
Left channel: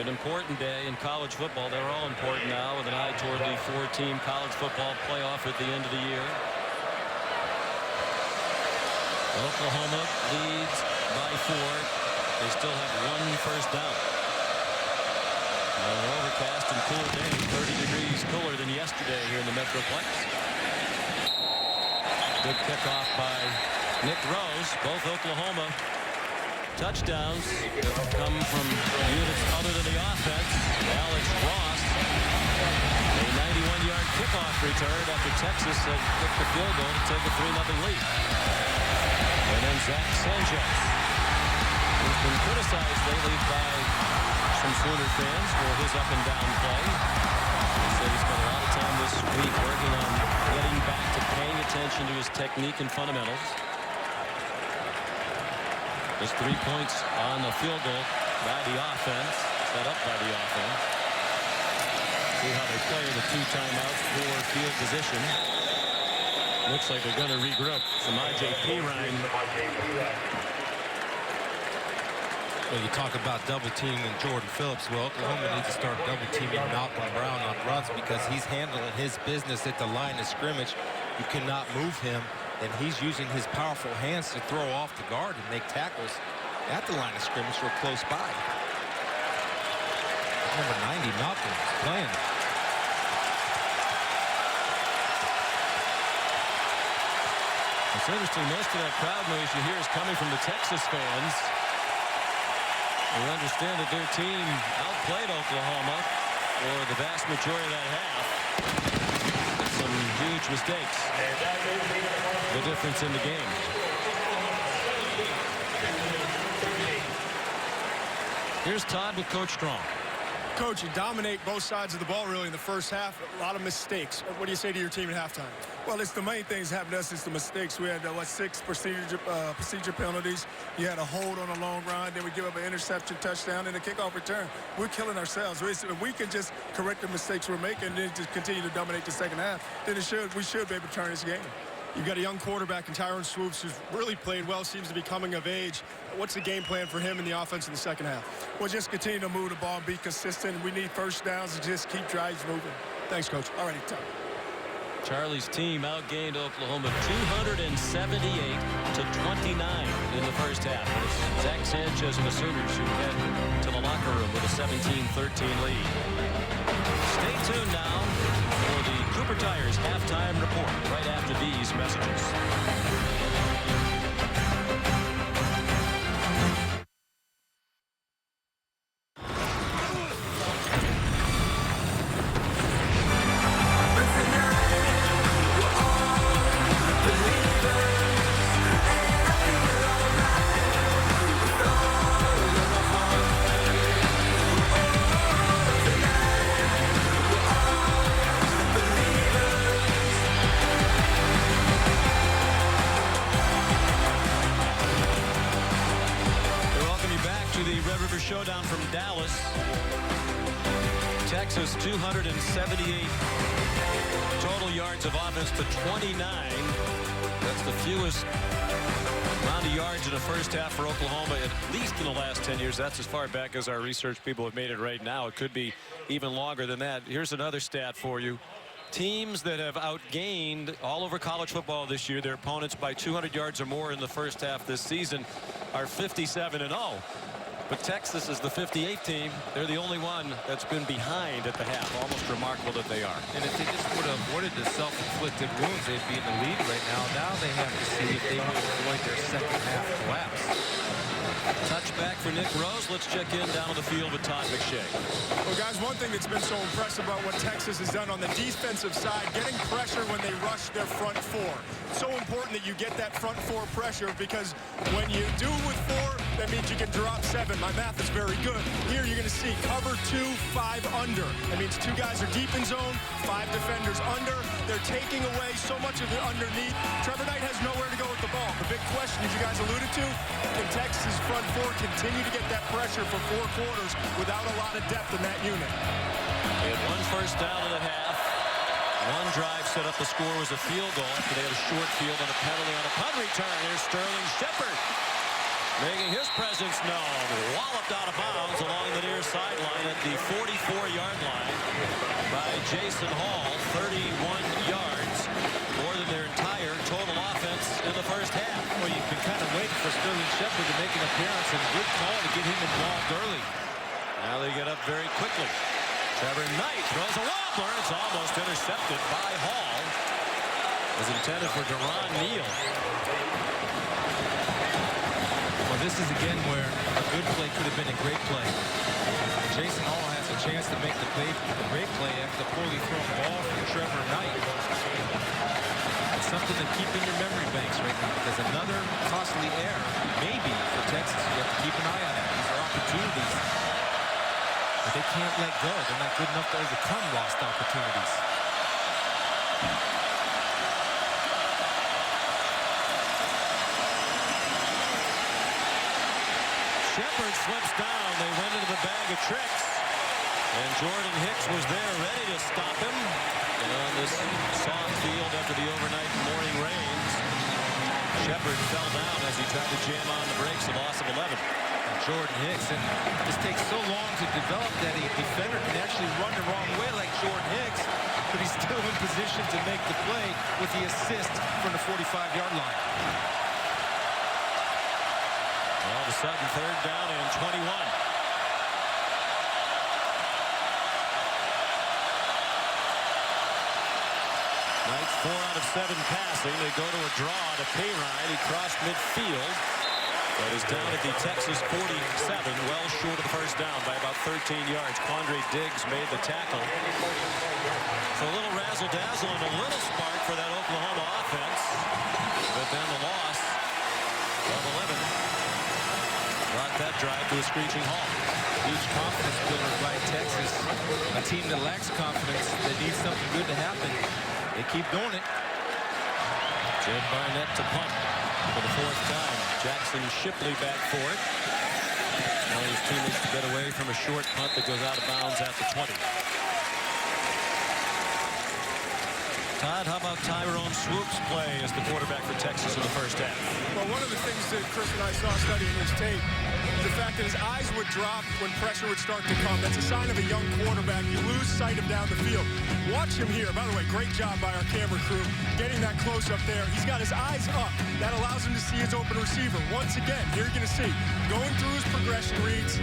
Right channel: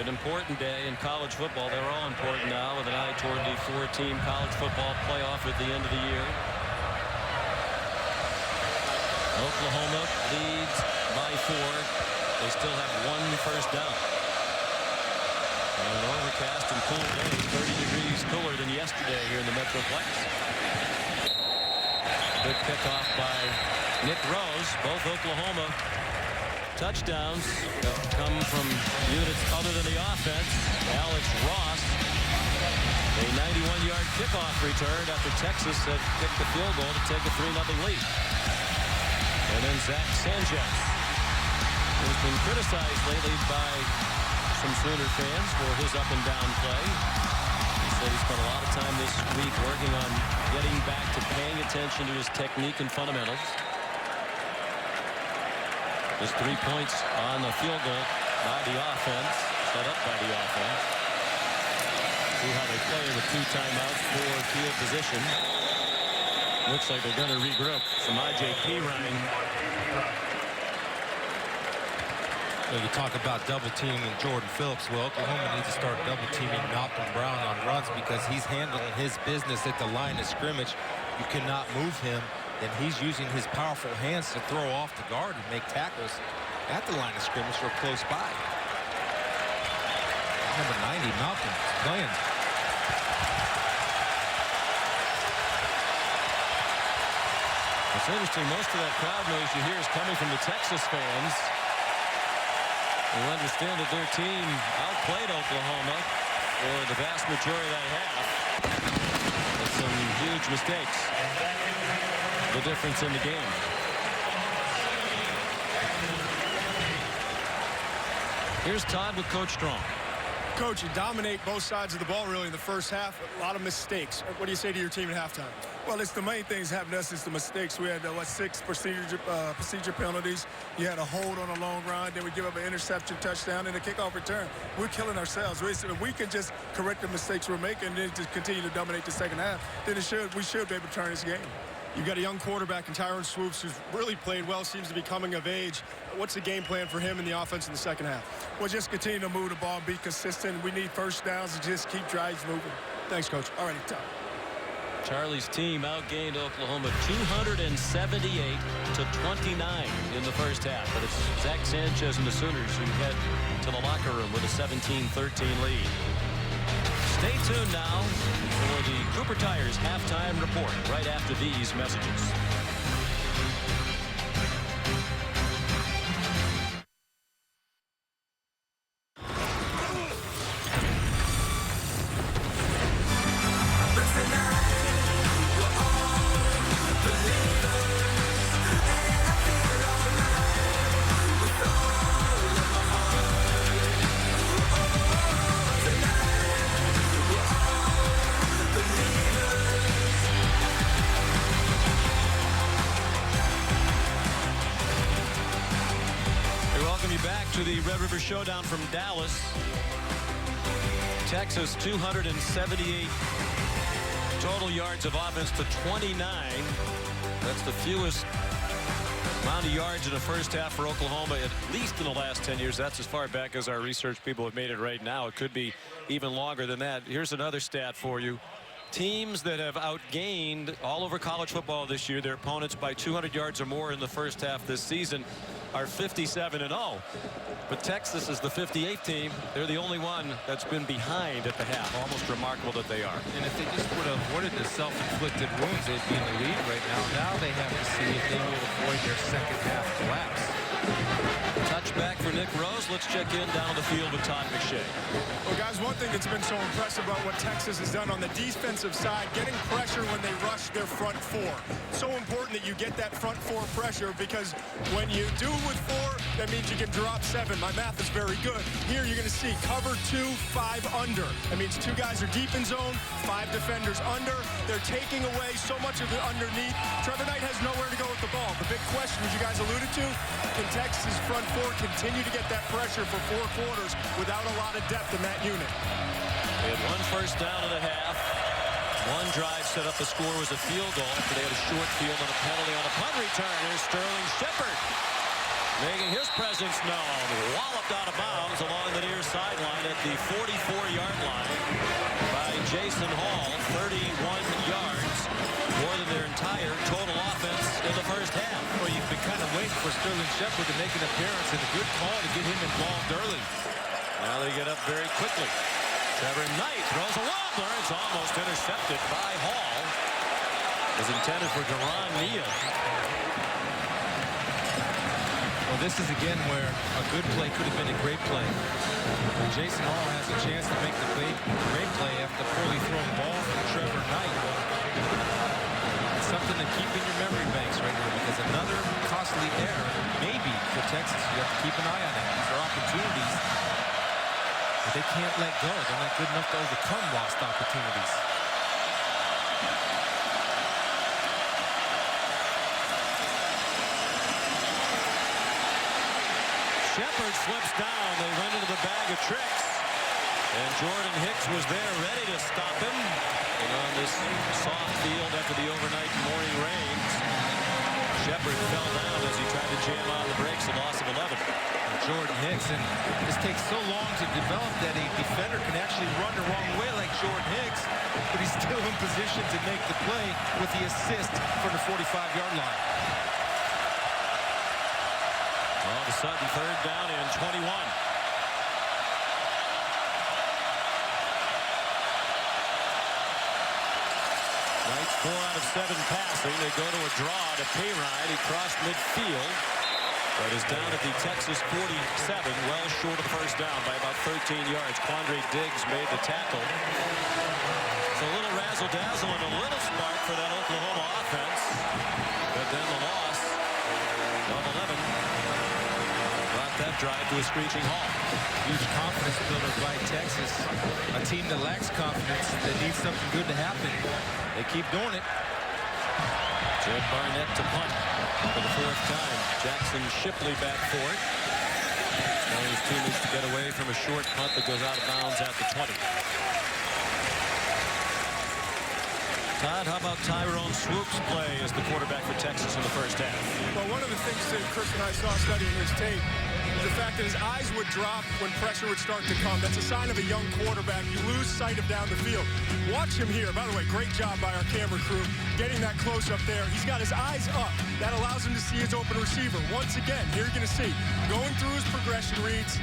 an important day in college football. They're all important now with an eye toward the 4-team college football playoff at the end of the year. Oklahoma leads by 4. They still have 1 first down. On an overcast and cool day, 30 degrees cooler than yesterday here in the Metroplex. Good kickoff by Nick Rose. Both Oklahoma touchdowns have come from units other than the offense. Alex Ross, a 91-yard kickoff return after Texas had kicked the field goal to take a 3-0 lead. And then Zach Sanchez, who's been criticized lately by some Sooner fans for his up-and-down play. He said he spent a lot of time this week working on getting back to paying attention to his technique and fundamentals. Just 3 points on the field goal by the offense, set up by the offense. See how they play in the 2 timeouts for field position. Looks like they're going to regroup. Samaje Perine. Well, you talk about double teaming Jordan Phillips. Well, Oklahoma needs to start double teaming Malcolm Brown on runs because he's handling his business at the line of scrimmage. You cannot move him, and he's using his powerful hands to throw off the guard and make tackles at the line of scrimmage or close by. Number 90, Malcolm, is playing. It's interesting, most of that crowd noise you hear is coming from the Texas fans, who understand that their team outplayed Oklahoma for the vast majority of that half with some huge mistakes. The difference in the game. Here's Todd with Coach Strong. Coach, you dominate both sides of the ball really in the first half. A lot of mistakes. What do you say to your team at halftime? Well, it's the main things happened to us is the mistakes. We had 6 procedure penalties. You had a hold on a long run. Then we give up an interception, touchdown, and a kickoff return. We're killing ourselves. If we can just correct the mistakes we're making and then just continue to dominate the second half, then we should be able to turn this game. You've got a young quarterback in Tyrone Swoops who's really played well, seems to be coming of age. What's the game plan for him in the offense in the second half? Well, just continue to move the ball and be consistent. We need first downs and just keep drives moving. Thanks, Coach. All righty, Tom. Charlie's team outgained Oklahoma 278-29 in the first half. But it's Zach Sanchez and the Sooners who head to the locker room with a 17-13 lead. Stay tuned now for the Cooper Tires halftime report right after these messages. The Red River Showdown from Dallas. Texas 278 total yards of offense to 29. That's the fewest amount of yards in the first half for Oklahoma, at least in the last 10 years. That's as far back as our research people have made it right now. It could be even longer than that. Here's another stat for you. Teams that have outgained all over college football this year, their opponents by 200 yards or more in the first half this season, are 57-0. But Texas is the 58th team. They're the only one that's been behind at the half. Almost remarkable that they are. And if they just would have avoided the self-inflicted wounds, they'd be in the lead right now. Now they have to see if they will avoid their second half collapse. Touchback for Nick Rose. Let's check in down on the field with Todd McShay. Well, guys, one thing that's been so impressive about what Texas has done on the defensive side, getting pressure when they rush their front four. So important that you get that front four pressure, because when you do with four, that means you can drop 7. My math is very good. Here you're going to see cover 2, 5 under. That means 2 guys are deep in zone, 5 defenders under. They're taking away so much of the underneath. Trevor Knight has nowhere to go with the ball. The big question, as you guys alluded to, can Texas' front four continue to get that pressure for 4 quarters without a lot of depth in that unit? They had 1 first down in the half. 1 drive set up the score was a field goal after they had a short field and a penalty on a punt return. Here's Sterling Shepard making his presence known. Walloped out of bounds along the near sideline at the 44-yard line by Jason Hall. 31 yards, more than their entire total offense in the first half. Well, you've been kind of waiting for Sterling Shepard to make an appearance, and a good call to get him involved early. Now they get up very quickly. Trevor Knight throws a wobbler. It's almost intercepted by Hall. It was intended for Deron Neal. Well, this is again where a good play could have been a great play. And Jason Hall has a chance to make the great play after the poorly thrown ball from Trevor Knight. That's something to keep in your memory banks right now, because another costly error, maybe, for Texas. You have to keep an eye on that. These are opportunities that they can't let go. They're not good enough to overcome lost opportunities. Shepard slips down. They went into the bag of tricks. And Jordan Hicks was there ready to stop him. And on this soft field after the overnight morning rains, Shepard fell down as he tried to jam on the brakes, a loss of 11. Jordan Hicks, and this takes so long to develop that a defender can actually run the wrong way like Jordan Hicks, but he's still in position to make the play with the assist from the 45-yard line. All of a sudden, 3rd down and 21. Knight's 4 out of 7 passing. They go to a draw to Payride. He crossed midfield, but is down at the Texas 47, well short of the first down by about 13 yards. Quandre Diggs made the tackle. So a little razzle-dazzle and a little spark for that Oklahoma offense, but then the loss of 11 brought that drive to a screeching halt. Huge confidence builder by Texas. A team that lacks confidence, that needs something good to happen. They keep doing it. Jed Barnett to punt for the 4th time. Jackson Shipley back for it. Telling his teammates to get away from a short punt that goes out of bounds at the 20. Todd, how about Tyrone Swoop's play as the quarterback for Texas in the first half? Well, one of the things that Chris and I saw studying his tape the fact that his eyes would drop when pressure would start to come. That's a sign of a young quarterback. You lose sight of down the field. Watch him here. By the way, great job by our camera crew getting that close up there. He's got his eyes up. That allows him to see his open receiver. Once again, here you're going to see, going through his progression reads,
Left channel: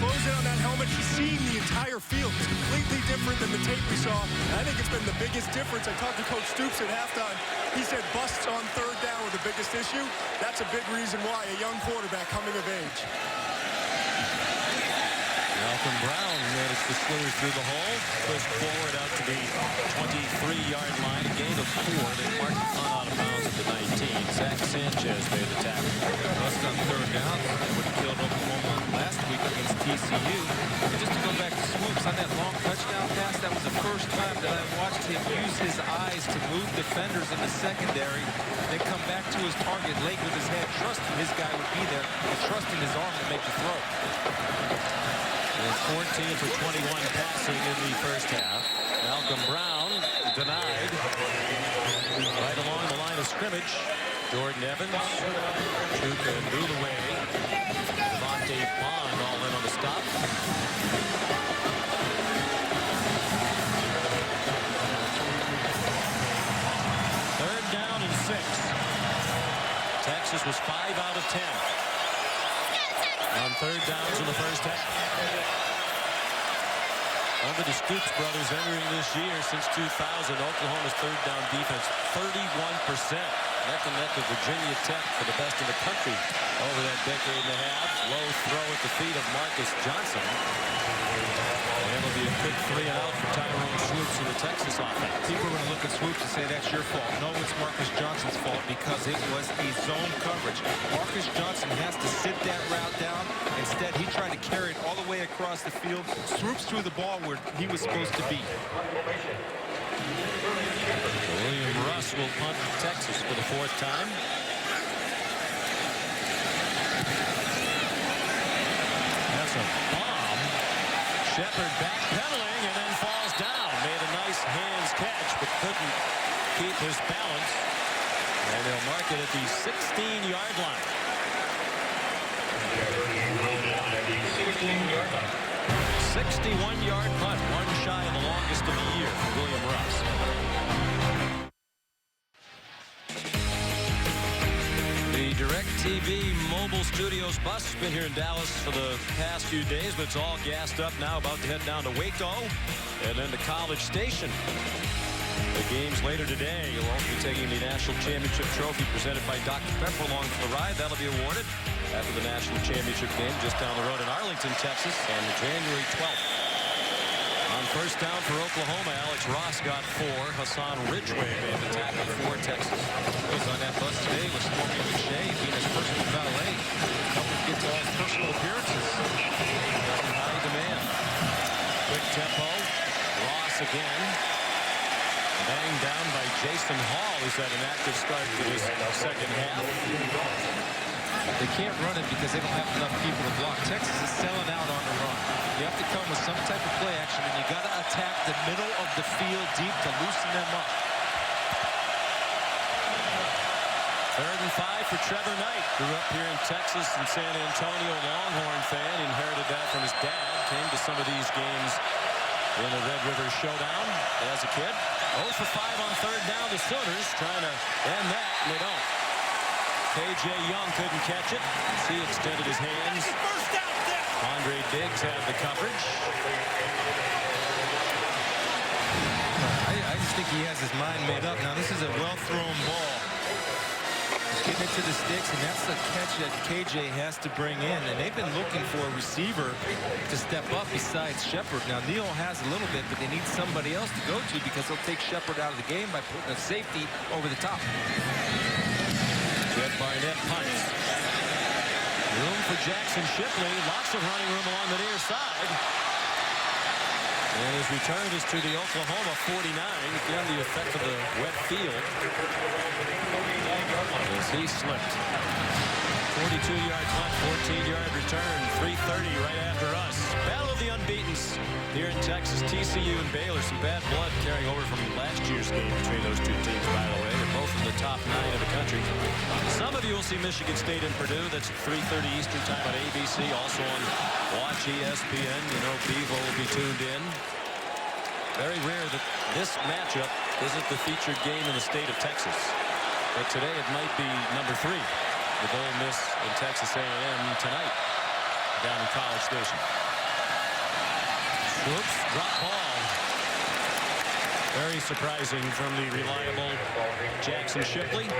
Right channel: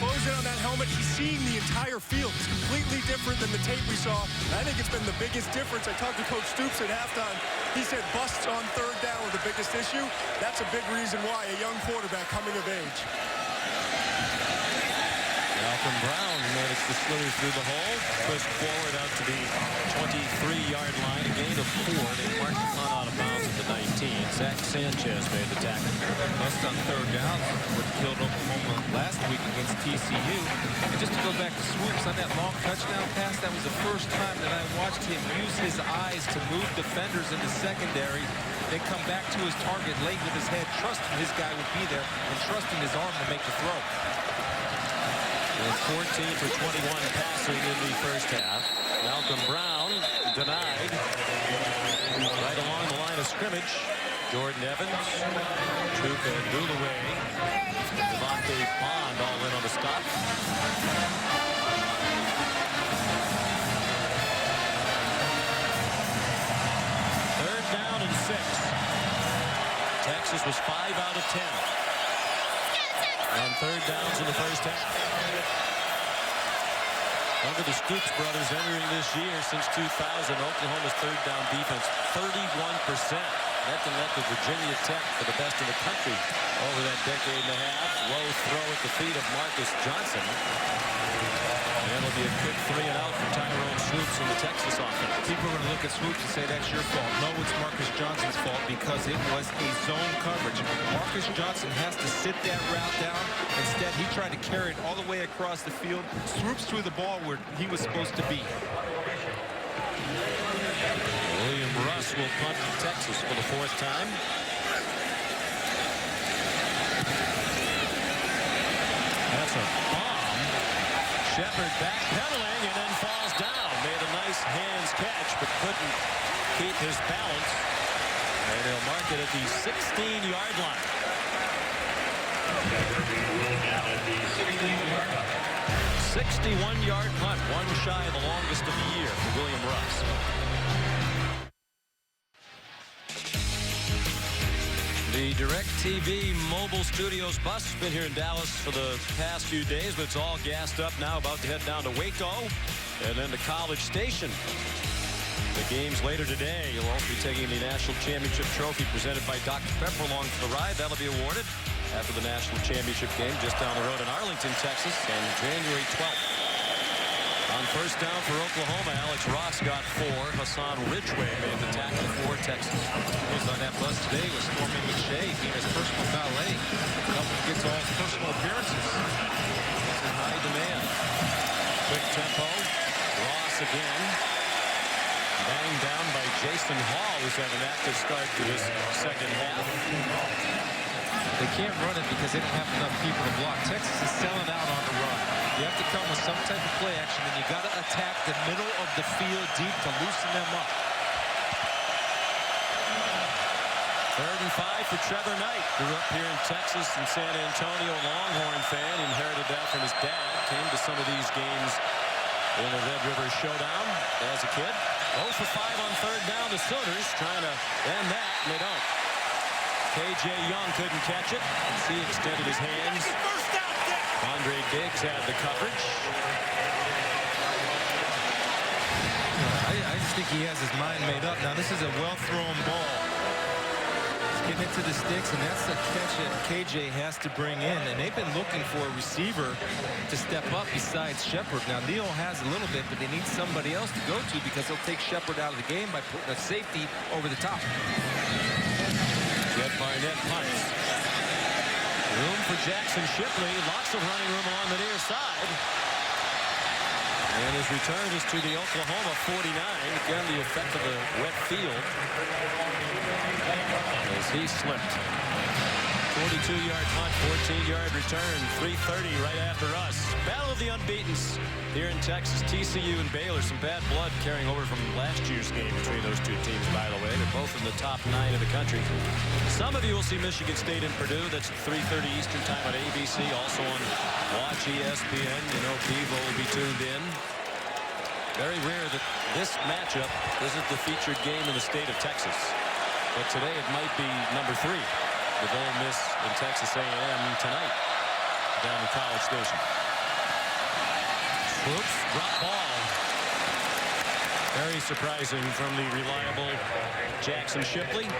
closing on that helmet, he's seeing the entire field. It's completely different than the tape we saw. I think it's been the biggest difference. I talked to Coach Stoops at halftime. He said busts on third down were the biggest issue. That's a big reason why a young quarterback coming of age. Malcolm Brown managed to slither through the hole, pushed forward out to the 23-yard line, a gain of 4. They marked the punt out of bounds at the 19. Zach Sanchez made the tackle. Bust on third down would have killed Oklahoma last week against TCU. And just to go back to Swoops on that long touchdown pass, that was the first time that I watched him use his eyes to move defenders in the secondary, then come back to his target late with his head, trusting his guy would be there and trusting his arm to make the throw. 14 for 21 passing in the first half. Malcolm Brown denied right along the line of scrimmage. Jordan Evans, Chuka and Dulaway, Devontae Bond all in on the stop. Third down and 6. Texas was 5 out of 10 on third downs in the first half. Under the Stoops brothers entering this year since 2000, Oklahoma's third down defense 31%. Neck and neck with Virginia Tech for the best in the country over that decade and a half. Low throw at the feet of Marcus Johnson. And it'll be a quick 3 and out for Tyrone Swoops in the Texas offense. People are going to look at Swoops and say that's your fault. No, it's Marcus Johnson's fault because it was a zone coverage. Marcus Johnson has to sit that route down. Instead, he tried to carry it all the way across the field. Swoops threw the ball where he was supposed to be. William Russ will punt Texas for the 4th time. That's a bomb. Shepard backpedaling and then falls down. Made a nice hands catch, but couldn't keep his balance. And they'll mark it at the 16-yard line. 61-yard punt, one shy of the longest of the year for William Russ. The DirecTV mobile studios bus has been here in Dallas for the past few days, but it's all gassed up now, about to head down to Waco and then to College Station. The games later today. You'll also be taking the National Championship Trophy presented by Dr. Pepper along for the ride. That'll be awarded after the National Championship game just down the road in Arlington, Texas on January 12th. On first down for Oklahoma, Alex Ross got 4. Hassan Ridgway made the tackle for Texas. He was on that bus today with Stormy McShay being his personal valet, helping get to all his personal appearances. He's in high demand. Quick tempo. Ross again. Banged down by Jason Hall, who's had an active start to this second half. They can't run it because they don't have enough people to block. Texas is selling out on the run. You have to come with some type of play action, and you got to attack the middle of the field deep to loosen them up. 3rd and 5 for Trevor Knight. Grew up here in Texas and San Antonio, Longhorn fan. Inherited that from his dad. Came to some of these games in the Red River Showdown as a kid. 0 for 5 on third down. The Sooners trying to end that, and they don't. K.J. Young couldn't catch it. He extended his hands. Andre Diggs had the coverage. I just think he has his mind made up. Now, this is a well-thrown ball. He's getting it to the sticks, and that's the catch that KJ has to bring in. And they've been looking for a receiver to step up besides Shepard. Now, Neal has a little bit, but they need somebody else to go to because they'll take Shepard out of the game by putting a safety over the top. Jed Barnett punts. Room for Jackson Shipley. Lots of running room along the near side. And his return is to the Oklahoma 49. Again, the effect of the wet field as he slipped. 42-yard punt, 14-yard return, 3:30 right after us. Battle of the unbeatens here in Texas. TCU and Baylor. Some bad blood carrying over from last year's game between those two teams, by the way. They're both in the top 9 of the country. Some of you will see Michigan State and Purdue. That's at 3:30 Eastern time on ABC. Also on Watch ESPN. You know, Bevo will be tuned in. Very rare that this matchup isn't the featured game in the state of Texas. But today it might be number 3 with Ole Miss and Texas A&M tonight down in College Station. Swoops, drop ball. Very surprising from the reliable Jackson Shipley.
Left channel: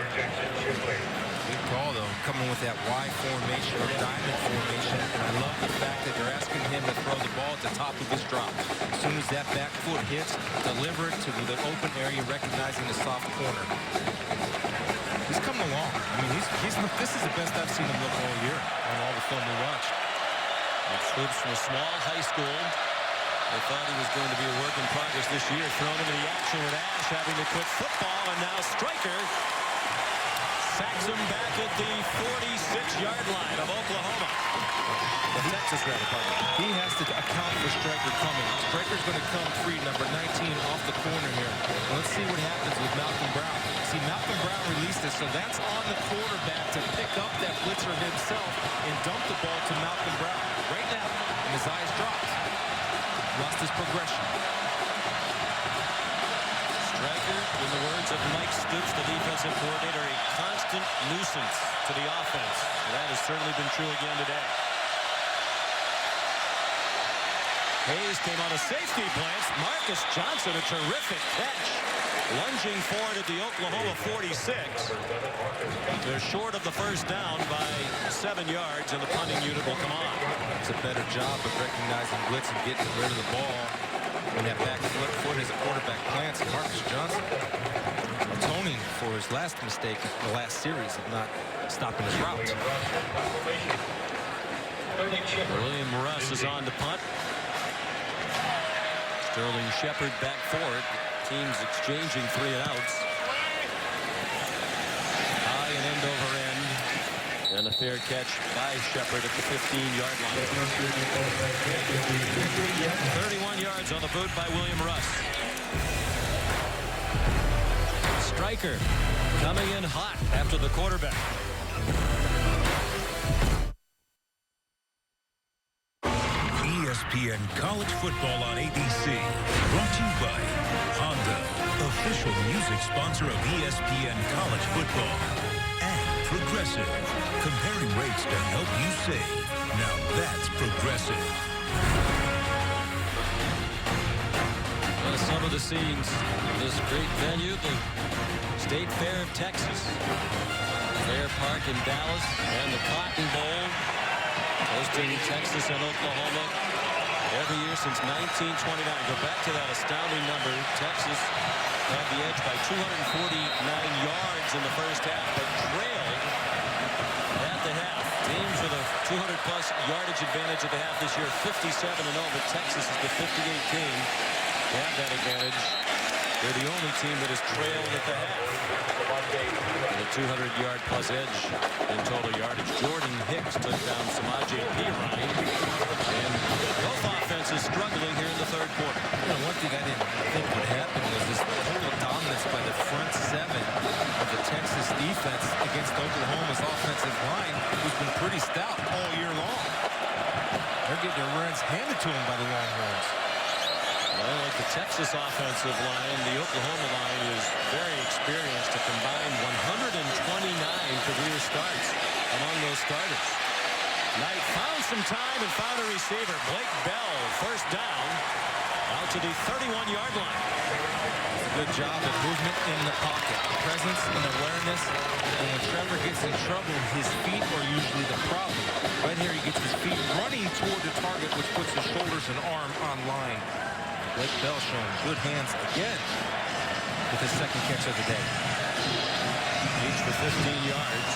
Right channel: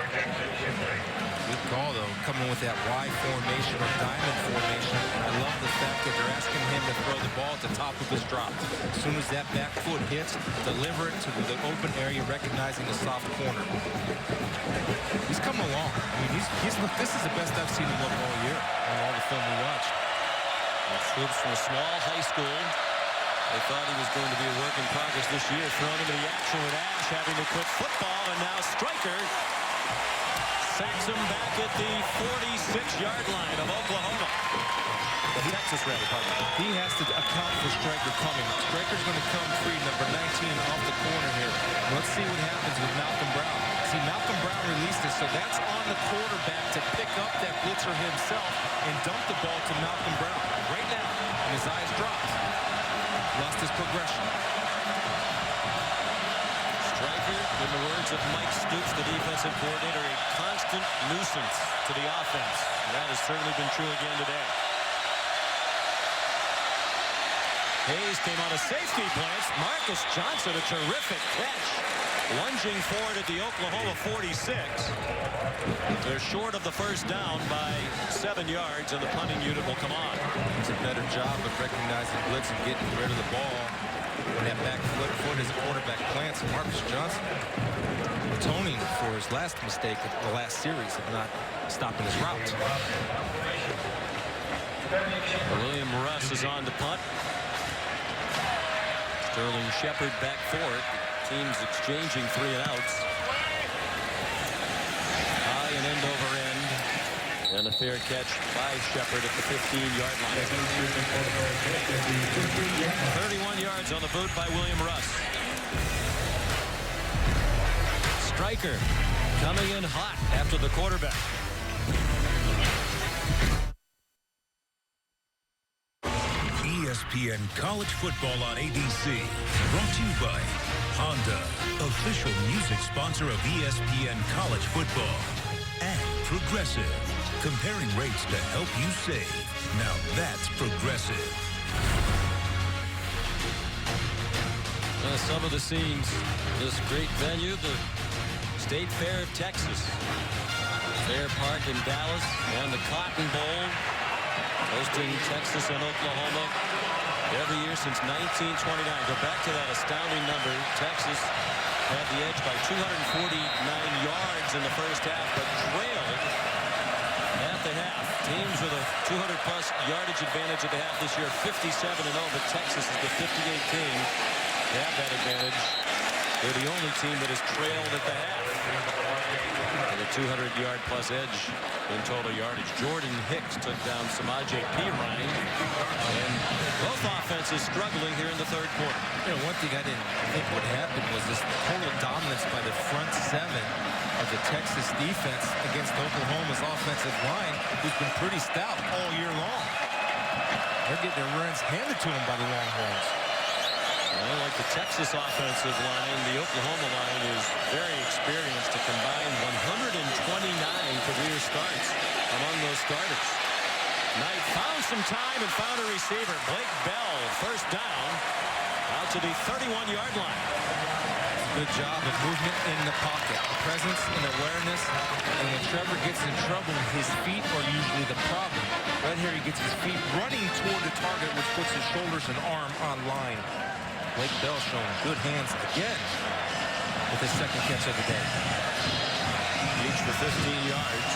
Good call, though, coming with that Y formation or diamond formation. And I love the fact that they're asking him to throw the ball at the top of his drop. As soon as that back foot hits, deliver it to the open area, recognizing the soft corner. He's coming along. I mean, this is the best I've seen him look all year on all the film we watched. And Swoops from a small high school. They thought he was going to be a work in progress this year. Thrown into the action with Ash having to quit football, and now Stryker sacks him back at the 46-yard line of Oklahoma. Texas, rather, pardon me. He has to account for Stryker coming. Stryker's going to come free, number 19 off the corner here. And let's see what happens with Malcolm Brown. See, Malcolm Brown released it, so that's on the quarterback to pick up that blitzer himself and dump the ball to Malcolm Brown right now. And his eyes dropped. Lost his progression. Stryker, in the words of Mike Stoops, the defensive coordinator, a constant nuisance to the offense. And that has certainly been true again today. Hayes came on a safety blitz. Marcus Johnson, a terrific catch. Lunging forward at the Oklahoma 46. They're short of the first down by 7 yards, and the punting unit will come on. It's a better job of recognizing blitz and getting rid of the ball when that back foot as a quarterback plants. Marcus Johnson atoning for his last mistake in the last series of not stopping his route. William Russ is on to punt. Sterling Shepard back for it. The teams exchanging 3 and outs. High and end over end. And a fair catch by Shepard at the 15-yard line. 31 yards on the boot by William Russ. Stryker coming in hot after the quarterback. ESPN College Football on ABC. Brought to you by Honda, official music sponsor of ESPN College Football. And Progressive, comparing rates to help you save. Now that's Progressive. Some of the scenes, this great venue, the State Fair of Texas. Fair Park in Dallas and the Cotton Bowl, hosting Texas and Oklahoma every year since 1929. Go back to that astounding number. Texas had the edge by 249 yards in the first half, but trailed at the half. Teams with a 200-plus yardage advantage at the half this year, 57-0, but Texas is the 58 team to have that advantage. They're the only team that has trailed at the half. And a 200-yard-plus edge in total yardage. Jordan Hicks took down Samaje Perine. And both offenses struggling here in the third quarter. You know, one thing I didn't think would happen was this total dominance by the front 7 of the Texas defense against Oklahoma's offensive line, who's been pretty stout all year long. They're getting their runs handed to them by the Longhorns. Well, like the Texas offensive line, the Oklahoma line is very experienced to combine 129 career starts among those starters. Knight found some time and found a receiver. Blake Bell, first down, out to the 31-yard line. It's a good job of movement in the pocket, presence and awareness. And when Trevor gets in trouble, his feet are usually the problem. Right here, he gets his feet running toward the target, which puts his shoulders and arm on line. Blake Bell showing good hands again with his second catch of the day. Each for 15 yards.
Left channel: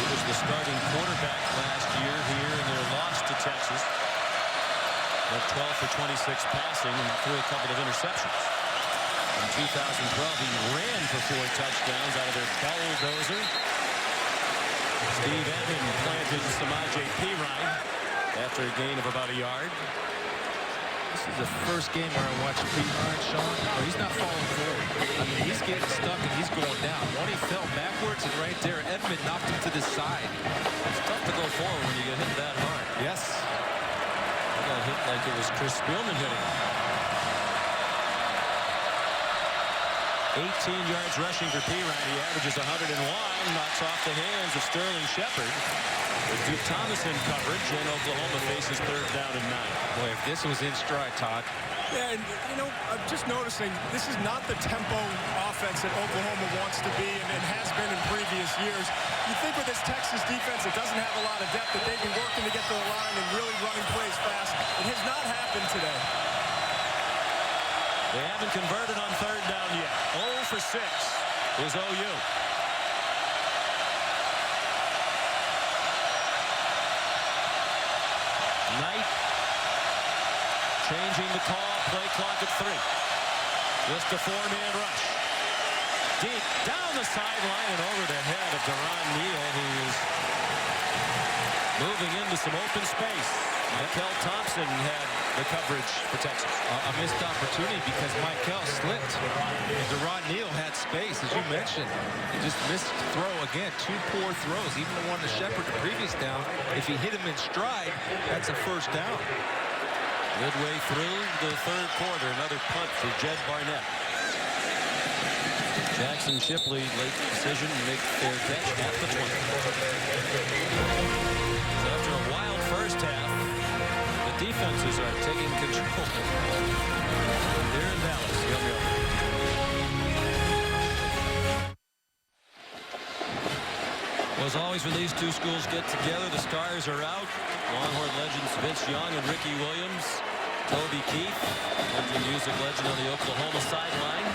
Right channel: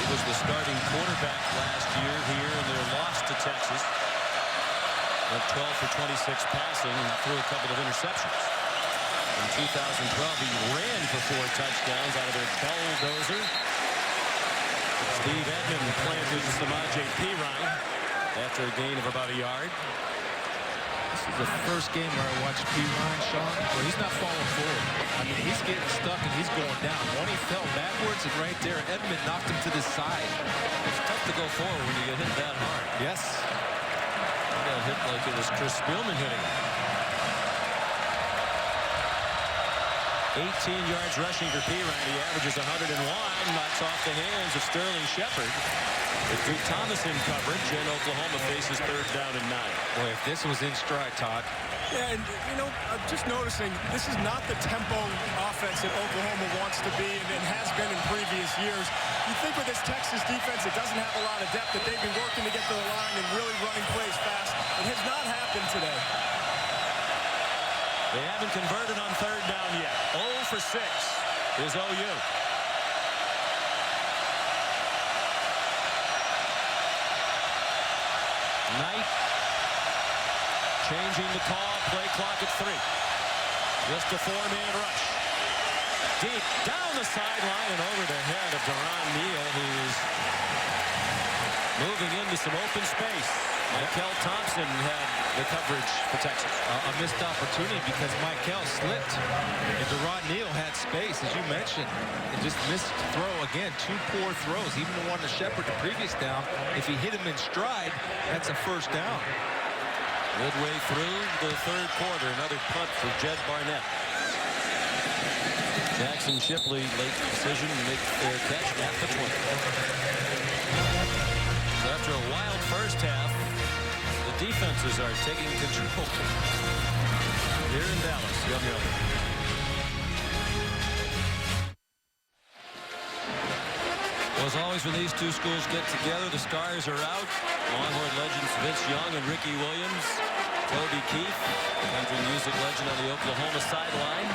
He was the starting quarterback last year here in their loss to Texas. Went 12 for 26 passing and threw a couple of interceptions. In 2012, he ran for 4 touchdowns out of their bulldozer. Steve Edmond planted Samaje Perine after a gain of about a yard. This is the first game where I watched Perine, Sean, where he's not falling forward. I mean, he's getting stuck and he's going down. One, he fell backwards, and right there, Edmond knocked him to the side. It's tough to go forward when you get hit that hard. Yes. He got hit like it was Chris Spielman hitting him. 18 yards rushing for Perine. He averages 101. Knocks off the hands of Sterling Shepard. With Duke Thomas in coverage, and Oklahoma faces 3rd down and 9. Boy, if this was in stride, Todd. Yeah, and you know, I'm just noticing this is not the tempo offense that Oklahoma wants to be and has been in previous years. You think with this Texas defense, it doesn't have a lot of depth, that they'd be working to get to the line and really running plays fast. It has not happened today. They haven't converted on 3rd down yet. 0 for 6 is OU. Knight changing the call, play clock at 3. Just a 4-man rush. Deep down the sideline and over the head of Deron Neal, who is moving into some open space. Mikel Thompson had the coverage for Texas. A missed opportunity because Mikel slipped. And Deron Neal had space, as you mentioned. And just missed throw again. 2 poor throws. Even the one to Shepard the previous down. If he hit him in stride, that's a 1st down. Midway through the 3rd quarter, another punt for Jed Barnett. Jackson Shipley, late decision, make their catch at the 20. So after a wild first half, the defenses are taking control here in Dallas. Yum, yum. Well, as always, when these two schools get together, the stars are out. Longhorn legends Vince Young and Ricky Williams. Toby Keith, country music legend, on the Oklahoma sideline.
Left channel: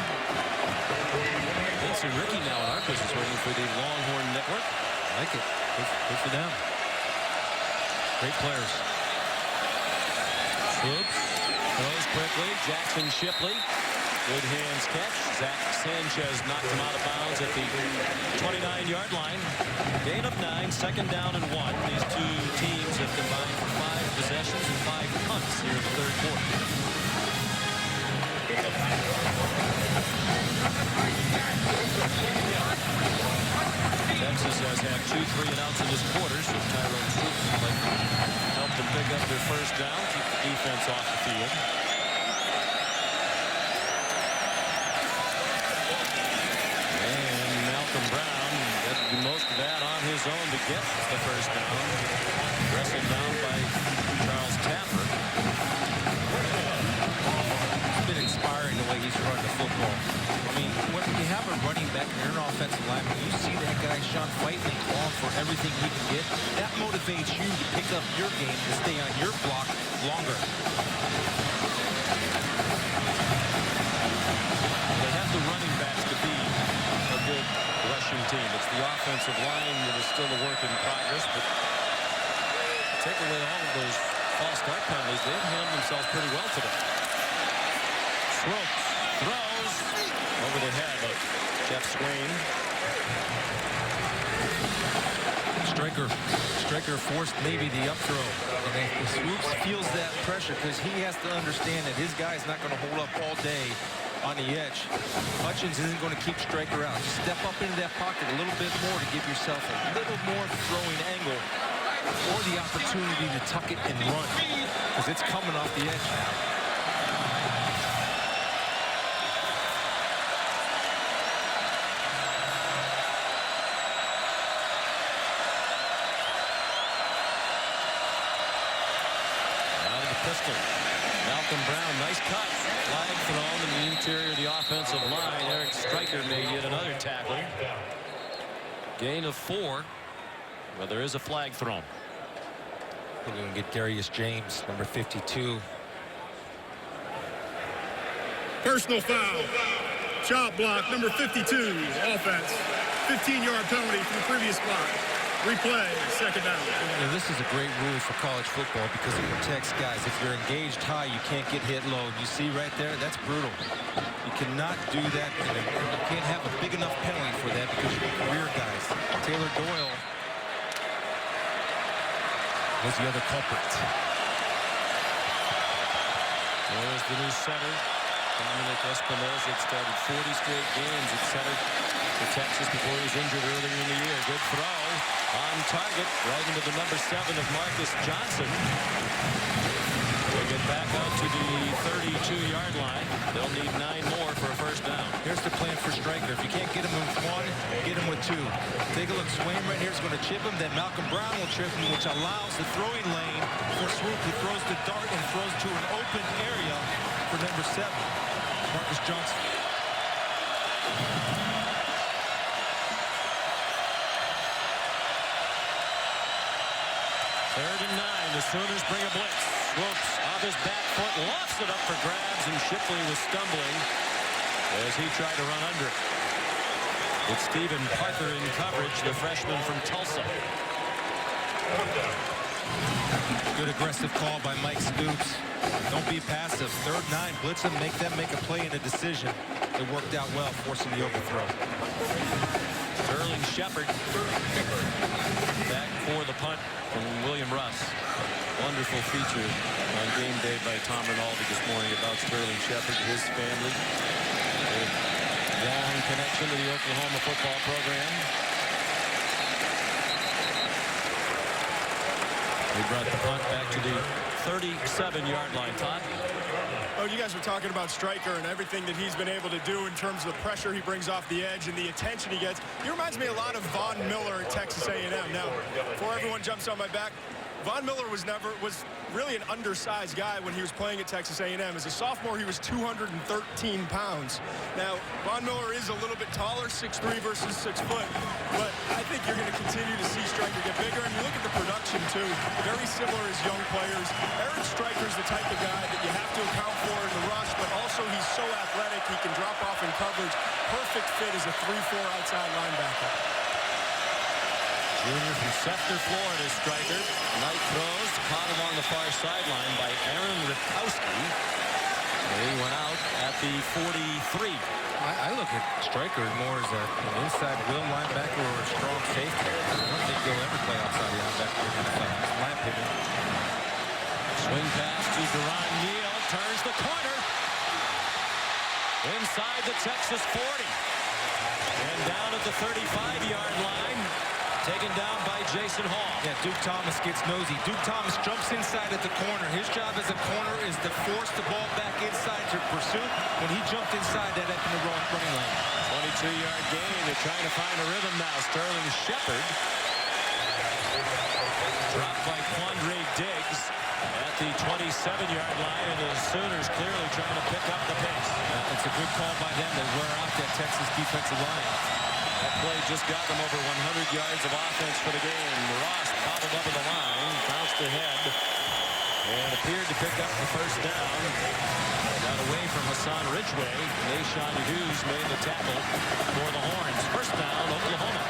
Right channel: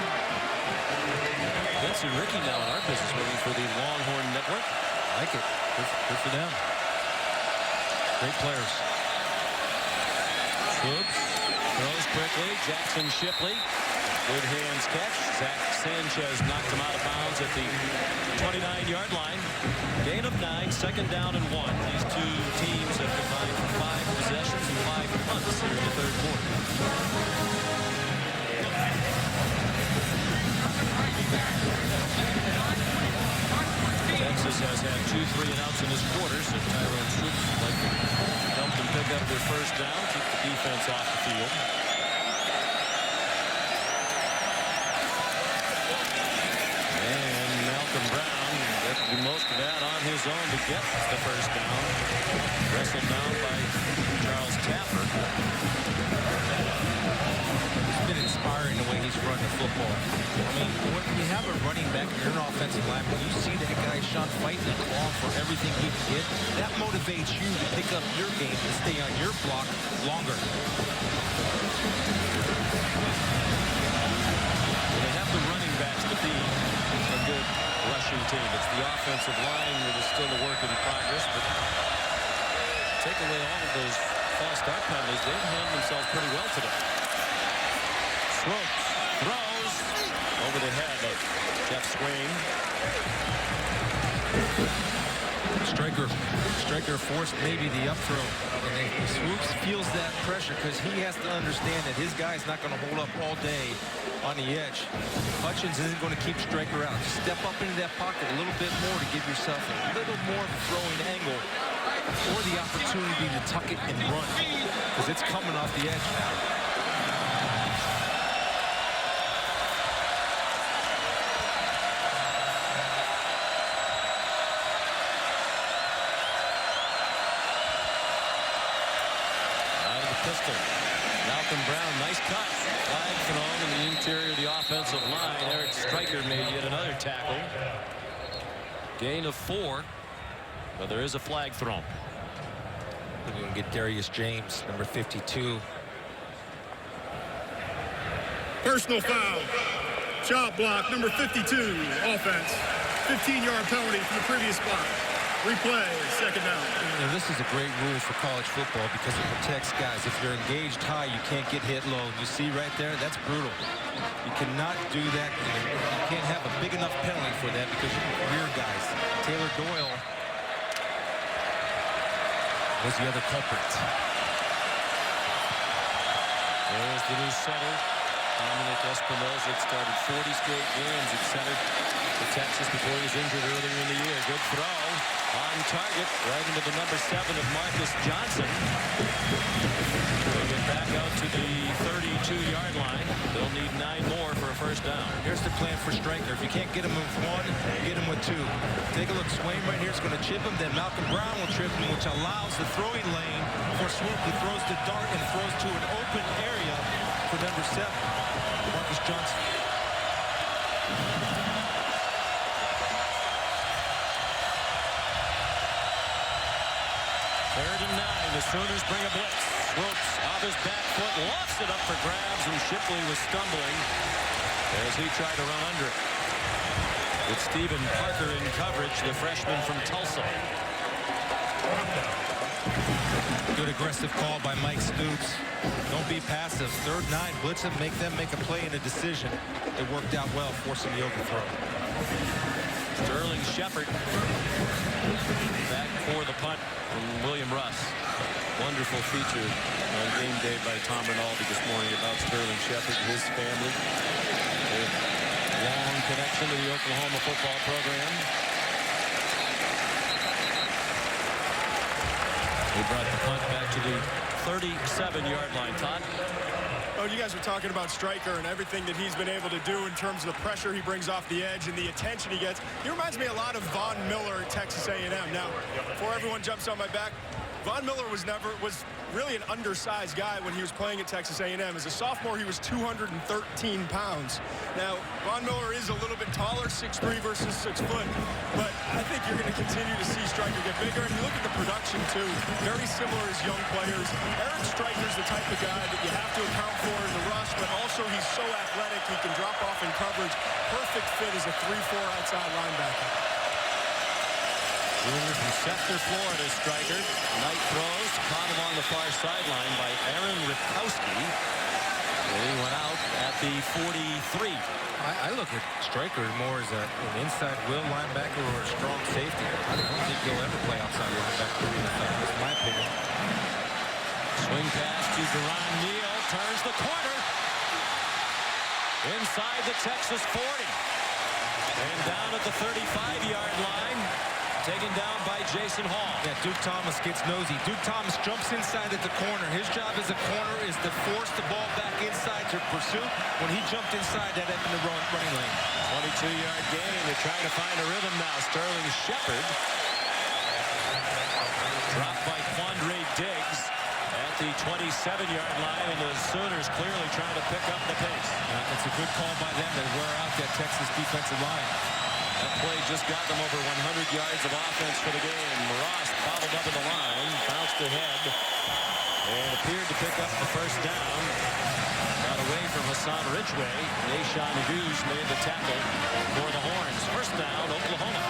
Vince and Ricky now in our business working for the Longhorn Network. I like it. Good for them. Great players. Swoops throws quickly. Jackson Shipley. Good hands catch. Zach Sanchez knocked him out of bounds at the 29-yard line. Gain of 9, 2nd down and 1. These two teams have combined for 5 possessions and 5 punts here in the 3rd quarter. Texas has had 2 3-and-outs in this quarter, so Tyrone Swoops like to help them pick up their 1st down, keep the defense off the field. And Malcolm Brown got to do most of that on his own to get the 1st down. Wrestled down by Charles Tapper. It's been inspiring the way he's run the football. I mean, when you have a running back and you're an offensive lineman, you see that guy, Sean, fighting and clawing for everything he can get. That motivates you to pick up your game, to stay on your block longer. Well, they have the running backs to be a good rushing team. It's the offensive line that is still a work in progress, but take away all of those false start penalties, they've handled themselves pretty well today. Swoops throws over the head of Jeff Swain. Striker forced maybe the up throw. And Swoops feels that pressure because he has to understand that his guy's not going to hold up all day on the edge. Hutchins isn't going to keep Striker out. Just step up into that pocket a little bit more to give yourself a little more of a throwing angle or the opportunity to tuck it and run because it's coming off the edge now. Out of the pistol. Malcolm Brown, nice cut. Flag thrown in the interior of the offensive line. Eric Striker made yet another tackle. Gain of 4. But there is a flag thrown. We're going to get Darius James, number 52. Personal foul. Chop block, number 52, offense. 15-yard penalty from the previous spot. Replay, 2nd down. You know, this is a great rule for college football because it protects guys. If you're engaged high, you can't get hit low. And you see right there, that's brutal. You cannot do that. And you can't have a big enough penalty for that because you can career guys. Taylor Doyle was the other culprit. There's the new center, Dominic Espinosa. Had started 40 straight games at center for Texas before he was injured earlier in the year. Good throw on target right into the number 7 of Marcus Johnson. They get back out to the 32-yard line. They'll need 9 more for a first down. Here's the plan for Stryker. If you can't get him with 1, get him with 2. Take a look. Swain right here is going to chip him. Then Malcolm Brown will trip him, which allows the throwing lane for Swoop, who throws the dart and throws to an open area for number 7, Marcus Johnson. Third and 9. The Sooners bring a blitz. Swoops off his back foot, lofts it up for grabs, and Shipley was stumbling as he tried to run under it. With Stephen Parker in coverage, the freshman from Tulsa. Good aggressive call by Mike Stoops. Don't be passive. 3rd and 9. Blitz them, make them make a play and a decision. It worked out well, forcing the overthrow. Sterling Shepard back for the punt from William Russ. Wonderful feature on game day by Tom Rinaldi this morning about Sterling Shepard, his family. A long connection to the Oklahoma football program. We brought the punt back to the 37-yard line. Todd? Oh, you guys were talking about Stryker and everything that he's been able to do in terms of the pressure he brings off the edge and the attention he gets. He reminds me a lot of Von Miller at Texas A&M. Now, before everyone jumps on my back, Von Miller was really an undersized guy when he was playing at Texas A&M. As a sophomore, he was 213 pounds. Now, Von Miller is a little bit taller, 6'3" versus 6 foot, but I think you're going to continue to see Stryker get bigger. And you look at the production, too, very similar as young players. Eric Stryker's the type of guy that you have to account for in the rush, but also he's so athletic, he can drop off in coverage. Perfect fit as a 3-4 outside linebacker. Junior from Sefter, Florida, Stryker. Knight throws, caught along the far sideline by Aaron Ripkowski. And he went out at the 43. I look at Stryker more as an inside will linebacker or a strong safety. I don't think he'll ever play outside linebacker in the NFL. That's my opinion. Swing pass to Deron Neal. Turns the corner. Inside the Texas 40. And down at the 35-yard line. Taken down by Jason Hall. Yeah, Duke Thomas gets nosy. Duke Thomas jumps inside at the corner. His job as a corner is to force the ball back inside to pursue. When he jumped inside, that up in the running lane. 22-yard gain. They're trying to find a rhythm now. Sterling Shepard. Dropped by Quandre Diggs at the 27-yard line, and the Sooners clearly trying to pick up the pace. It's a good call by them to wear out that Texas defensive line. That play just got them over 100 yards of offense for the game. Ross bobbled up at the line, bounced ahead, and appeared to pick up the first down. Got away from Hassan Ridgeway. Nashawn Hughes made the tackle for the Horns. First down, Oklahoma.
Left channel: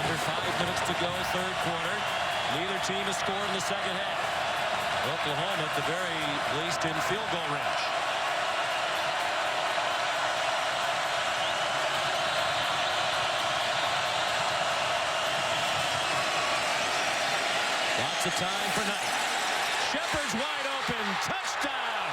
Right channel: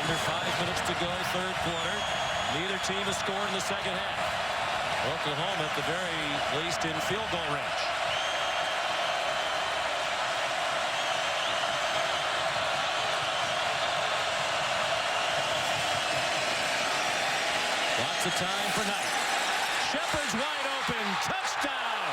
Under 5 minutes to go, third quarter. Neither team has scored in the second half. Oklahoma, at the very least, in field goal range. Lots of time for Knight. Shepard's wide open. Touchdown!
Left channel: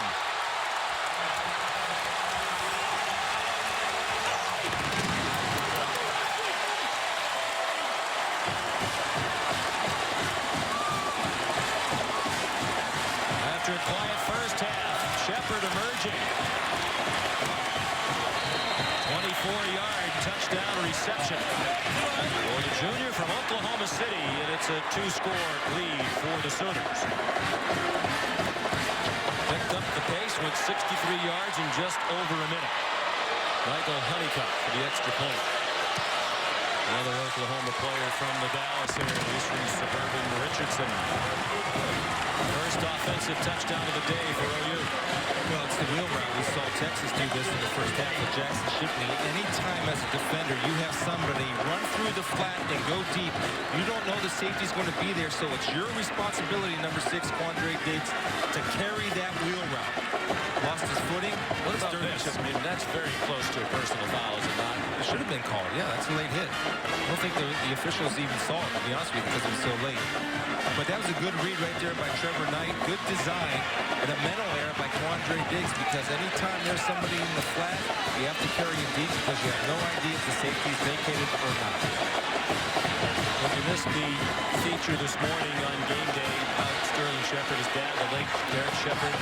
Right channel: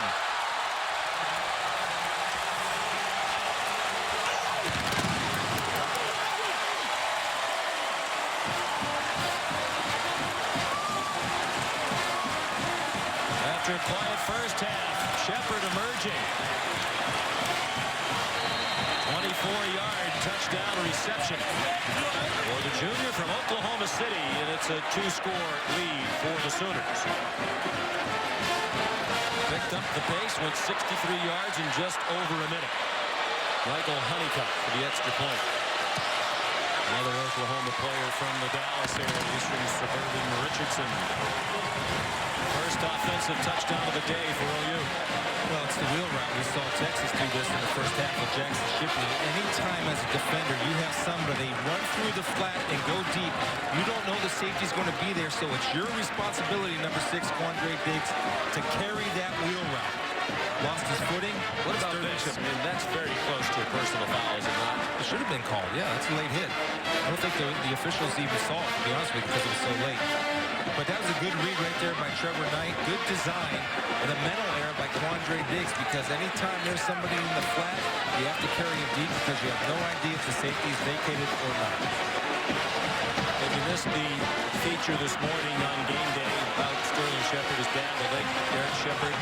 After a quiet first half, Shepard emerging. 24-yard touchdown reception for the junior from Oklahoma City, and it's a 2-score lead for the Sooners. Picked up the pace, went 63 yards in just over a minute. Michael Honeycutt for the extra point. Another Oklahoma player from the Dallas area. He's from suburban Richardson. First offensive touchdown of the day for OU. Well, it's the wheel route. We saw Texas do this in the first half with Jackson Shipley. Anytime as a defender you have somebody run through the flat and go deep, you don't know the safety's going to be there, so it's your responsibility, number 6, Quandre Diggs, to carry that wheel route. lost his footing. What about this? I mean, that's very close to a personal foul, is it not? It should have been called. Yeah, that's a late hit. I don't think the officials even saw it, to be honest with you, because it was so late. But that was a good read right there by Trevor Knight. Good design and a mental error by Quandre Diggs, because anytime there's somebody in the flat, you have to carry him deep because you have no idea if the safety is vacated or not. If you missed the feature this morning on game day about Sterling Shepard, his dad, the late Derek Shepard,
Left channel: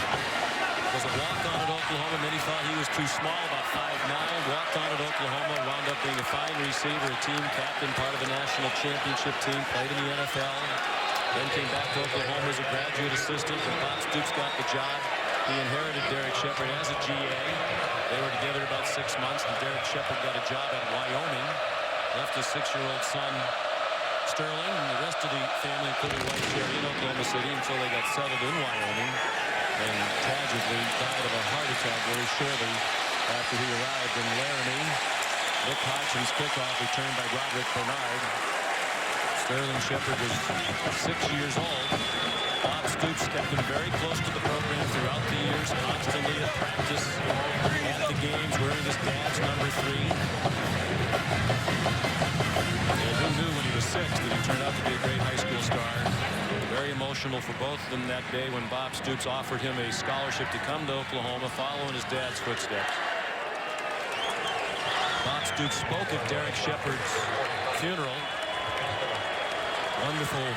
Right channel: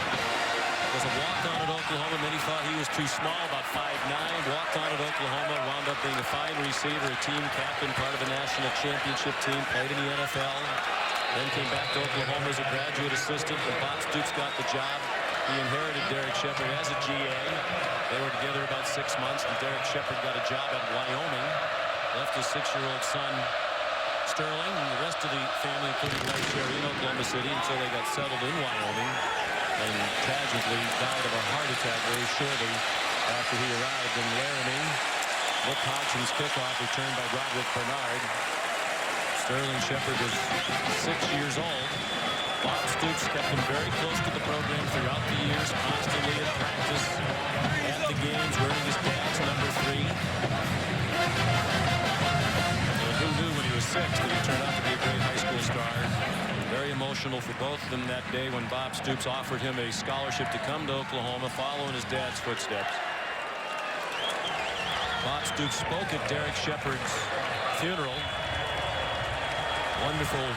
was a walk-on at Oklahoma. Many thought he was too small, about 5'9", walked on at Oklahoma, wound up being a fine receiver, a team captain, part of a national championship team, played in the NFL. Then came back to Oklahoma as a graduate assistant. When Bob Stoops got the job, he inherited Derek Shepard as a GA. They were together about 6 months, and Derek Shepard got a job at Wyoming. Left his 6-year-old son, Sterling, and the rest of the family, including wife Sherry, in Oklahoma City until they got settled in Wyoming, and tragically died of a heart attack very shortly after he arrived in Laramie. Nick Hodgson's kickoff returned by Roderick Bernard. Sterling Shepard was 6 years old. Bob Stoops kept him very close to the program throughout the years, constantly at practice, at the games, wearing his dad's number 3. And who knew when he was 6 that he turned out to be a great high school star. Very emotional for both of them that day when Bob Stoops offered him a scholarship to come to Oklahoma, following his dad's footsteps. Bob Stoops spoke at Derek Shepard's funeral. Wonderful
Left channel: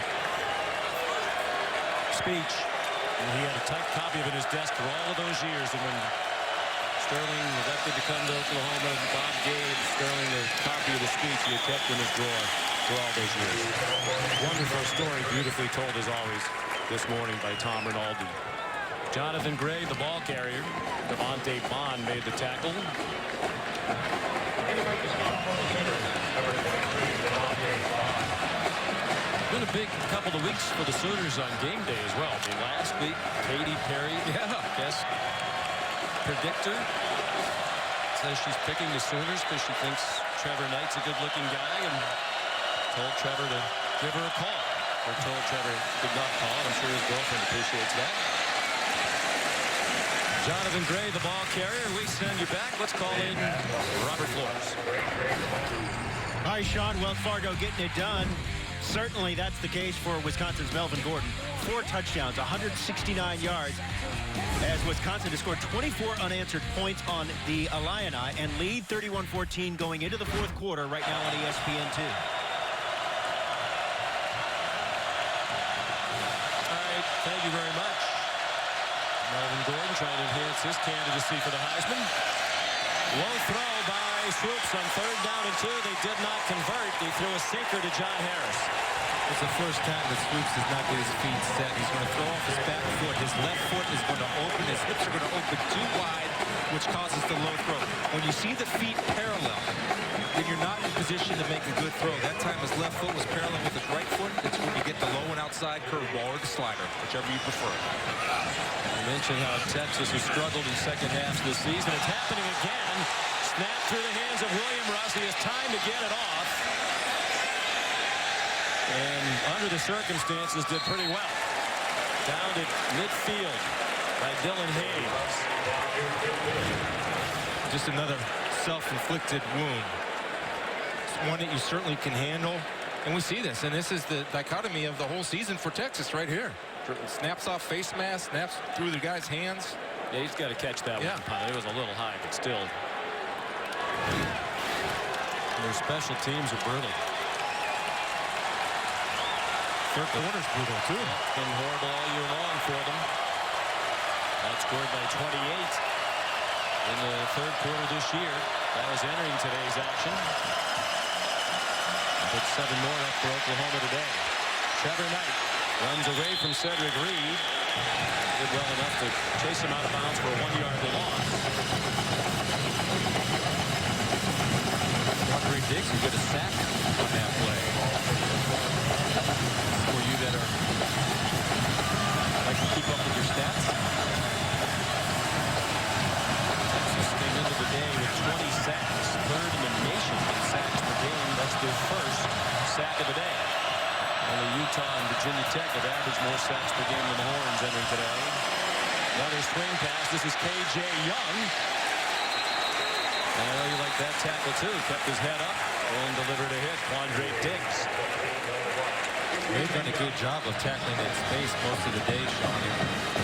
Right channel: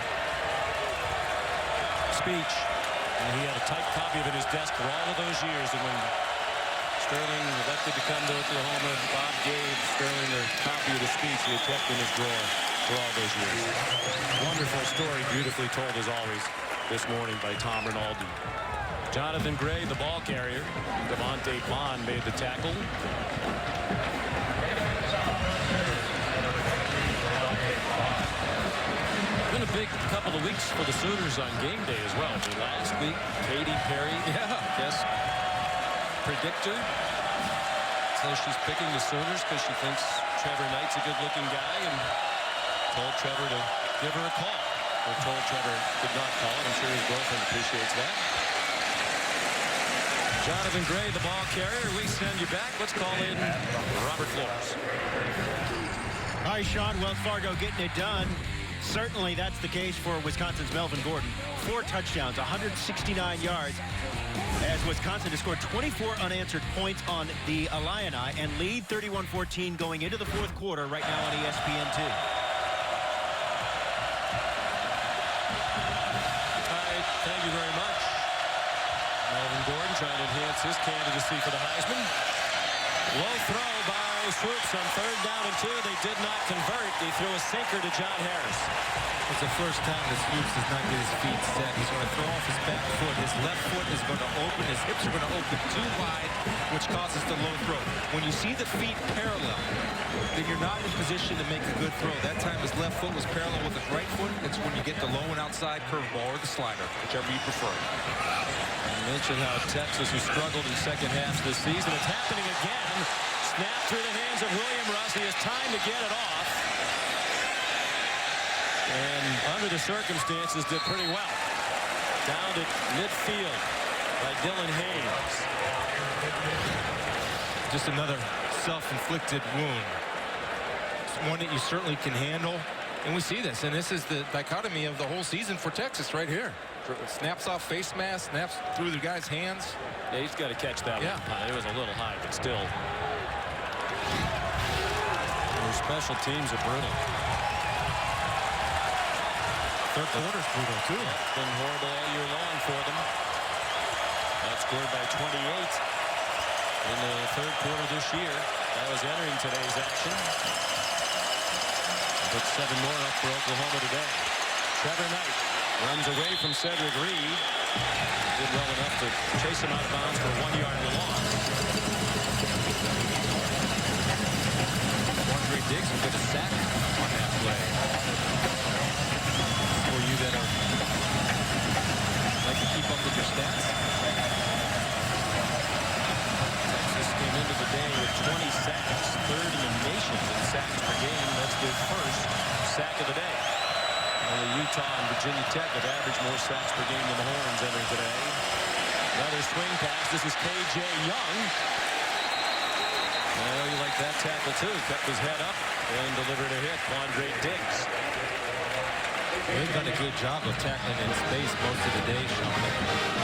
speech, and he had a typed copy of it in his desk for all of those years. And when Sterling elected to come to Oklahoma, Bob gave Sterling a copy of the speech he had kept in his drawer for all those years. Wonderful story, beautifully told as always this morning by Tom Rinaldi. Jonathan Gray, the ball carrier. Devontae Bond made the tackle. Been a big couple of weeks for the Sooners on game day as well. I mean, last week, Katy Perry, guest predictor, says she's picking the Sooners because she thinks Trevor Knight's a good-looking guy, and told Trevor to give her a call. We're told Trevor did not call it. I'm sure his girlfriend appreciates that. Jonathan Gray, the ball carrier. We send you back. Let's call in Robert Flores. All right, Sean, Wells Fargo getting it done. Certainly that's the case for Wisconsin's Melvin Gordon. 4 touchdowns, 169 yards, as Wisconsin has scored 24 unanswered points on the Illini and lead 31-14 going into the 4th quarter right now on ESPN2. All right, thank you very much. Melvin Gordon trying to enhance his candidacy for the Heisman. Low throw by Swoops on 3rd down and 2. They did not convert. He threw a sinker to John Harris. It's the first time that Swoops does not get his feet set. He's going to throw off his back foot. His left foot is going to open. His hips are going to open too wide, which causes the low throw. When you see the feet parallel, then you're not in position to make a good throw. That time his left foot was parallel with his right foot. It's when you get the low and outside curveball or the slider, whichever you prefer. I mentioned how Texas has struggled in second halves this season. It's happening again. Snap through the hands of William Russ. He has time to get it off. And under the circumstances, did pretty well. Downed at midfield by Dylan Haynes. Just another self-inflicted wound. It's one that you certainly can handle. And we see this. And this is the dichotomy of the whole season for Texas right here. Snaps off face mask, snaps through the guy's hands. Yeah, he's got to catch that one, punt. It was a little high, but still. And their special teams are brutal. 3rd quarter's brutal, too. Yep, been horrible all year long for them. Outscored by 28 in the 3rd quarter this year. That was entering today's action. Put 7 more up for Oklahoma today. Trevor Knight runs away from Cedric Reed. Did well enough to chase him out of bounds for a 1-yard loss. Quandre Diggs will get a sack on that play. For you that are like to keep up with your stats. Texas came into the day with 20 sacks, 3rd in the nation in sacks per game. That's their 1st sack of the day. Only Utah and Virginia Tech have averaged more sacks per game than the Horns entering today. Another swing pass. This is K.J. Young. I know you like that tackle, too. Kept his head up and delivered a hit. Quandre Diggs. They've done a good job of tackling in space most of the day, Sean. And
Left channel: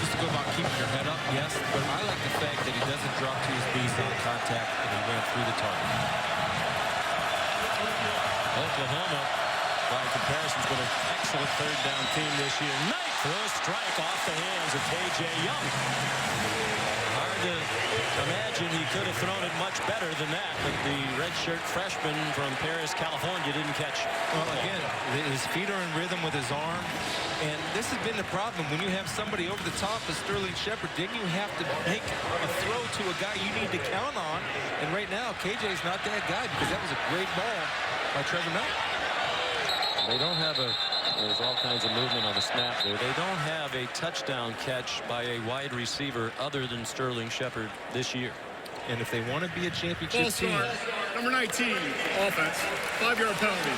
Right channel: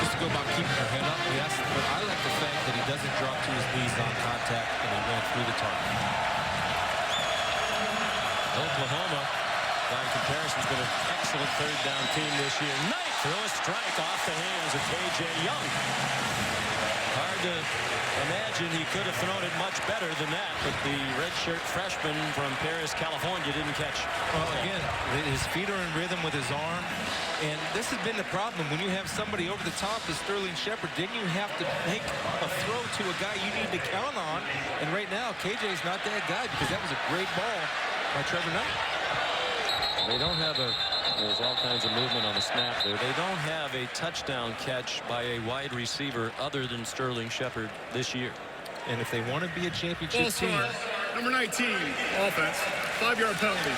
just to go about keeping your head up, yes, but I like the fact that he doesn't drop to his knees on contact and he ran through the target. Oklahoma, by comparison, has been an excellent third down team this year. Knight threw a strike off the hands of K.J. Young. Hard to imagine he could have thrown it much better than that, but the redshirt freshman from Paris, California, didn't catch. Well, again, his feet are in rhythm with his arm, and this has been the problem. When you have somebody over the top as Sterling Shepard, then you have to make a throw to a guy you need to count on, and right now, KJ's not that guy because that was a great ball by Trevor Knight. They don't have there's all kinds of movement on the snap there. They don't have a touchdown catch by a wide receiver other than Sterling Shepard this year. And if they want to be a championship team, number 19, offense, 5-yard penalty,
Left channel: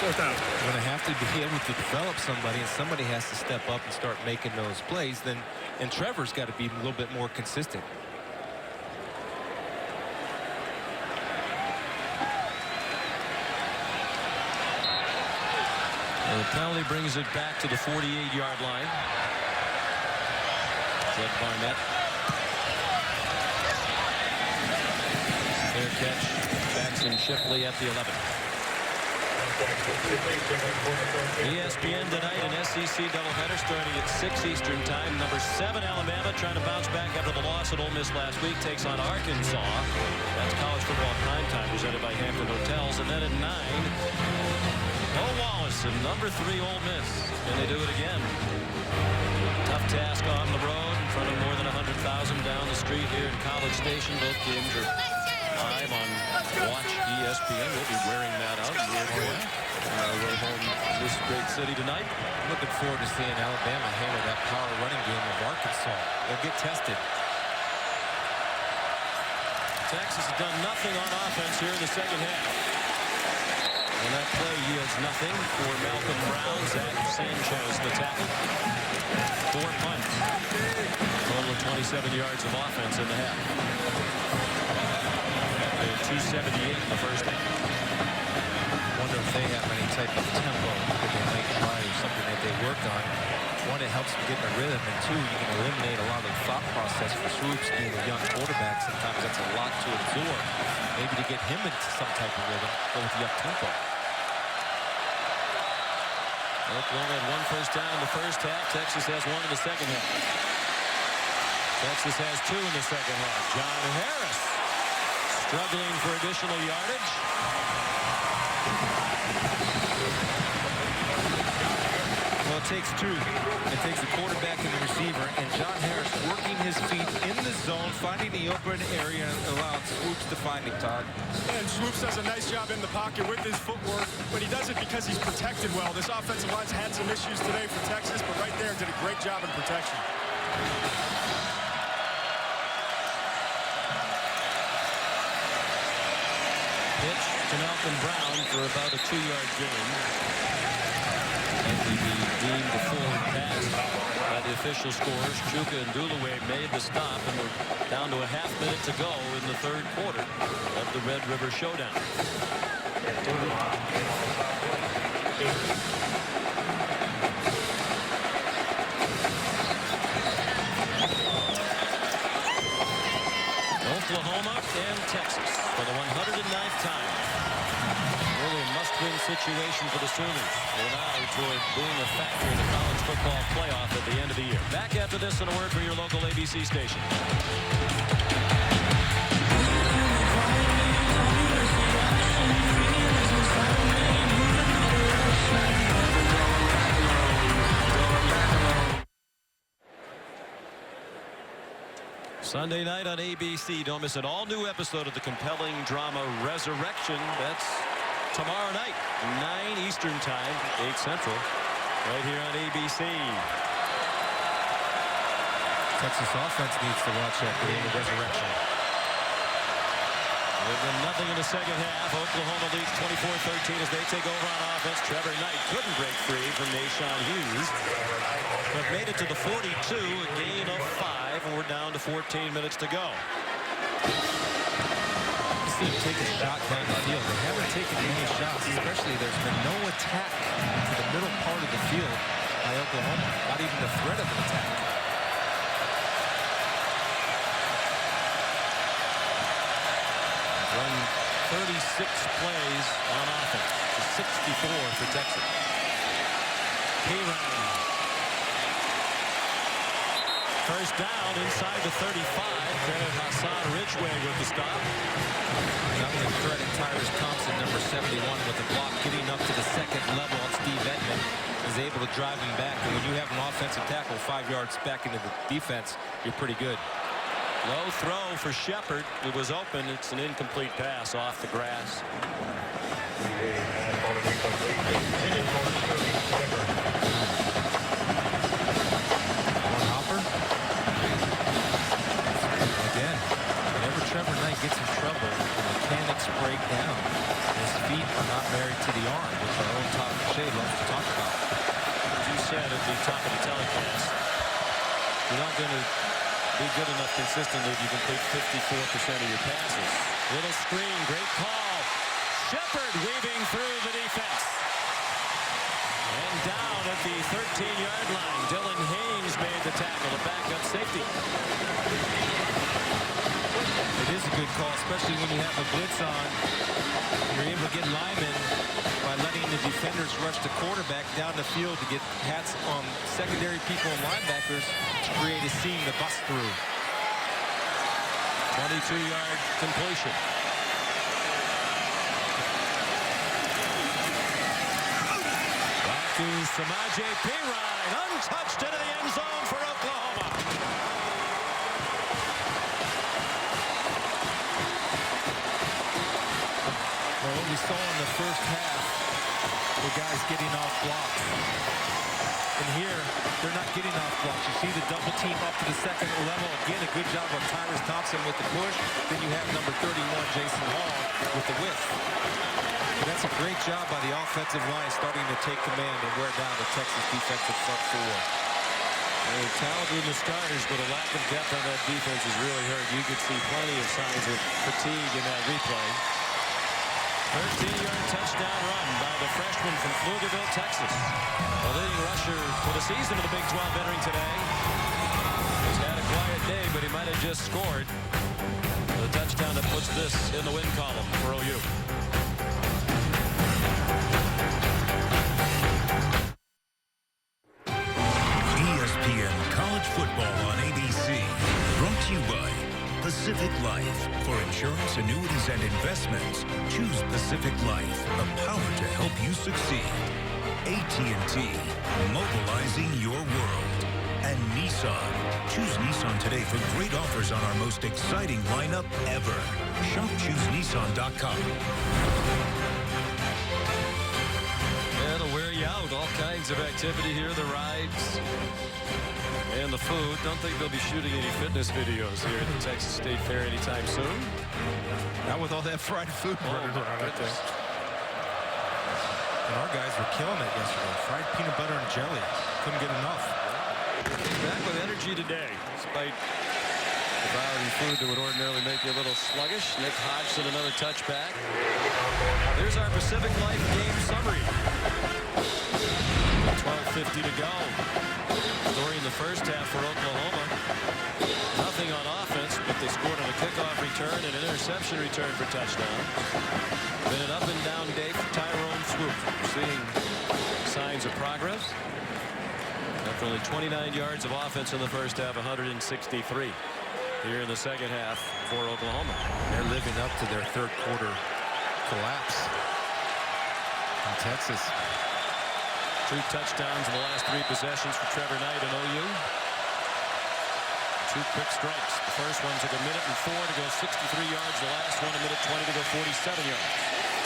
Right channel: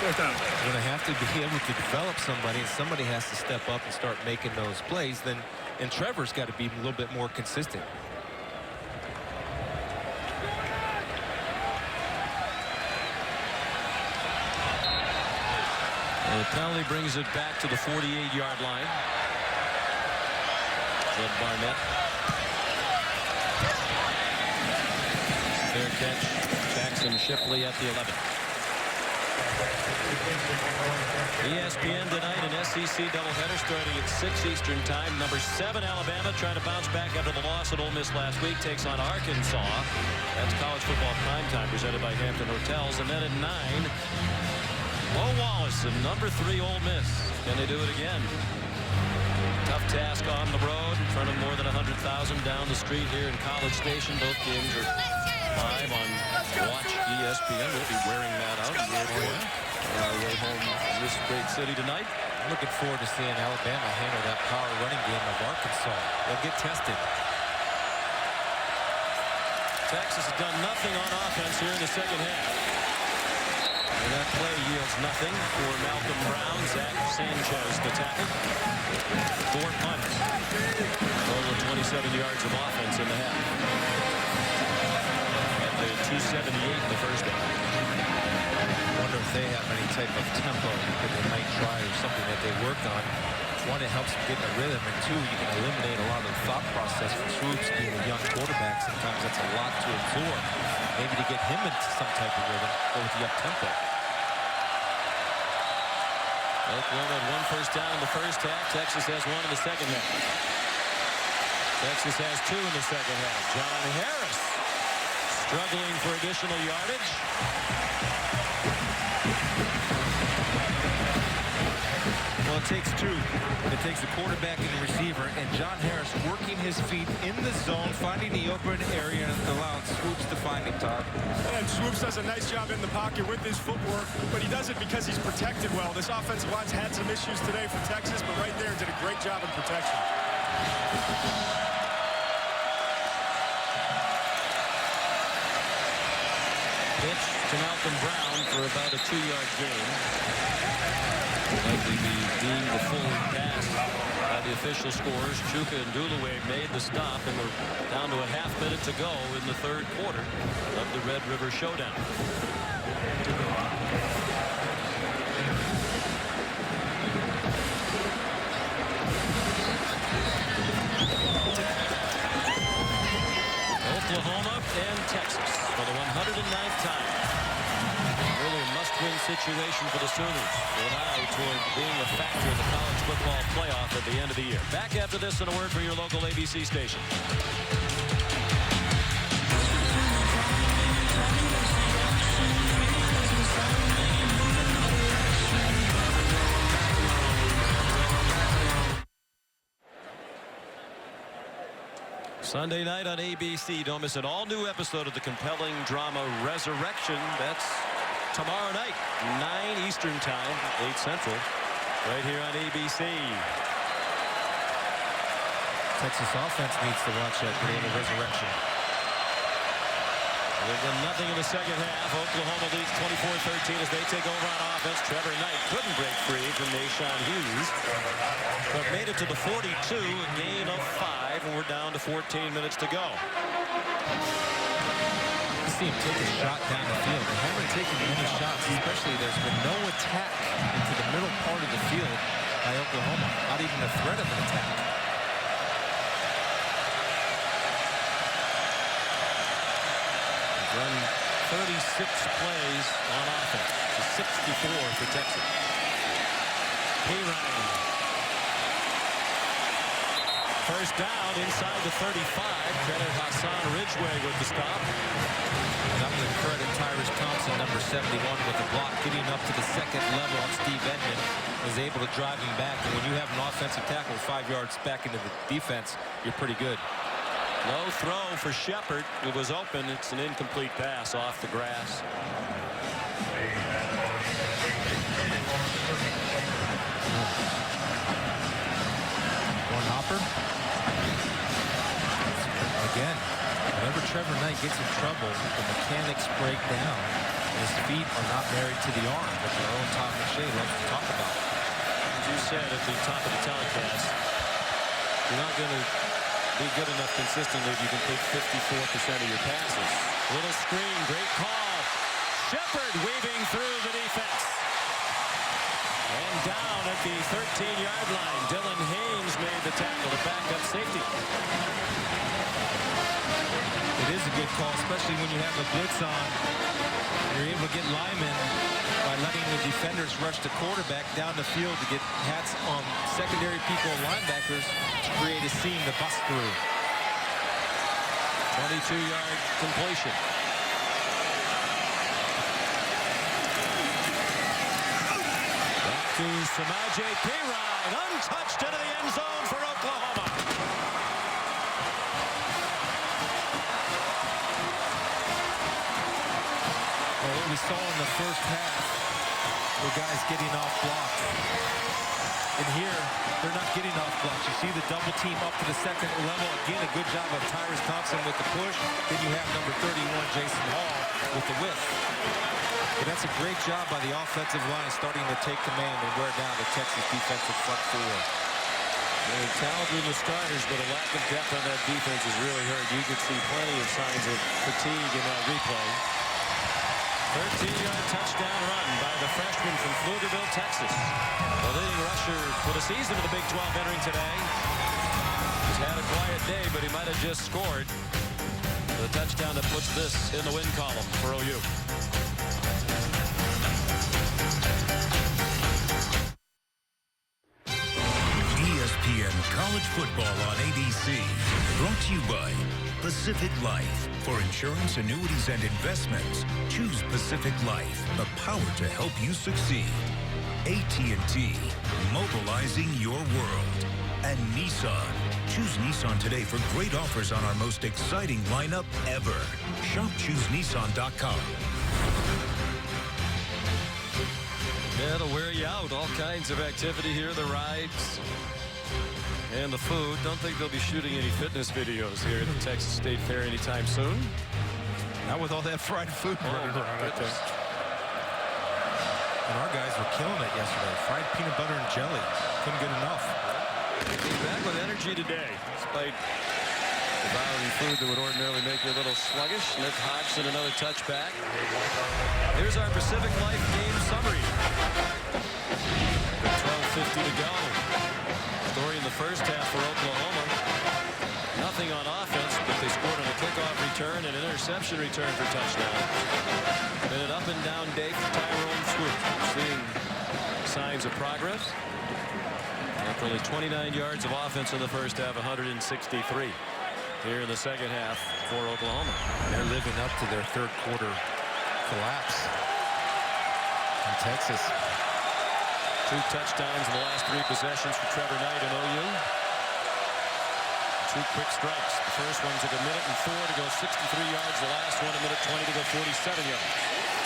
4th out. You're going to have to be able to develop somebody, and somebody has to step up and start making those plays. And Trevor's got to be a little bit more consistent. And the penalty brings it back to the 48-yard line. Jed Barnett. Fair catch. Jackson Shipley at the 11. ESPN tonight, an SEC doubleheader starting at 6 Eastern time. Number 7 Alabama trying to bounce back after the loss at Ole Miss last week. Takes on Arkansas. That's college football primetime presented by Hampton Hotels. And then at 9. Mo Wallace and number 3 Ole Miss. Can they do it again? Tough task on the road in front of more than 100,000 down the street here in College Station. Both games are live on Watch ESPN. We'll be wearing that out in the airport on our way home to this great city tonight. Looking forward to seeing Alabama handle that power running game of Arkansas. They'll get tested. Texas has done nothing on offense here in the second half. And that play yields nothing for Malcolm Brown. Zach Sanchez, the tackle. 4 punts. Total of 27 yards of offense in the half. They had 278 in the first half. Wonder if they have any type of tempo that they might try or something that they work on. One, it helps them get in a rhythm, and two, you can eliminate a lot of the thought process for Swoops being a young quarterback. Sometimes that's a lot to absorb. Maybe to get him into some type of rhythm, go with the up-tempo. Oklahoma had 1 first down in the first half. Texas has 1 in the second half. Texas has 2 in the second half. John Harris struggling for additional yardage. Well, it takes 2. It takes a quarterback and a receiver, and John Harris working his feet in the zone, finding the open area and allowing Swoops to find him, Todd. And Swoops does a nice job in the pocket with his footwork, but he does it because he's protected well. This offensive line's had some issues today for Texas, but right there did a great job in protection. Pitch to Malcolm Brown for about a 2-yard gain. Likely be deemed a forward pass by the official scores. Chuka and Dulaway made the stop, and we're down to a half minute to go in the third quarter of the Red River Showdown. Oklahoma and Texas for the 109th time. Really a must-win situation for the Sooners with an eye toward being a factor in the college football playoff at the end of the year. Back after this and a word from your local ABC station. Sunday night on ABC. Don't miss an all-new episode of the compelling drama Resurrection. That's tomorrow night, 9 Eastern time, 8 Central, right here on ABC. Texas offense needs to watch that, get a little resurrection. With nothing in the second half, Oklahoma leads 24-13 as they take over on offense. Trevor Knight couldn't break free from Nashawn Hughes, but made it to the 42, a gain of 5, and we're down to 14 minutes to go. You see him take a shot down the field. They haven't taken many shots, especially there's been no attack into the middle part of the field by Oklahoma. Not even a threat of an attack. Run 36 plays on offense to 64 for Texas. Pirine. First down inside the 35. Credit Hassan Ridgeway with the stop. And I'm going to credit Tyrus Thompson, number 71, with the block, getting up to the second level of Steve Edmond, is able to drive him back. And when you have an offensive tackle 5 yards back into the defense, you're pretty good. Low throw for Shepard. It was open. It's an incomplete pass off the grass. One hopper. Again, whenever Trevor Knight gets in trouble, the mechanics break down. His feet are not married to the arm, which our own Todd McShay loves to talk about. As you said at the top of the telecast, you're not going to be good enough consistently if you complete 54% of your passes. Little screen, great call. Shepard weaving through the defense. And down at the 13-yard line, Dylan Haynes made the tackle, the backup safety. It is a good call, especially when you have a blitz on. And you're able to get linemen by letting the defenders rush the quarterback down the field to get hats on secondary people and linebackers to create a seam to bust through. 22-yard completion. Back to Samaje Pirine, untouched into the end zone for Oklahoma. Well, what we saw in the first half were guys getting off blocks. And here, they're not getting off blocks. You see the double team up to the second level. Again, a good job of Tyrus Thompson with the push. Then you have number 31, Jason Hall, with the whiff. But that's a great job by the offensive line starting to take command and wear down the Texas defensive front four. They're talented in the starters, but a lack of depth on that defense is really hurt. You could see plenty of signs of fatigue in that replay. 13-yard touchdown run by the freshman from Pflugerville, Texas. The leading rusher for the season of the Big 12 entering today. He's had a quiet day, but he might have just scored the touchdown that puts this in the win column for OU. ESPN College Football on ABC. Brought to you by Pacific Life. For insurance, annuities, and investments, choose Pacific Life, the power to help you succeed. AT&T, mobilizing your world. And Nissan. Choose Nissan today for great offers on our most exciting lineup ever. Shop ChooseNissan.com. Yeah, it'll wear you out. All kinds of activity here, the rides and the food. Don't think they'll be shooting any fitness videos here at the Texas State Fair anytime soon. Not with all that fried food running around out there. And our guys were killing it yesterday. Fried peanut butter and jelly. Couldn't get enough. They came back with energy today, despite devouring food that would ordinarily make you a little sluggish. Nick Hodgson, another touchback. Here's our Pacific Life game summary. With 12:50 to go. Story in the first half for Oklahoma. Nothing on offense, but they scored on a kickoff return and interception return for touchdown. Been an up and down day for Tyrone Swoop. We're seeing signs of progress. After only 29 yards of offense in the first half, 163 here in the second half for Oklahoma. And they're living up to their third quarter collapse in Texas. 2 touchdowns in the last 3 possessions for Trevor Knight and OU. 2 quick strikes. The first one took 1:04 to go 63 yards. The last one 1:20 to go 47 yards.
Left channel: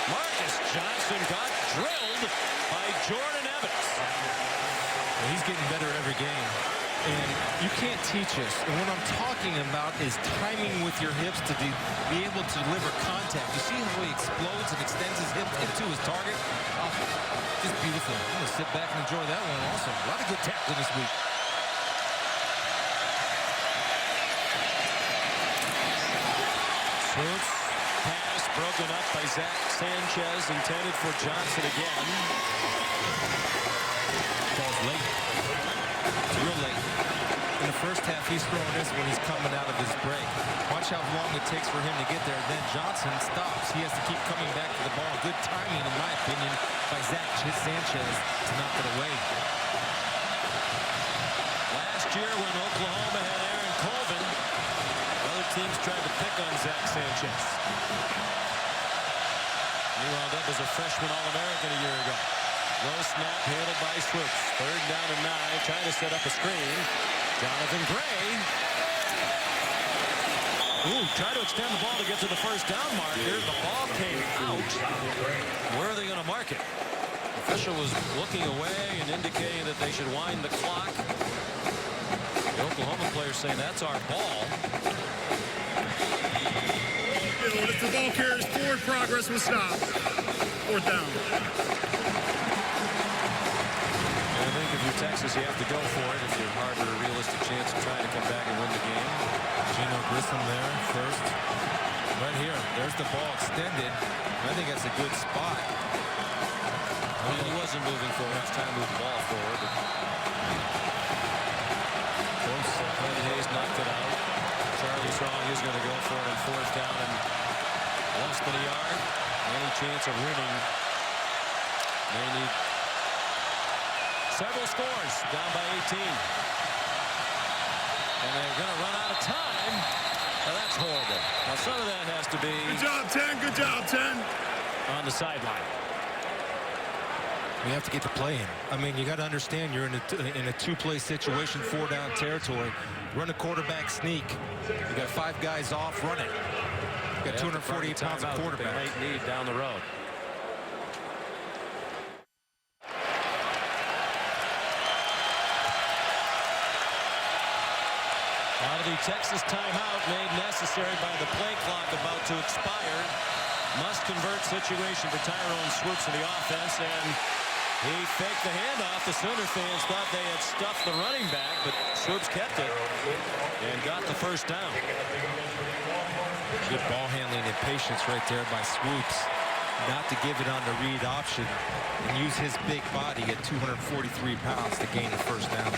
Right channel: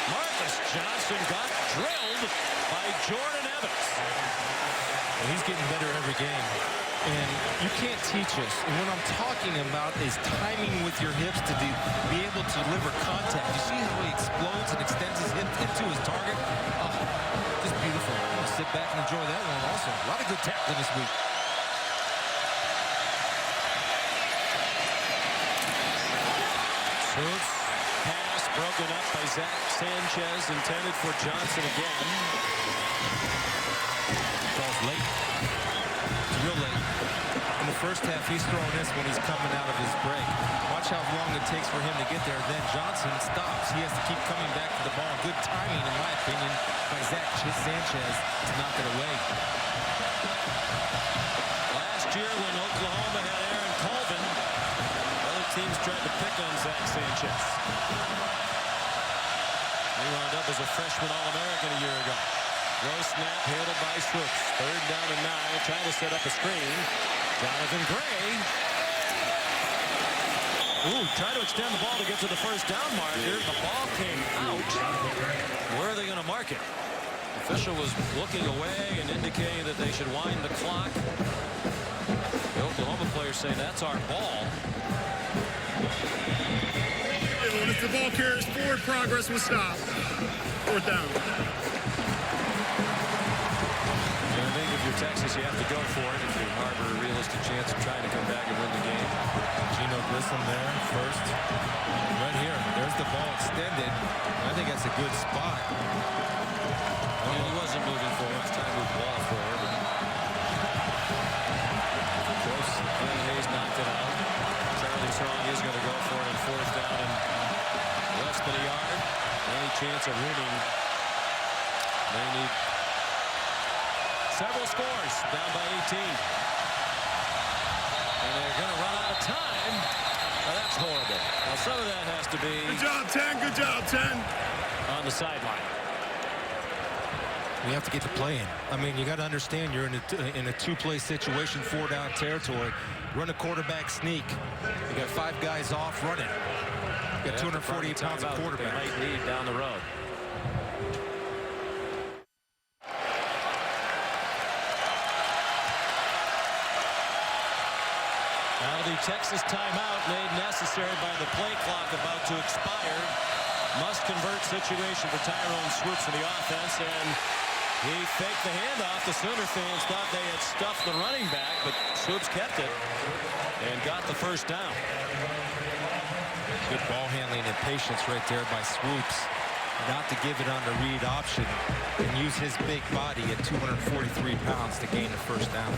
Marcus Johnson got drilled by Jordan Evans. Well, he's getting better every game. And you can't teach us. And what I'm talking about is timing with your hips to be able to deliver contact. You see how he explodes and extends his hip into his target? Oh, just beautiful. I'm going to sit back and enjoy that one also. A lot of good tackling this week. Swoops. Pass broken up by Zach Sanchez, intended for Johnson again. Falls late. It's real late. In the first half, he's throwing this when he's coming out of his break. Watch how long it takes for him to get there. Then Johnson stops. He has to keep coming back to the ball. Good timing, in my opinion, by Zach Sanchez to knock it away. Last year when Oklahoma had Aaron Colvin, other teams tried to pick on Zach Sanchez. He wound up as a freshman All-American a year ago. Low snap handled by Swoops. 3rd down and 9, trying to set up a screen. Jonathan Gray. Ooh, try to extend the ball to get to the 1st down marker. The ball came out. Where are they going to mark it? The official was looking away and indicating that they should wind the clock. The Oklahoma player saying that's our ball. If the ball carries forward, progress will stop. 4th down. And I think if you're Texas, you have to go for it if you harbor a realistic chance of trying to come back and win the game. Gino Grissom there first. Right here. There's the ball extended. And I think that's a good spot. And he wasn't moving forward. He was trying to move the ball forward. But close. Glenn Hayes knocked it out. Charlie Strong is going to go for it on 4th down and less than a yard. Any chance of winning? They need several scores, down by 18. And they're going to run out of time. Now that's horrible. Now some of that has to be... Good job, 10. Good job, 10. On the sideline. We have to get the play in. I mean, you got to understand you're in a 2-play situation, 4-down territory. Run a quarterback sneak. You got 5 guys off, run it. You got 248 pounds of quarterback. They might need down the road. Out of the Texas timeout made necessary by the play clock about to expire. Must convert situation for Tyrone Swoops in the offense, and he faked the handoff. The Sooner fans thought they had stuffed the running back, but Swoops kept it and got the 1st down. Good ball handling and patience right there by Swoops. Not to give it on the read option and use his big body at 243 pounds to gain the 1st down.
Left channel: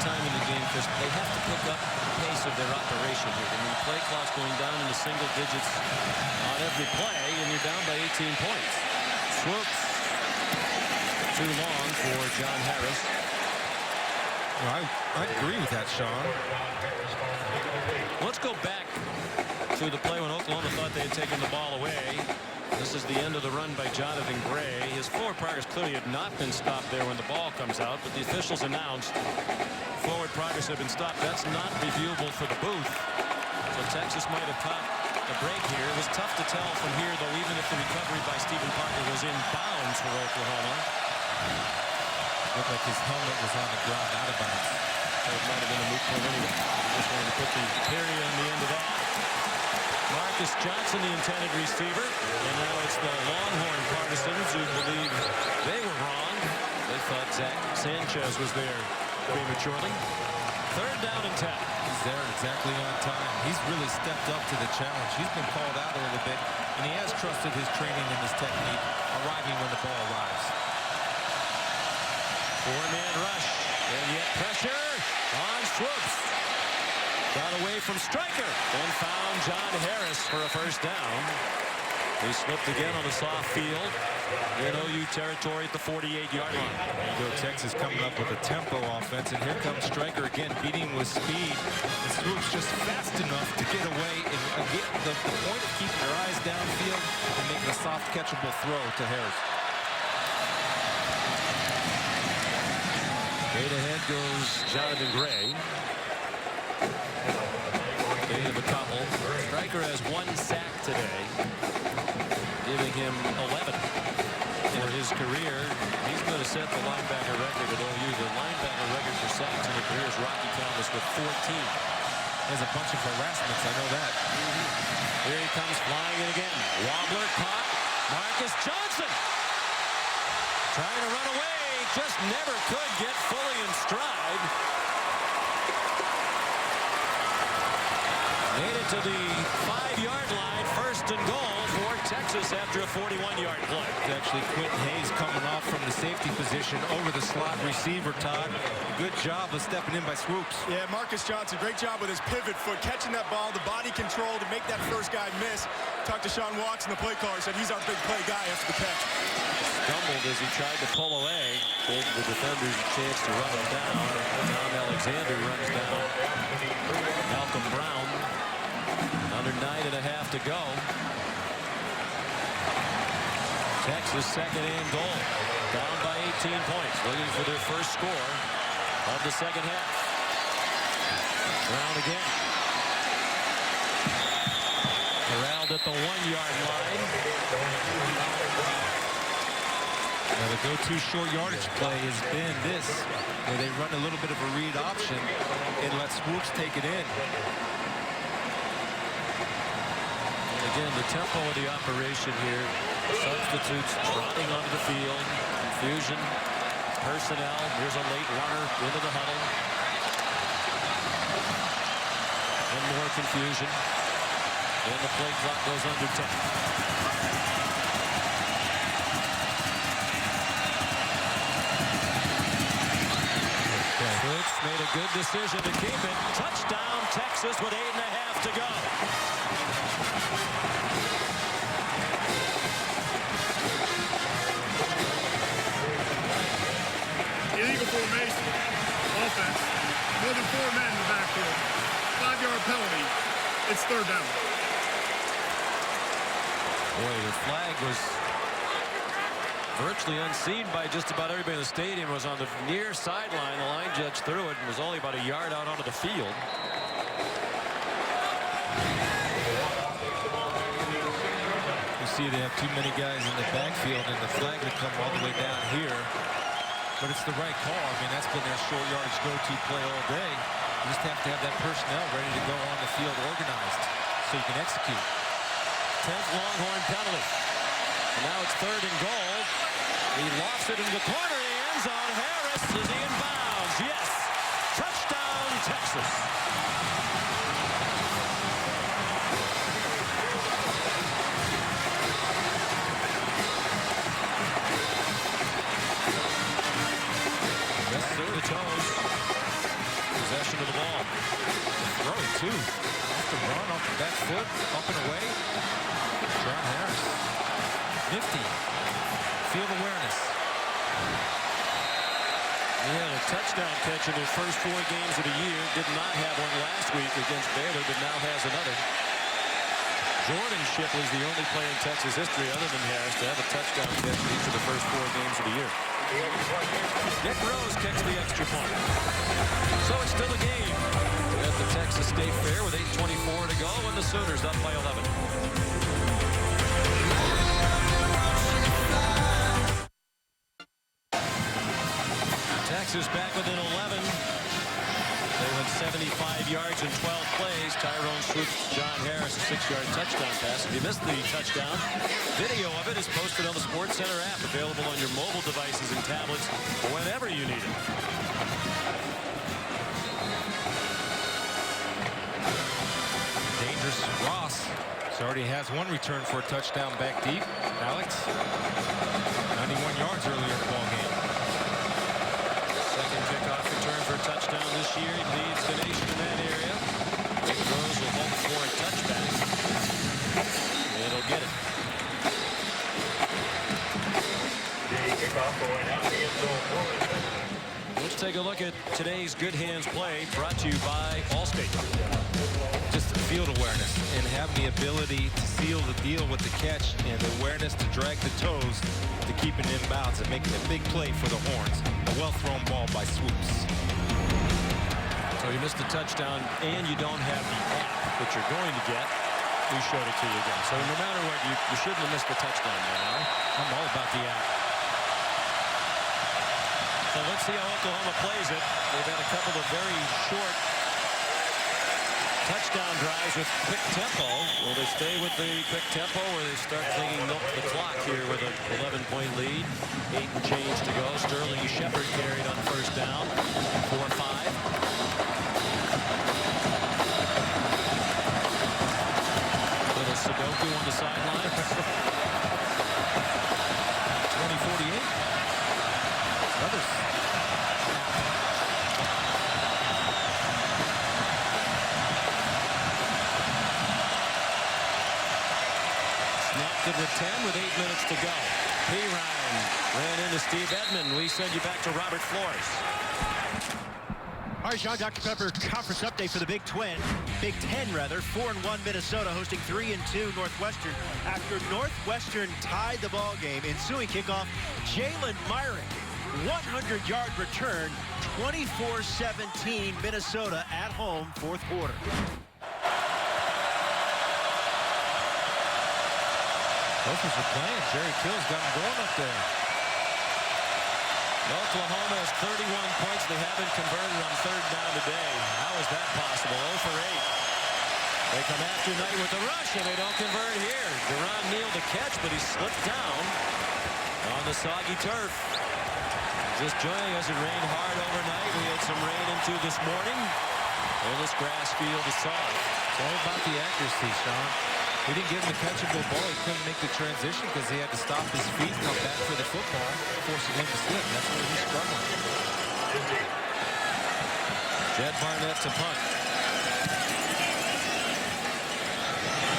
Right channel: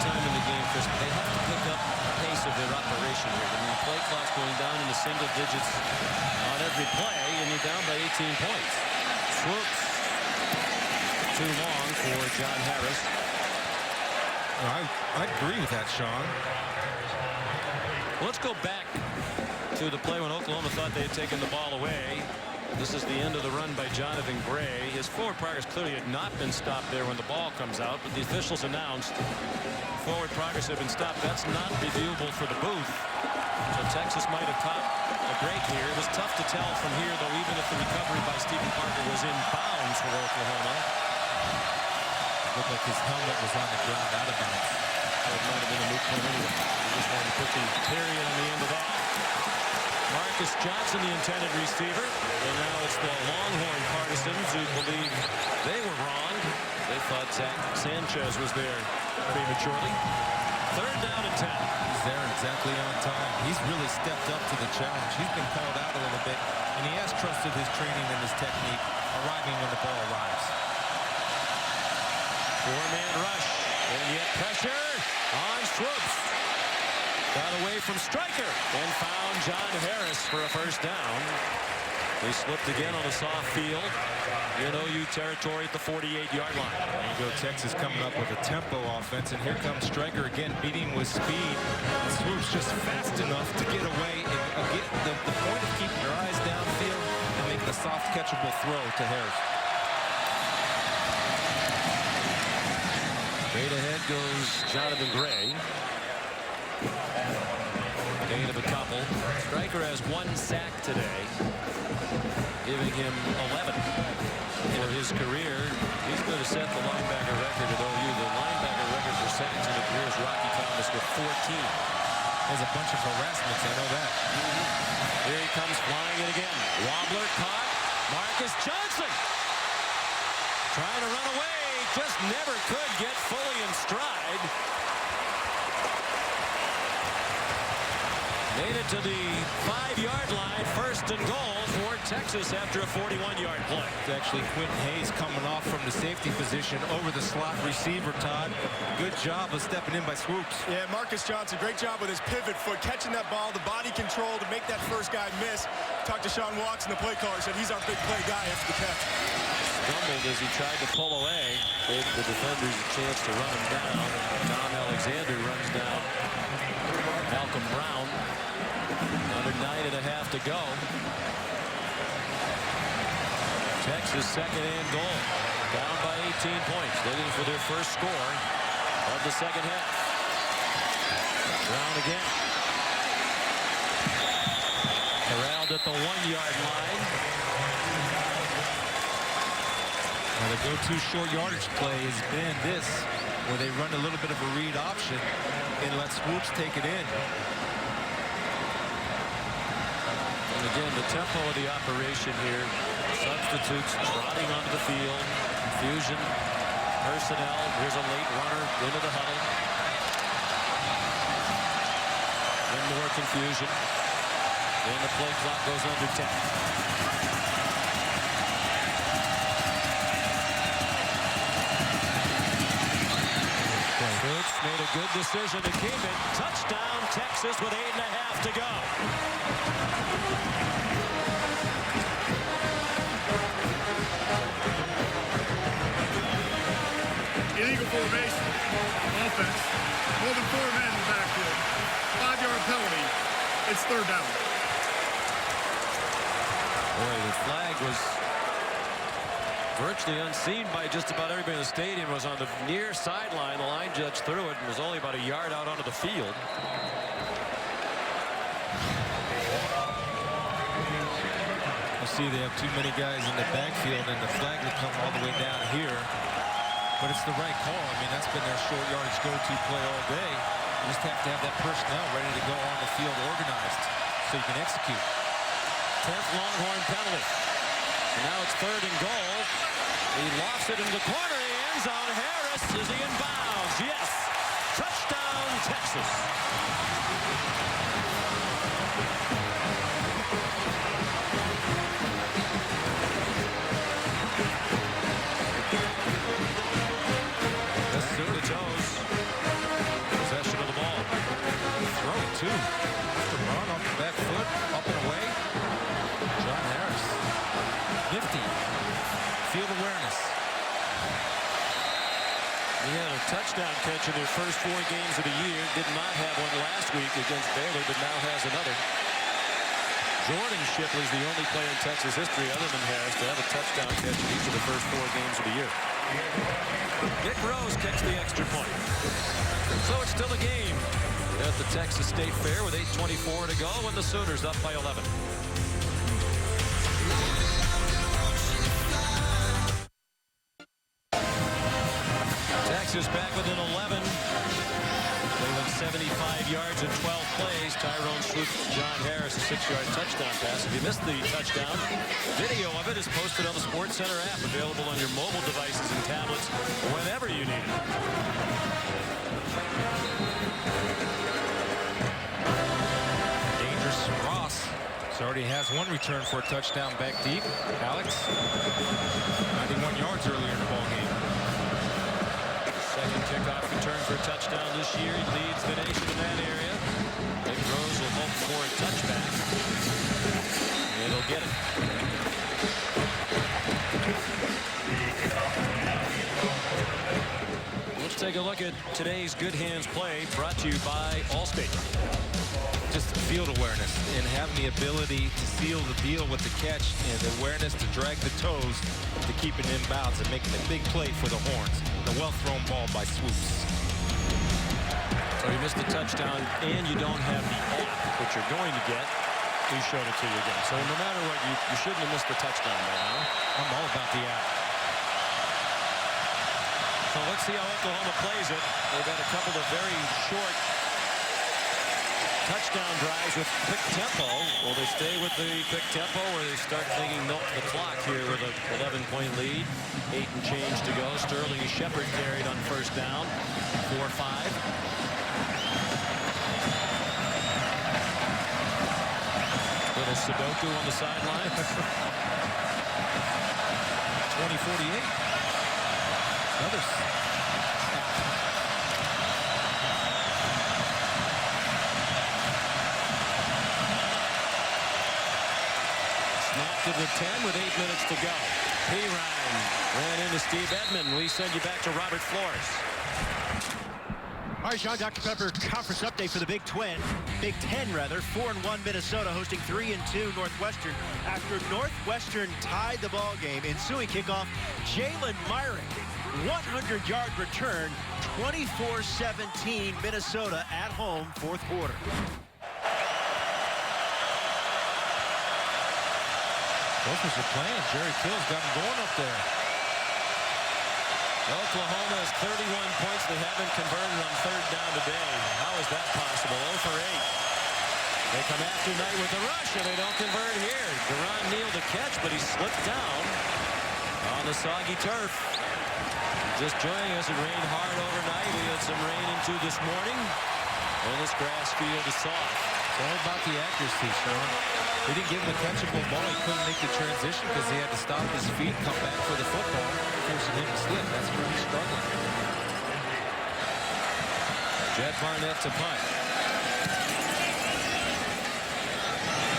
Time in the game, Chris. They have to pick up the pace of their operation here. I mean, the play clock's going down into single digits on every play, and you're down by 18 points. Swoops. Too long for John Harris. I agree with that, Sean. Let's go back to the play when Oklahoma thought they had taken the ball away. This is the end of the run by Jonathan Gray. His forward progress clearly had not been stopped there when the ball comes out, but the officials announced forward progress had been stopped. That's not reviewable for the booth. So Texas might have caught a break here. It was tough to tell from here, though, even if the recovery by Stephen Parker was in bounds for Oklahoma. Looked like his helmet was on the ground out of bounds. So it might have been a moot point anyway. We just wanted to put the period on the end of that. Marcus Johnson, the intended receiver. And now it's the Longhorn partisans who believe they were wrong. They thought Zach Sanchez was there prematurely. 3rd down and 10. He's there exactly on time. He's really stepped up to the challenge. He's been called out a little bit, and he has trusted his training and his technique, arriving when the ball arrives. 4-man rush, and yet pressure on Swoops. Got away from Stryker and found John Harris for a 1st down. They slipped again on a soft field in OU territory at the 48-yard line. There you go, Texas coming up with a tempo offense, and here comes Stryker again, beating with speed. And Swoops just fast enough to get away and get the point of keeping their eyes downfield and making a soft catchable throw to Harris. Straight ahead goes Jonathan Gray. Gain of a couple. Stryker has 1 sack today, giving him 11 for his career. He's going to set the linebacker record at OU. The linebacker record for sacks in a career is Rocky Thomas with 14. There's a bunch of harassments, I know that. Here he comes flying in again. Wobbler caught. Marcus Johnson trying to run away, just never could get fully in stride. Made it to the 5-yard line, 1st and goal for Texas after a 41-yard play. It's actually Quentin Hayes coming off from the safety position over the slot receiver, Todd. Good job of stepping in by Swoops. Yeah, Marcus Johnson, great job with his pivot foot, catching that ball, the body control to make that first guy miss. Talked to Sean Watson, the play caller, said he's our big play guy after the catch. Stumbled as he tried to pull away. Gave the defenders a chance to run him down. Tom Alexander runs down Malcolm Brown. Under 9.5 to go. Texas 2nd and goal. Down by 18 points. Looking for their first score of the second half. Brown again. Corralled at the 1-yard line. Now the go-to short yardage play has been this, where they run a little bit of a read option and let Swoops take it in. And again, the tempo of the operation here. Substitutes trotting onto the field. Confusion. Personnel. Here's a late runner into the huddle. And more confusion. And the play clock goes under 10. Swoops made a good decision to keep it. Touchdown, Texas, with 8.5 to go. Illegal formation. Offense. More than 4 men in the backfield. 5-yard penalty. It's 3rd down. Boy, the flag was virtually unseen by just about everybody in the stadium. It was on the near sideline. The line judge threw it and was only about a yard out onto the field. You see they have too many guys in the backfield and the flag will come all the way down here. But it's the right call. I mean, that's been their short yardage go-to play all day. You just have to have that personnel ready to go on the field organized so you can execute. 10th Longhorn penalty. And now it's 3rd and goal. He lofts it into the corner of the end zone. Harris, is he in bounds? Yes. Touchdown, Texas. Back to the toes. Possession of the ball. The throw, too. Off the run, off the back foot, up and away. John Harris. Nifty. Field awareness. He had a touchdown catch in their first 4 games of the year. Did not have one last week against Baylor, but now has another. Jordan Shipley's the only player in Texas history other than Harris to have a touchdown catch in each of the first 4 games of the year. Nick Rose kicks the extra point. So it's still a game at the Texas State Fair with 8:24 to go, and the Sooners up by 11. Texas back within 11. They went 75 yards in 12 plays. Tyrone swooped John Harris, a 6-yard touchdown pass. If you missed the touchdown, video of it is posted on the SportsCenter app, available on your mobile devices and tablets whenever you need it. Dangerous Ross. So already has 1 return for a touchdown back deep. Alex, 91 yards earlier in the ball game. Second kickoff return for a touchdown this year. He leads the nation in that area. Nick Rose will hope for a touchback. And he'll get it. Let's take a look at today's Good Hands play, brought to you by Allstate. Just field awareness and having the ability to seal the deal with the catch and the awareness to drag the toes to keep it in bounds and making a big play for the Horns. A well-thrown ball by Swoops. So you missed the touchdown, and you don't have the app that you're going to get. We showed it to you again. So no matter what, you shouldn't have missed the touchdown by now. I'm all about the app. So let's see how Oklahoma plays it. They've had a couple of very short touchdown drives with quick tempo. Will they stay with the quick tempo, or they start thinking milk the clock here with a 11-point lead? 8 and change to go. Sterling Shepard carried on first down. 4-5. Little Sudoku on the sidelines. 2048. Another app. Snapped it with 10 with 8 minutes to go. Pirine ran into Steve Edmond. We send you back to Robert Flores. All right, Sean, Dr. Pepper conference update for the Big Ten, 4-1 Minnesota hosting 3-2 Northwestern after Northwestern tied the ball game. Ensuing kickoff, Jalen Myrick, 100-yard return, 24-17 Minnesota at home, fourth quarter. Gophers are playing. Jerry Kill's got them going up there. Oklahoma has 31 points. They haven't converted on third down today. How is that possible? 0 for 8. They come after Knight with the rush, and they don't convert here. Duran Neal the catch, but he slipped down on the soggy turf. Just joining us, it rained hard overnight. We had some rain into this morning, and this grass field is soft. It's all about the accuracy, Sean. We didn't give him a catchable ball. He couldn't make the transition because he had to stop his feet, come back for the football, forcing him to slip. That's where he's struggling. Jed Barnett to punt.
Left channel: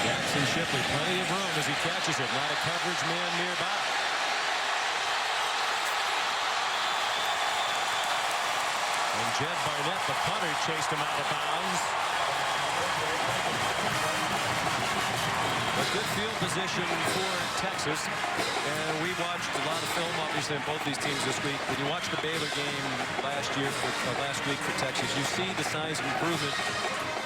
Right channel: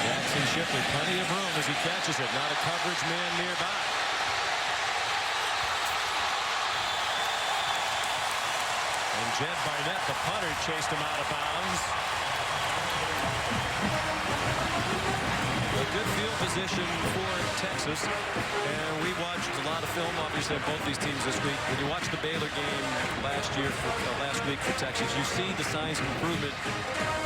Jackson Shipley, plenty of room as he catches it. Not a coverage man nearby. And Jed Barnett, the punter, chased him out of bounds. A good field position for Texas, and we watched a lot of film, obviously, on both these teams this week. When you watch the Baylor game last week for Texas, you see the signs of improvement.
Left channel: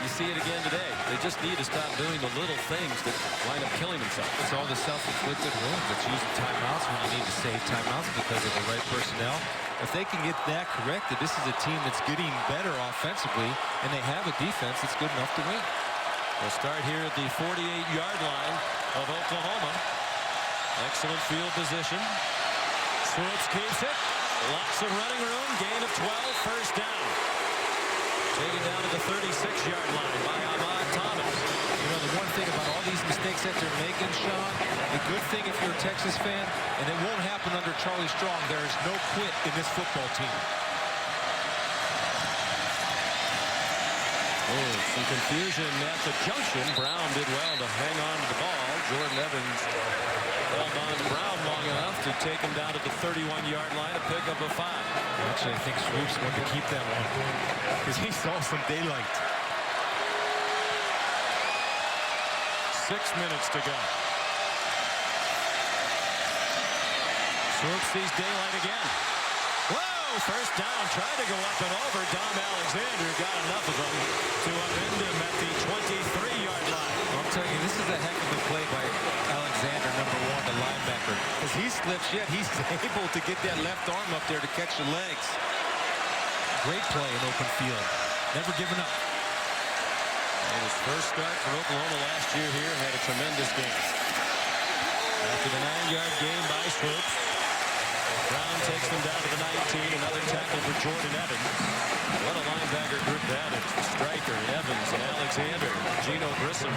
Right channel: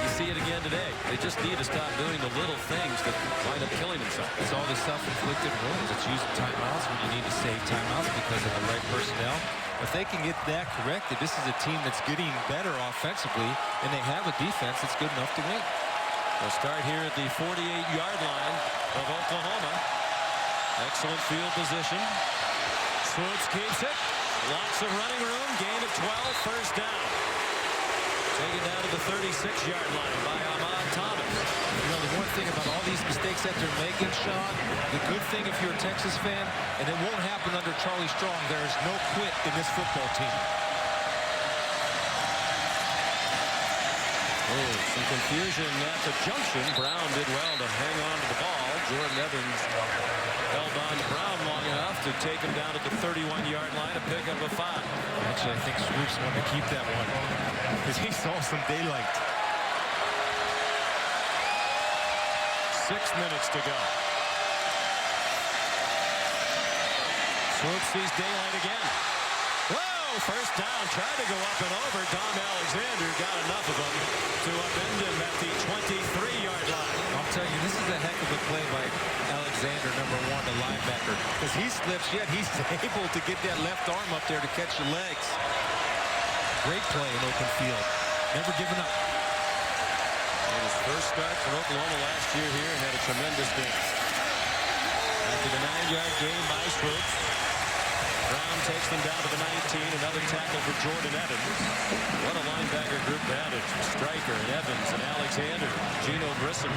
You see it again today. They just need to stop doing the little things that wind up killing themselves. It's all the self-inflicted wounds. It's using timeouts when you need to save timeouts because of the right personnel. If they can get that corrected, this is a team that's getting better offensively, and they have a defense that's good enough to win. They'll start here at the 48-yard line of Oklahoma. Excellent field position. Swoops keeps it. Lots of running room. Gain of 12. First down. Taken down to the 36-yard line by Ahmad Thomas. You know, the one thing about all these mistakes that they're making, Sean, the good thing if you're a Texas fan, and it won't happen under Charlie Strong, there is no quit in this football team. Oh, some confusion at the junction. Brown did well to hang on to the ball. Jordan Evans held on to Brown long enough to take him down to the 31-yard line, a pickup of 5. Actually, I think Swoops wanted to keep that one because he saw some daylight. 6 minutes to go. Swoops sees daylight again. Whoa, first down, tried to go up and over. Dom Alexander got enough of him to upend him at the 23-yard line. I'm telling you, this is a heck of a play by Alexander, number 1, the linebacker. Because he slips, yet he's able to get that left arm up there to catch the legs. Great play in open field. Never given up. And his first start for Oklahoma last year here, and had a tremendous game. After the 9-yard gain by Swoops, Brown takes them down to the 19. Another tackle for Jordan Evans. What a linebacker group that is. Stryker and Evans and Alexander. Gino Grissom,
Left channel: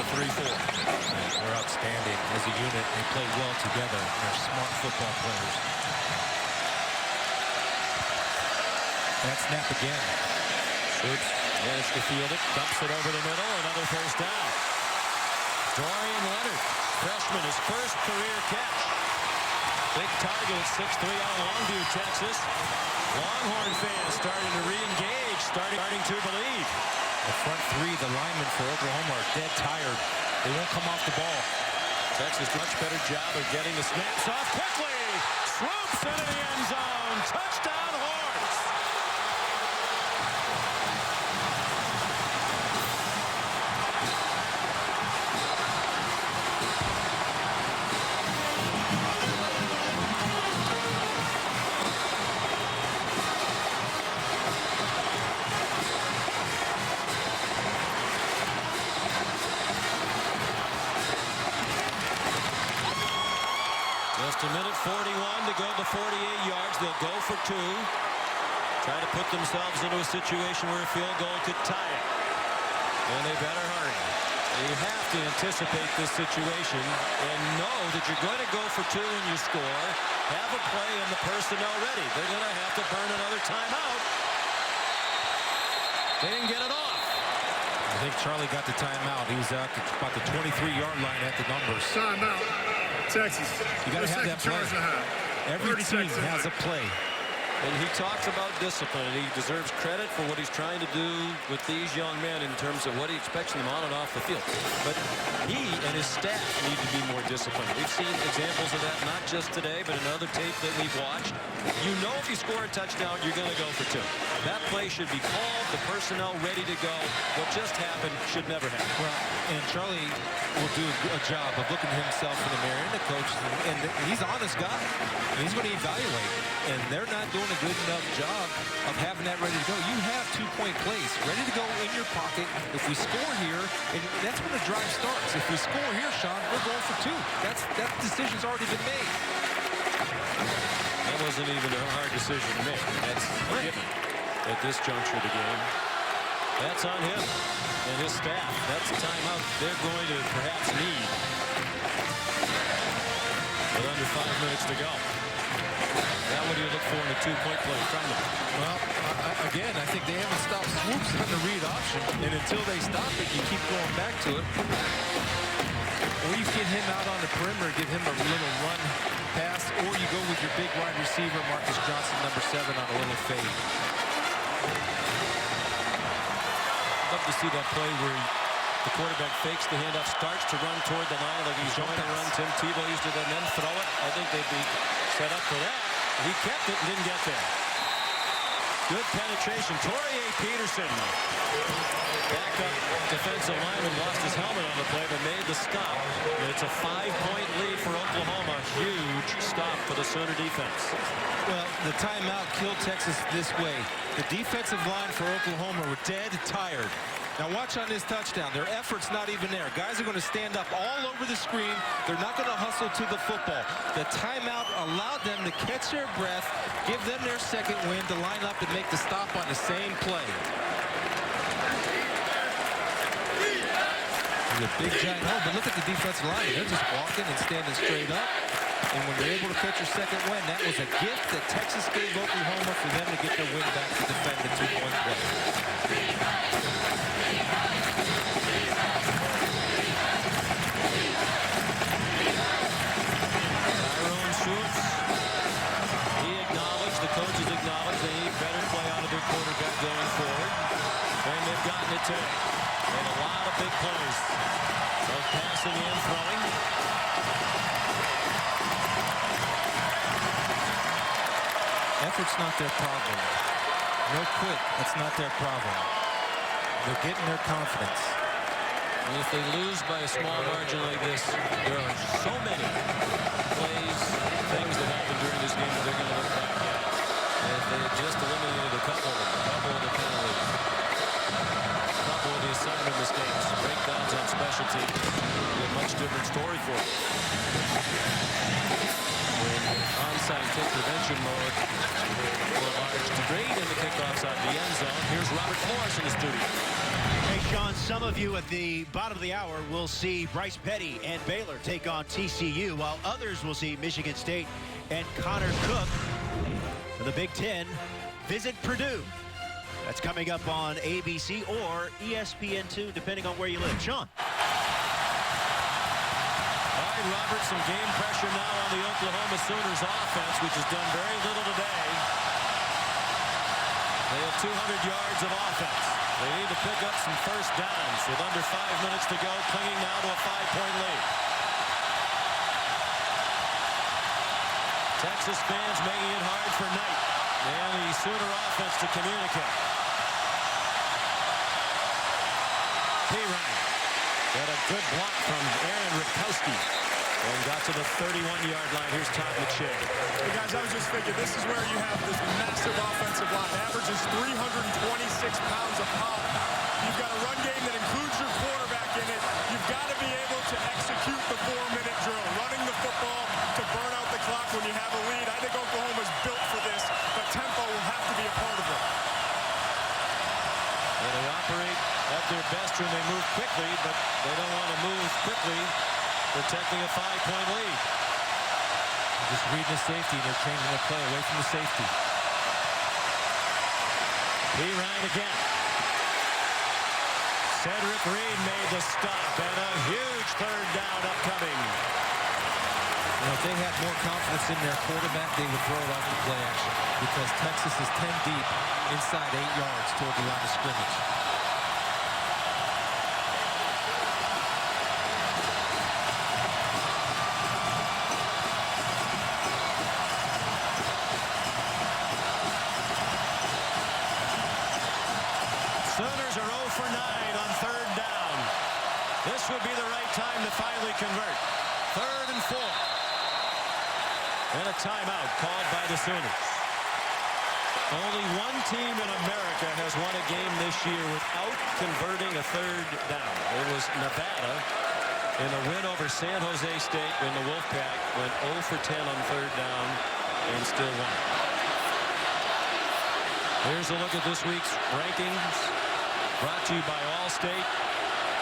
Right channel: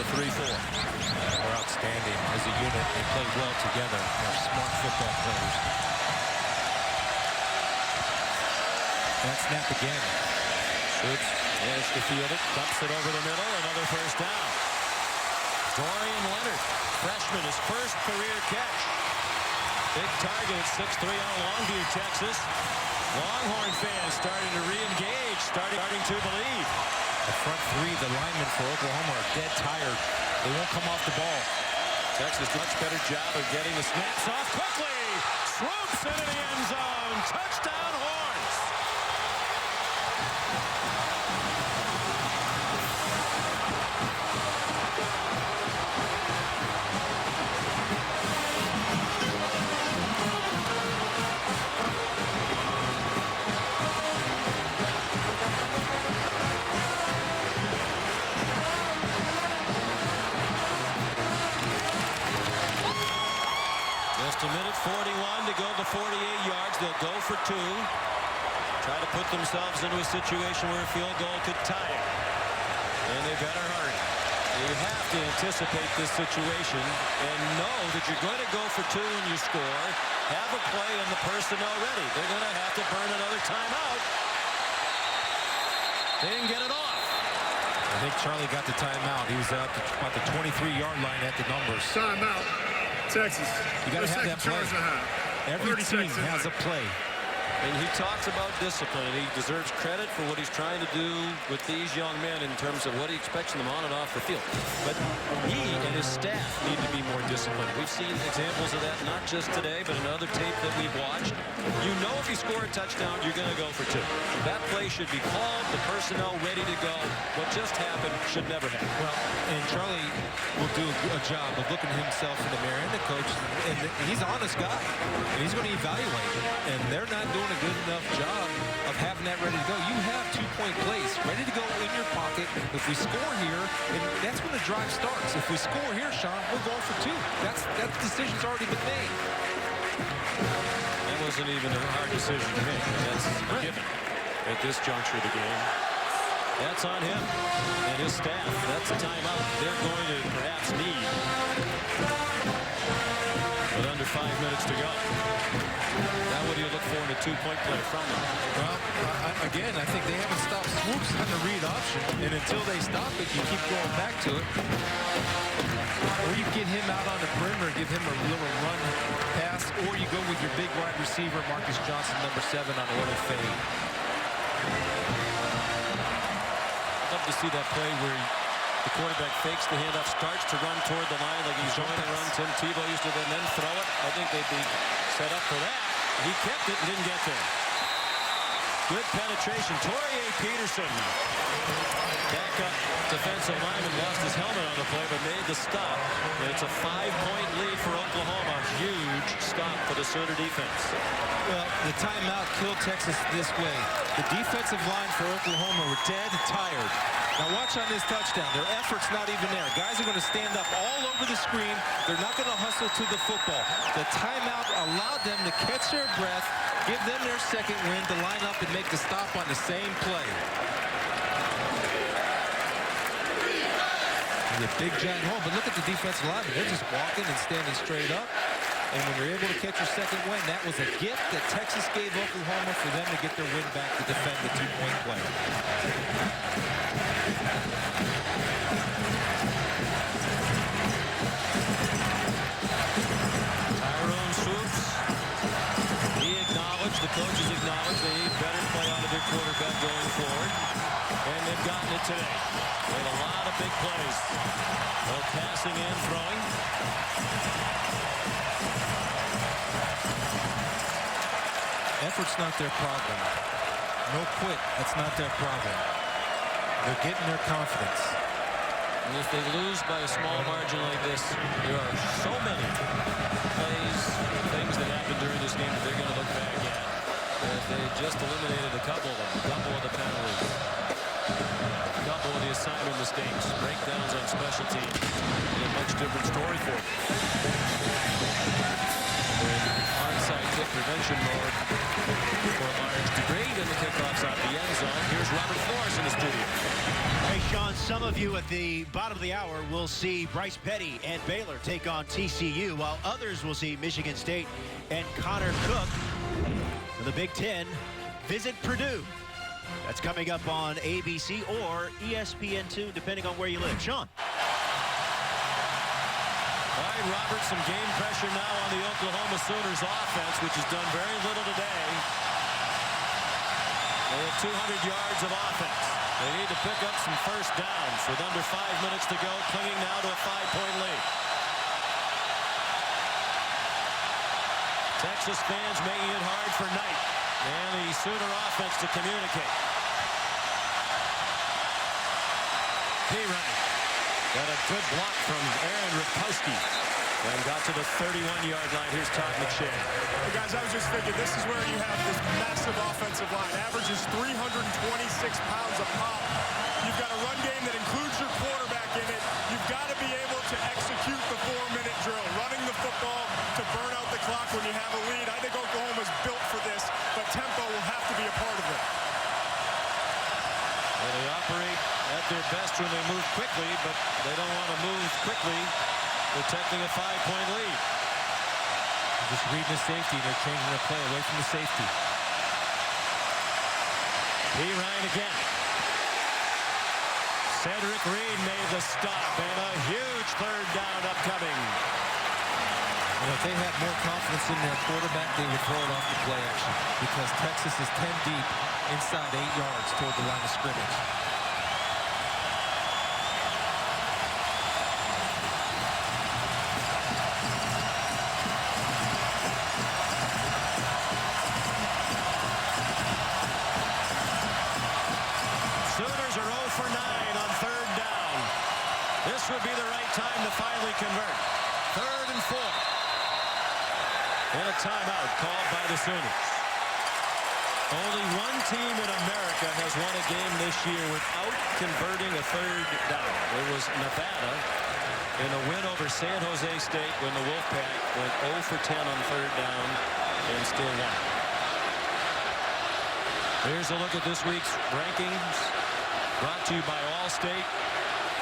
the 3-4. They're outstanding as a unit. They play well together. They're smart football players. That snap again. Swoops managed to field it. Dumps it over the middle. Another first down. Dorian Leonard, freshman, his first career catch. Big target at 6'3" on Longview, Texas. Longhorn fans starting to re-engage, starting to believe. The front three, the linemen for Oklahoma, are dead tired. They won't come off the ball. Texas, much better job of getting the snaps off quickly. Swoops into the end zone. Touchdown, Horns. Just a minute 41 to go the 48 yards. They'll go for 2. Try to put themselves into a situation where a field goal could tie it. And they better hurry. You have to anticipate this situation and know that you're going to go for 2 when you score. Have a play and the personnel ready. They're going to have to burn another timeout. They didn't get it off. I think Charlie got the timeout. He was at about the 23-yard line at the numbers. Timeout. Texas. You got to have that play. Every team has a play. And he talks about discipline, and he deserves credit for what he's trying to do with these young men in terms of what he expects them on and off the field. But he and his staff need to be more disciplined. We've seen examples of that not just today, but in other tape that we've watched. You know if you score a touchdown, you're going to go for 2. That play should be called, the personnel ready to go. What just happened should never happen. Well, and Charlie will do a job of looking himself in the mirror and the coach, and he's an honest guy, and he's going to evaluate, and they're not doing a good enough job of having that ready to go. You have 2-point plays ready to go in your pocket. If we score here, and that's when the drive starts. If we score here, Sean, we're going for 2. That decision's already been made. That wasn't even a hard decision to make, and that's a given at this juncture of the game. That's on him and his staff. That's a timeout they're going to perhaps need. With under 5 minutes to go. Now what do you look for in a 2-point play from them? Well, again, I think they haven't stopped swoops on the read option, and until they stop it, you keep going back to it. Or you get him out on the perimeter, give him a little run pass, or you go with your big wide receiver, Marcus Johnson, number 7, on a little fade. I'd love to see that play where the quarterback fakes the handoff, starts to run toward the line like he's going to run. Tim Tebow used to then throw it. I think they'd be set up for that. He kept it and didn't get there. Good penetration. Torier Peterson. Backup defensive lineman lost his helmet on the play, but made the stop. And it's a 5-point lead for Oklahoma. Huge stop for the Sooner defense. Well, the timeout killed Texas this way. The defensive line for Oklahoma were dead tired. Now watch on this touchdown. Their effort's not even there. Guys are going to stand up all over the screen. They're not going to hustle to the football. The timeout allowed them to catch their breath, give them their second win to line up and make the stop on the same play. There's a big giant hole, but look at the defensive linemen. They're just walking and standing straight up. And when you're able to catch your second win, that was a gift that Texas gave Oklahoma for them to get their win back to defend the 2-point play. Swoops. He acknowledged, the coaches acknowledged they need better play out of their quarterback going forward. And they've gotten it today. Made a lot of big plays. Both passing and throwing. Effort's not their problem. No quit, that's not their problem. They're getting their confidence. And if they lose by a small margin like this, there are so many plays, things that happened during this game that they're going to look back at. That they had just eliminated a couple of them, a couple of the penalties, a couple of the assignment mistakes, breakdowns on special teams. Be a much different story for them. We're in onside kick prevention mode for a large debate in the kickoffs out of the end zone. Here's Robert Flores in the studio. Hey, Sean, some of you at the bottom of the hour will see Bryce Petty and Baylor take on TCU, while others will see Michigan State and Connor Cook for the Big Ten visit Purdue. That's coming up on ABC or ESPN2, depending on where you live. Sean. All right, Robert, some game pressure now on the Oklahoma Sooners offense, which has done very little today. They have 200 yards of offense. They need to pick up some first downs with under 5 minutes to go, clinging now to a 5-point lead. Texas fans making it hard for Knight and the Sooner offense to communicate. Pirine got a good block from Aaron Ripkowski and got to the 31-yard line. Here's Todd McShay. Hey guys, I was just thinking, this is where you have this massive offensive line. Averages 326 pounds a pop. You've got a run game that includes your quarterback in it. You've got to be able to execute the 4-minute drill, running the football to burn out the clock. when you have a lead. I think Oklahoma's built for this, but tempo will have to be a part of it. Well, they operate at their best when they move quickly, but they don't want to move quickly, protecting a 5-point lead. You're just reading the safety, and you're changing the play away from the safety. Ryan again. Cedric Reed made the stop, and a huge third down upcoming. You know, if they had more confidence in their quarterback, they would throw it off the play action, because Texas is 10 deep inside 8 yards toward the line of scrimmage. Sooners are 0 for 9 on third down. This would be the right time to finally convert. 3rd and 4. And a timeout called by the Sooners. Only one team in America has won a game this year without converting a third down. It was Nevada in a win over San Jose State when the Wolfpack went 0 for 10 on third down and still won. Here's a look at this week's rankings, brought to you by Allstate.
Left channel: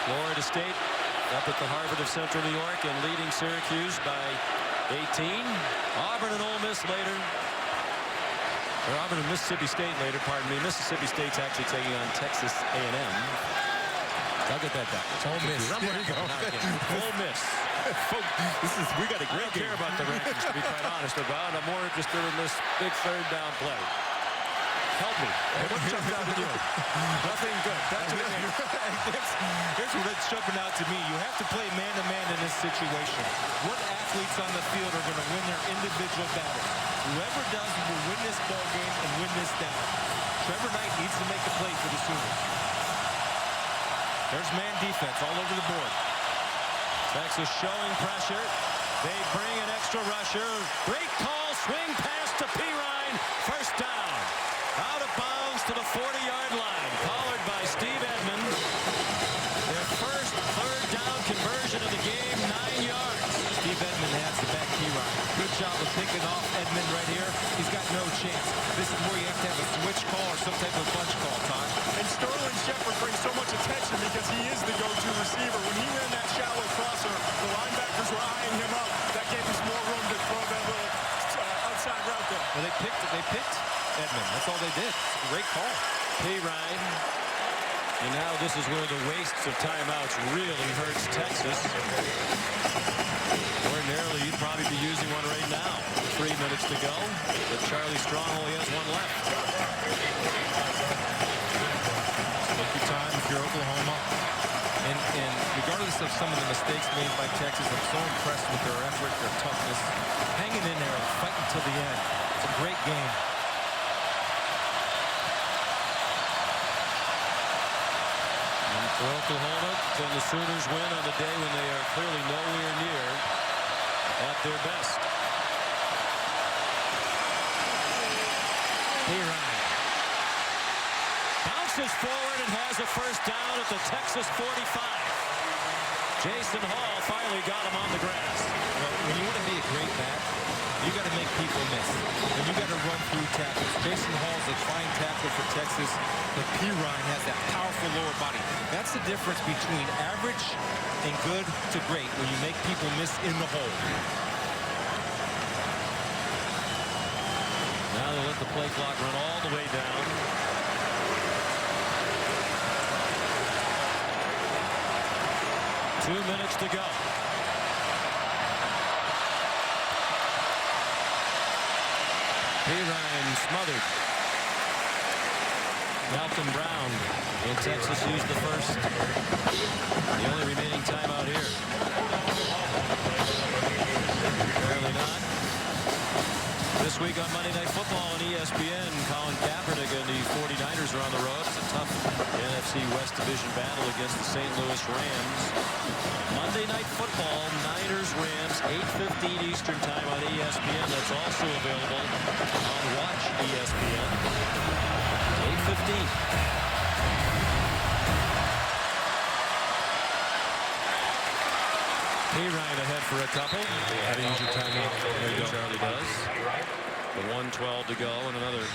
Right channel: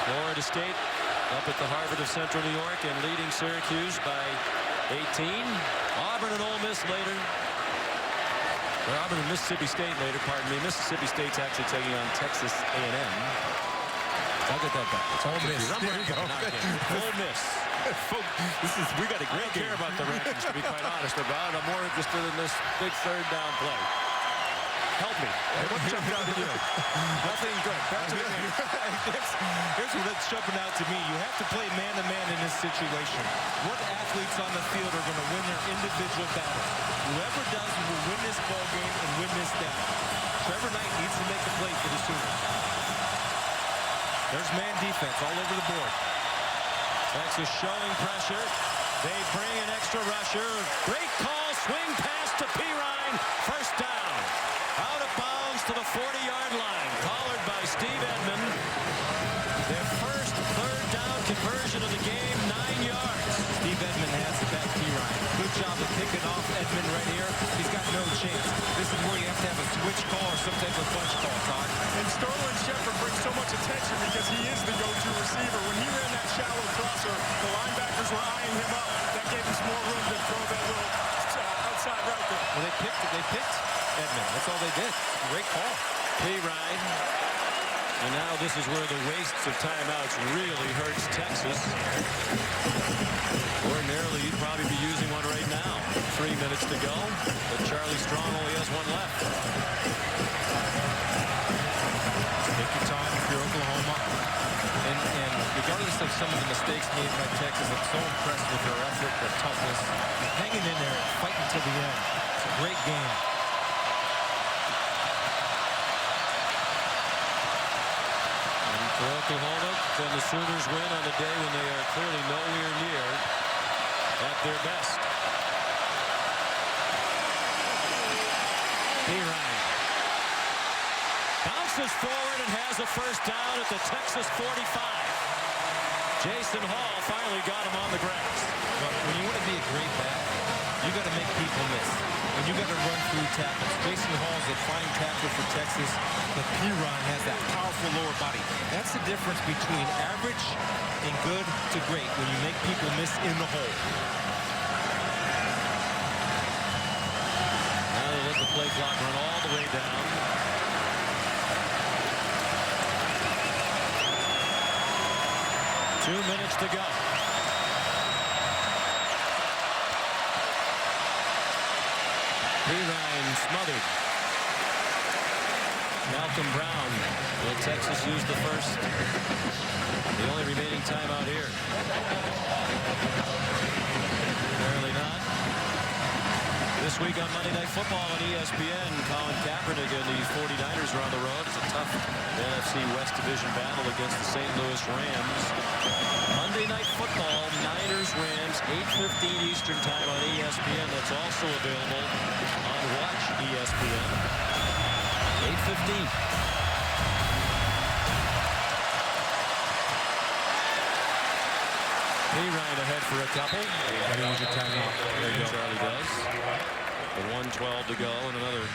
Florida State up at the Harvard of Central New York and leading Syracuse by 18. Auburn and Ole Miss later. Or Auburn and Mississippi State later, pardon me. Mississippi State's actually taking on Texas A&M. I'll get that backwards. Ole Miss. There you go. Ole Miss. We got a great game. I don't care about the rankings, to be quite honest about it. I'm more interested in this big third down play. Help me. Hey, what jumped out at you? Nothing good. Back to the game. Here's what's jumping out to me. You have to play man-to-man in this situation. What athletes on the field are going to win their individual battles? Whoever does will win this ball game and win this down. Trevor Knight needs to make a play for the Sooners. There's man defense all over the board. Texas showing pressure. They bring an extra rusher. Great call. Swing pass to Ryan. First down. Out of bounds to the 40-yard line. Collared by Steve Edmond. Their first third down conversion of the game, 9 yards. Steve Edmond has the back Ryan. Good job of picking off Edmond right here. He's got no chance. This is where you have to have a switch call or some type of bunch call, Todd. And Sterling Shepard brings so much attention because he is the go-to receiver. When he ran that shallow crosser, the linebackers were eyeing him up. That gave him some more room to throw that little outside route there. Well, they picked Edmond. That's all they did. It's a great call. Ryan. And now this is where the wastes of timeouts really hurts Texas. Ordinarily, you'd probably be using one right now. 3 minutes to go, but Charlie Strong only has one left. Take your time if you're Oklahoma. And regardless of some of the mistakes made by Texas, I'm so impressed with their effort, their toughness, hanging in there, fighting till the end. It's a great game. For Oklahoma, can the Sooners win on a day when they are clearly nowhere near at their best? Ryan bounces forward and has a first down at the Texas 45. Jason Hall finally got him on the grass. Well, when you want to be a great back, you got to make people miss. And you got to run through tackles. Jason Hall's a fine tackler for Texas, but Ryan has that powerful lower body. That's the difference between average and good to great when you make people miss in the hole. Now they'll let the play clock run all the way down. Two minutes to go. Ryan smothered. Malcolm Brown. Will Texas use the first? The only remaining timeout here. Apparently not. This week on Monday Night Football on ESPN, Colin Kaepernick and the 49ers are on the road. It's a tough NFC West Division battle against the St. Louis Rams. Monday Night Football, Niners-Rams, 8:15 Eastern Time on ESPN. That's also available on Watch ESPN. 8:15. Ryan ahead for a couple. How to use your timeout. There you go. Charlie does. With 1:12 to go and another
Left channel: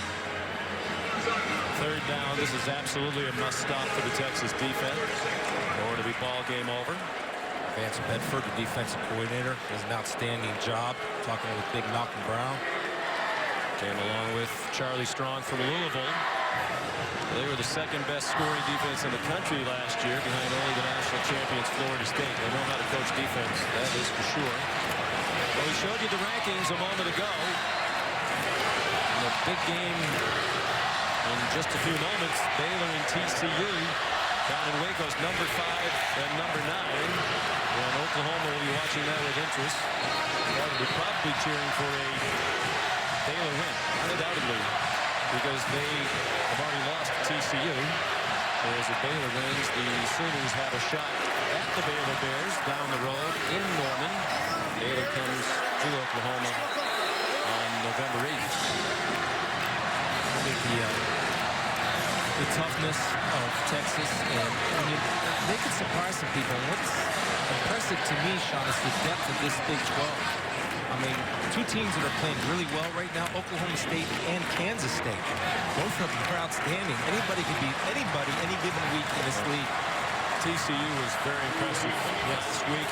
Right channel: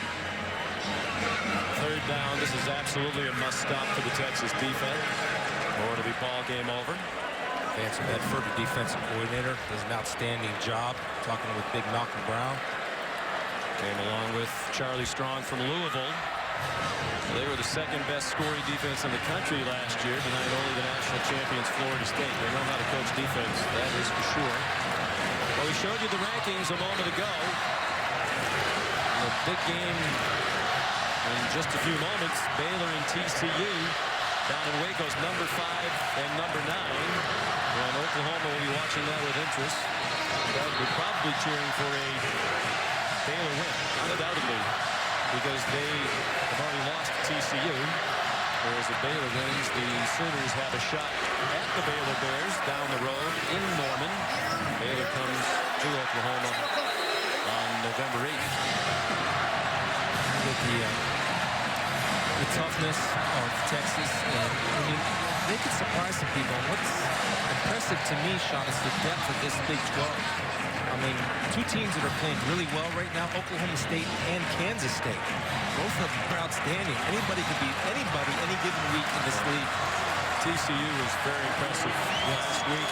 third down. This is absolutely a must stop for the Texas defense, or it'll be ball game over. Vance Bedford, the defensive coordinator, does an outstanding job talking with Big Malcolm Brown. Came along with Charlie Strong from Louisville. They were the second best scoring defense in the country last year, behind only the national champions Florida State. They know how to coach defense, that is for sure. Well, we showed you the rankings a moment ago. In the big game in just a few moments, Baylor and TCU down in Waco's number 5 and number 9. And Oklahoma will be watching that with interest. Undoubtedly probably cheering for a Baylor win, undoubtedly, because they have already lost to TCU. Whereas if Baylor wins, the Sooners have a shot at the Baylor Bears down the road in Norman. Baylor comes to Oklahoma on November 8th. With the toughness of Texas, and I mean, they could surprise some people. And what's impressive to me, Sean, is the depth of this Big 12. I mean, two teams that are playing really well right now, Oklahoma State and Kansas State. Both of them are outstanding. Anybody can beat anybody any given week in this league. TCU was very impressive last week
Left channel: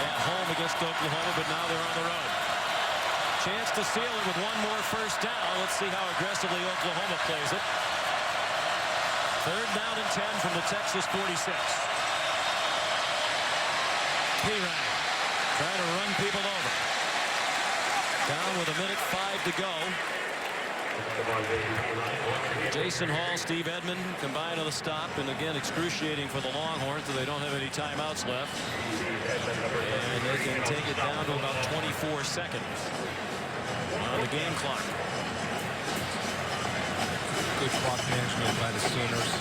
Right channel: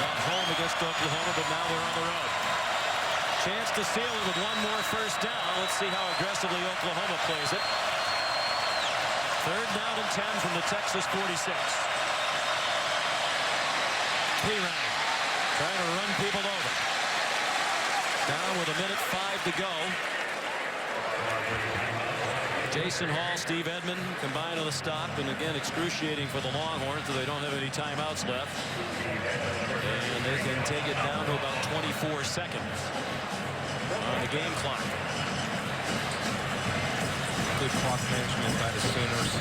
at home against Oklahoma, but now they're on the road. Chance to seal it with one more first down. Let's see how aggressively Oklahoma plays it. Third down and 10 from the Texas 46. Ryan trying to run people over. Down with 1:05 to go. Jason Hall, Steve Edmond combined on the stop, and again excruciating for the Longhorns, so they don't have any timeouts left. And they can take it down to about 24 seconds on the game clock. Good clock management by the Sooners.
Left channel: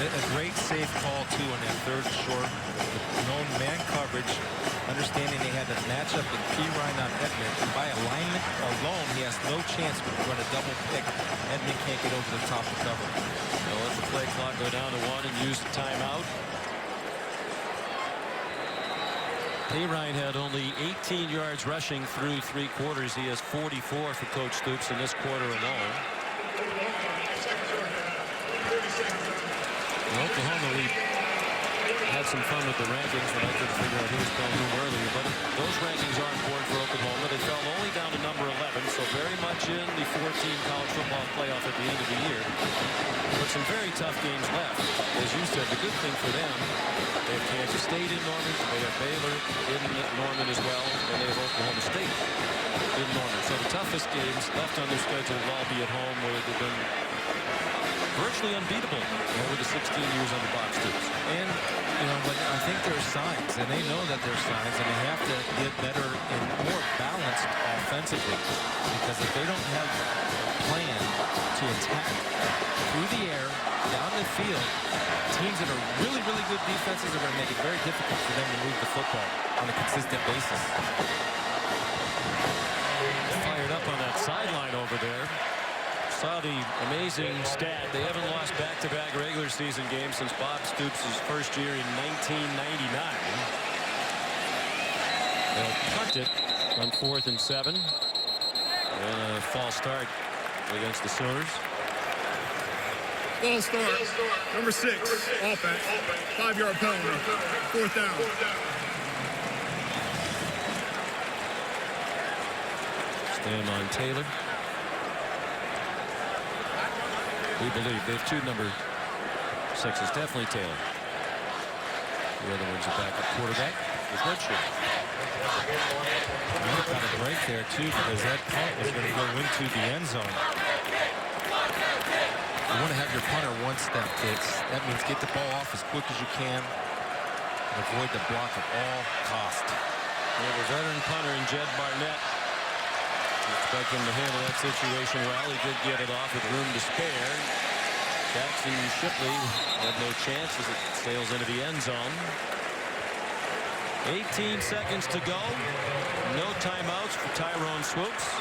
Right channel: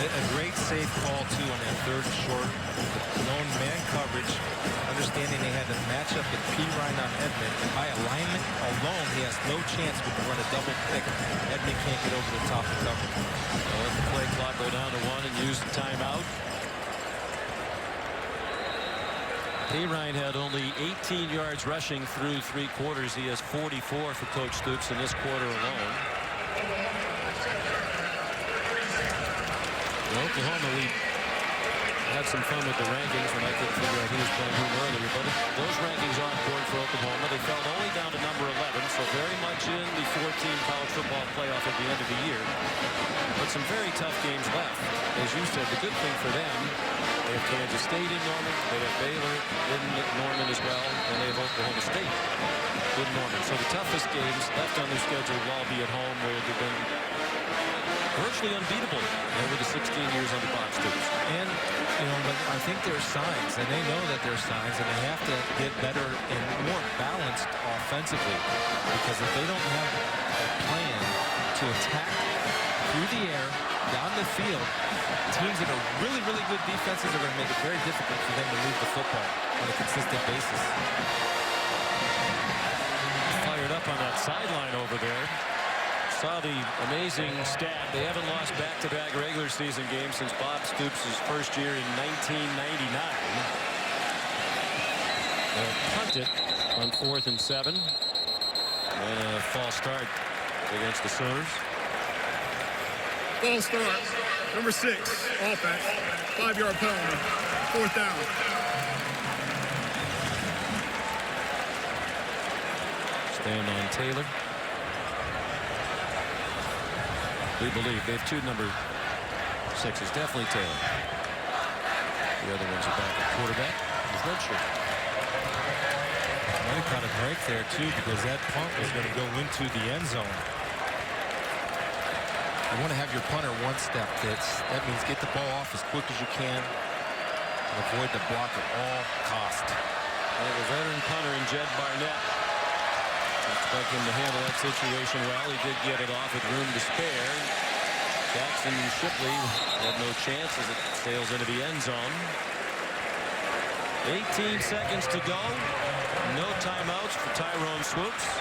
A great safe call, too, on that third and short. With known man coverage, understanding they had to match up with Ryan on Edmond. And by alignment alone, he has no chance when you run a double pick. Edmond can't get over the top to cover. They'll let the play clock go down to 1 and use the timeout. Ryan had only 18 yards rushing through 3 quarters. He has 44 for Coach Stoops in this quarter alone. Oklahoma, we had some fun with the rankings when I couldn't figure out who was playing whom earlier, but those rankings are important for Oklahoma. They fell only down to number 11, so very much in the 4-team college football playoff at the end of the year. But some very tough games left. As you said, the good thing for them, they have Kansas State in Norman, they have Baylor in Norman as well, and they have Oklahoma State in Norman. So the toughest games left on their schedule will all be at home, where they've been virtually unbeatable over the 16 years under Bob Stoops. And, you know, but I think there's signs, and they know that there's signs, and they have to get better and more balanced offensively. Because if they don't have a plan to attack through the air, down the field, teams that are really, really good defenses are going to make it very difficult for them to move the football on a consistent basis. Fired up on that sideline over there. Saw the amazing stat. They haven't lost back-to-back regular season games since Bob Stoops' first year in 1999. They'll punt it on 4th and 7. And a false start against the Sooners. False start. Number 6, offense. 5-yard penalty. 4th down. Stand on Taylor. We believe they have 2 number 6s. Definitely Taylor. The other one's a backup quarterback with redshirt. Might have caught a break there too, because that punt was going to go into the end zone. You want to have your punter one step. That means get the ball off as quick as you can and avoid the block at all cost. They have a veteran punter in Jed Barnett. You expect him to handle that situation well. He did get it off with room to spare. Jackson Shipley had no chance as it sails into the end zone. 18 seconds to go. No timeouts for Tyrone Swoops.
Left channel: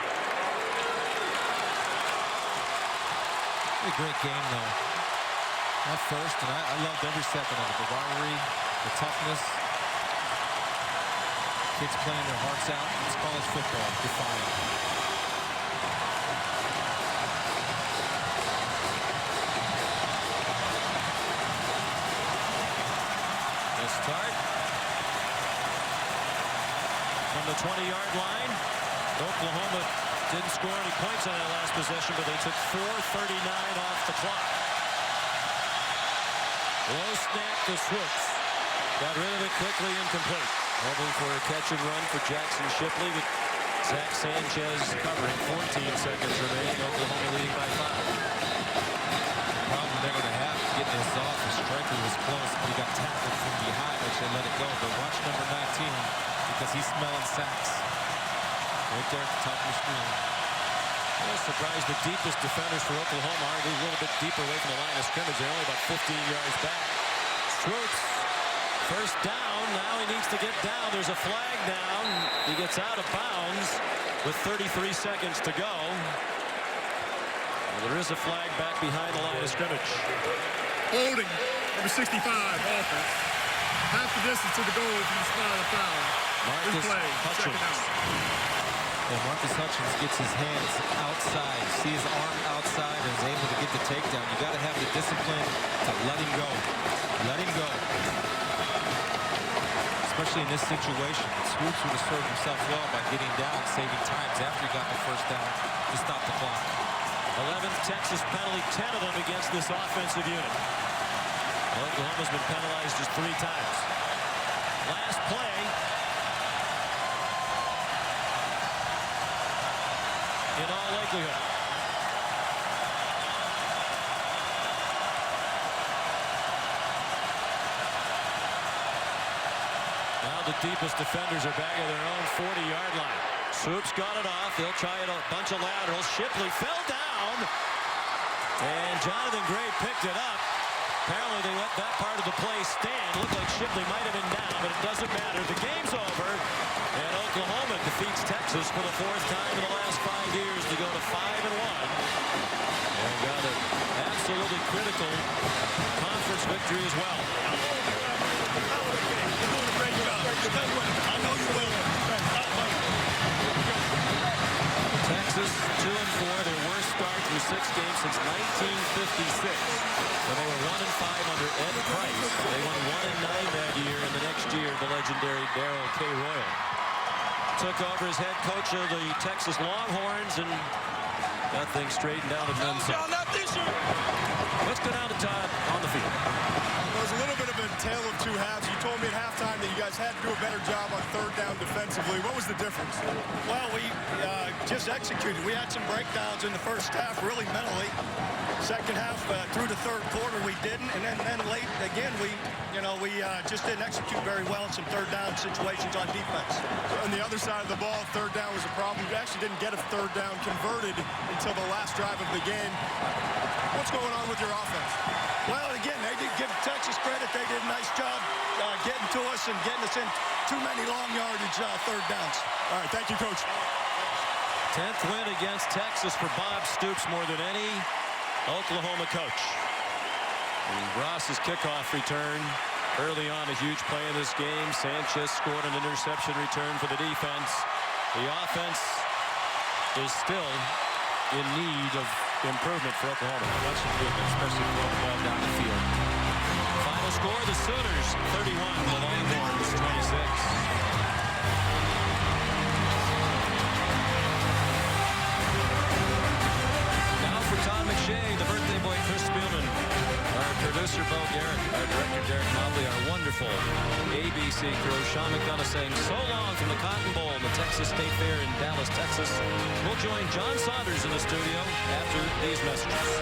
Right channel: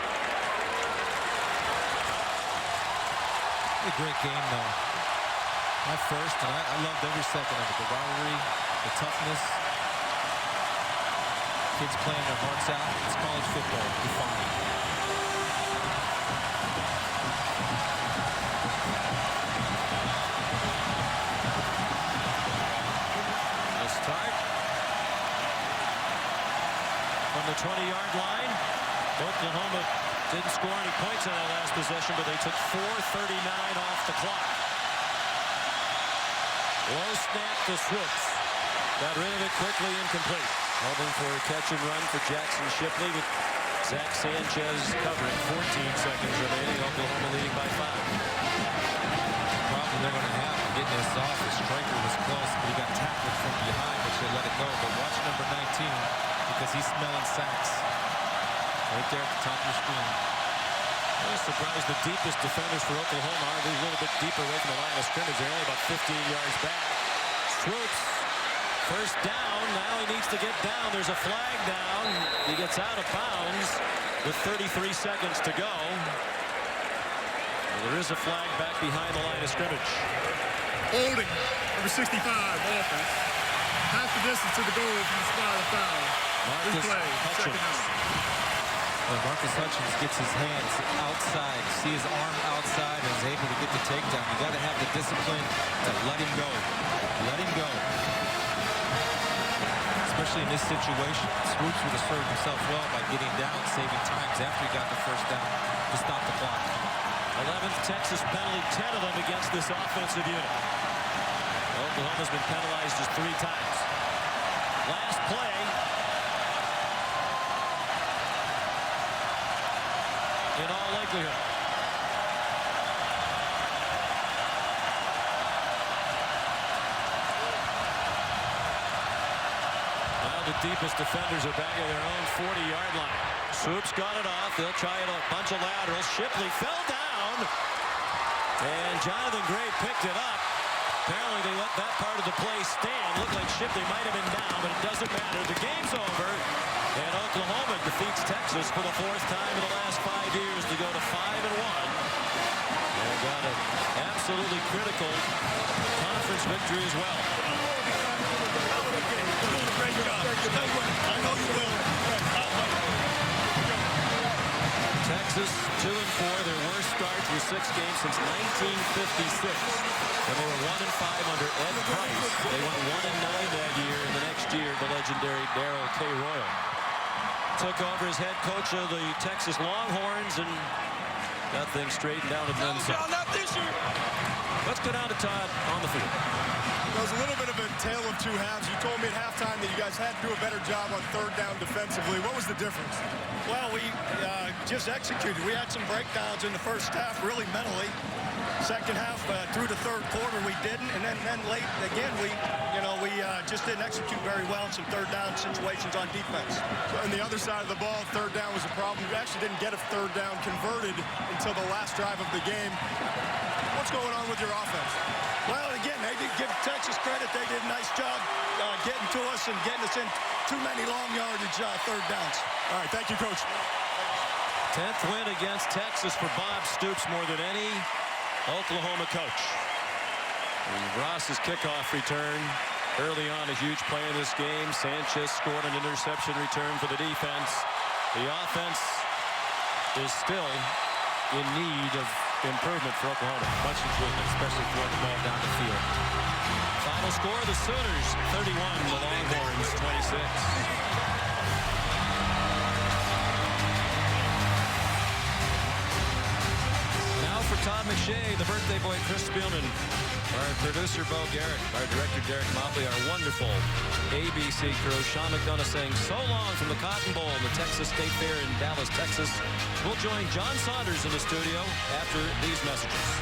A great game, though. My first, and I loved every second of it. The rivalry, the toughness, Kids playing their hearts out. It's college football, defying. They'll start from the 20-yard line. Oklahoma didn't score any points on that last possession, but they took 4:39 off the clock. Low snap to Swoops. Got rid of it quickly, incomplete. Hoping for a catch and run for Jackson Shipley with Zach Sanchez covering. 14 seconds remaining. Oklahoma leading by 5. The problem they're going to have getting this off, the striker was close, but he got tackled from behind, which they let it go. But watch number 19, because he's smelling sacks. Right there at the top of your screen. I was surprised the deepest defenders for Oklahoma are a little bit deeper away from the line of scrimmage. They're only about 15 yards back. Swoops. First down. Now he needs to get down. There's a flag down. He gets out of bounds with 33 seconds to go. Well, there is a flag back behind the line of scrimmage. Holding, number 65, offense. Half the distance to the goal from the spot of the foul. Marcus Replay, second Hutchins. down. Well, Marcus Hutchins gets his hands outside, see his arm outside, and is able to get the takedown. You got to have the discipline to let him go. Let him go. Especially in this situation. Swoops would have served himself well by getting down, saving times after he got the first down to stop the clock. 11th Texas penalty, 10 of them against this offensive unit. Oklahoma's been penalized just 3 times. Last play. In all likelihood. Now the deepest defenders are back at their own 40-yard line. Swoops got it off. They'll try it a bunch of laterals. Shipley fell down. And Jonathan Gray picked it up. Apparently they let that part of the play stand. Looked like Shipley might have been down, but it doesn't matter. The game's over. And Oklahoma defeats Texas for the 4th time in the last 5 years to go to 5-1. And got an absolutely critical conference victory as well. Texas 2-4, their worst start through 6 games since 1956. When they were 1-5 under Ed Price. They went 1-9 that year, and the next year the legendary Darrell K. Royal took over as head coach of the Texas Longhorns and got things straightened out and then some. Let's go down to Todd on the field. Well, it was a little bit of a tale of 2 halves. You told me at halftime that you guys had to do a better job on 3rd down defensively. What was the difference? Well, we just executed. We had some breakdowns in the first half, really mentally. Second half, through the 3rd quarter, we didn't, and then late again, we just didn't execute very well in some 3rd down situations on defense. So on the other side of the ball, 3rd down was a problem. We actually didn't get a 3rd down converted until the last drive of the game. What's going on with your offense? Well, again, they did give Texas credit. They did a nice job getting to us and getting us in too many long yardage 3rd downs. All right, thank you, Coach. 10th win against Texas for Bob Stoops, more than any Oklahoma coach. And Ross's kickoff return early on, a huge play in this game. Sanchez scored an interception return for the defense. The offense is still in need of improvement for Oklahoma. Much improvement, especially throwing the ball down the field. Final score, the Sooners 31, the Longhorns 26. Now for Todd McShay, the birthday boy Chris Spielman, our producer Bo Garrett, our director Derek Mobley, our wonderful ABC crew, Sean McDonough saying so long from the Cotton Bowl in the Texas State Fair in Dallas, Texas. We'll join John Saunders in the studio after these messages.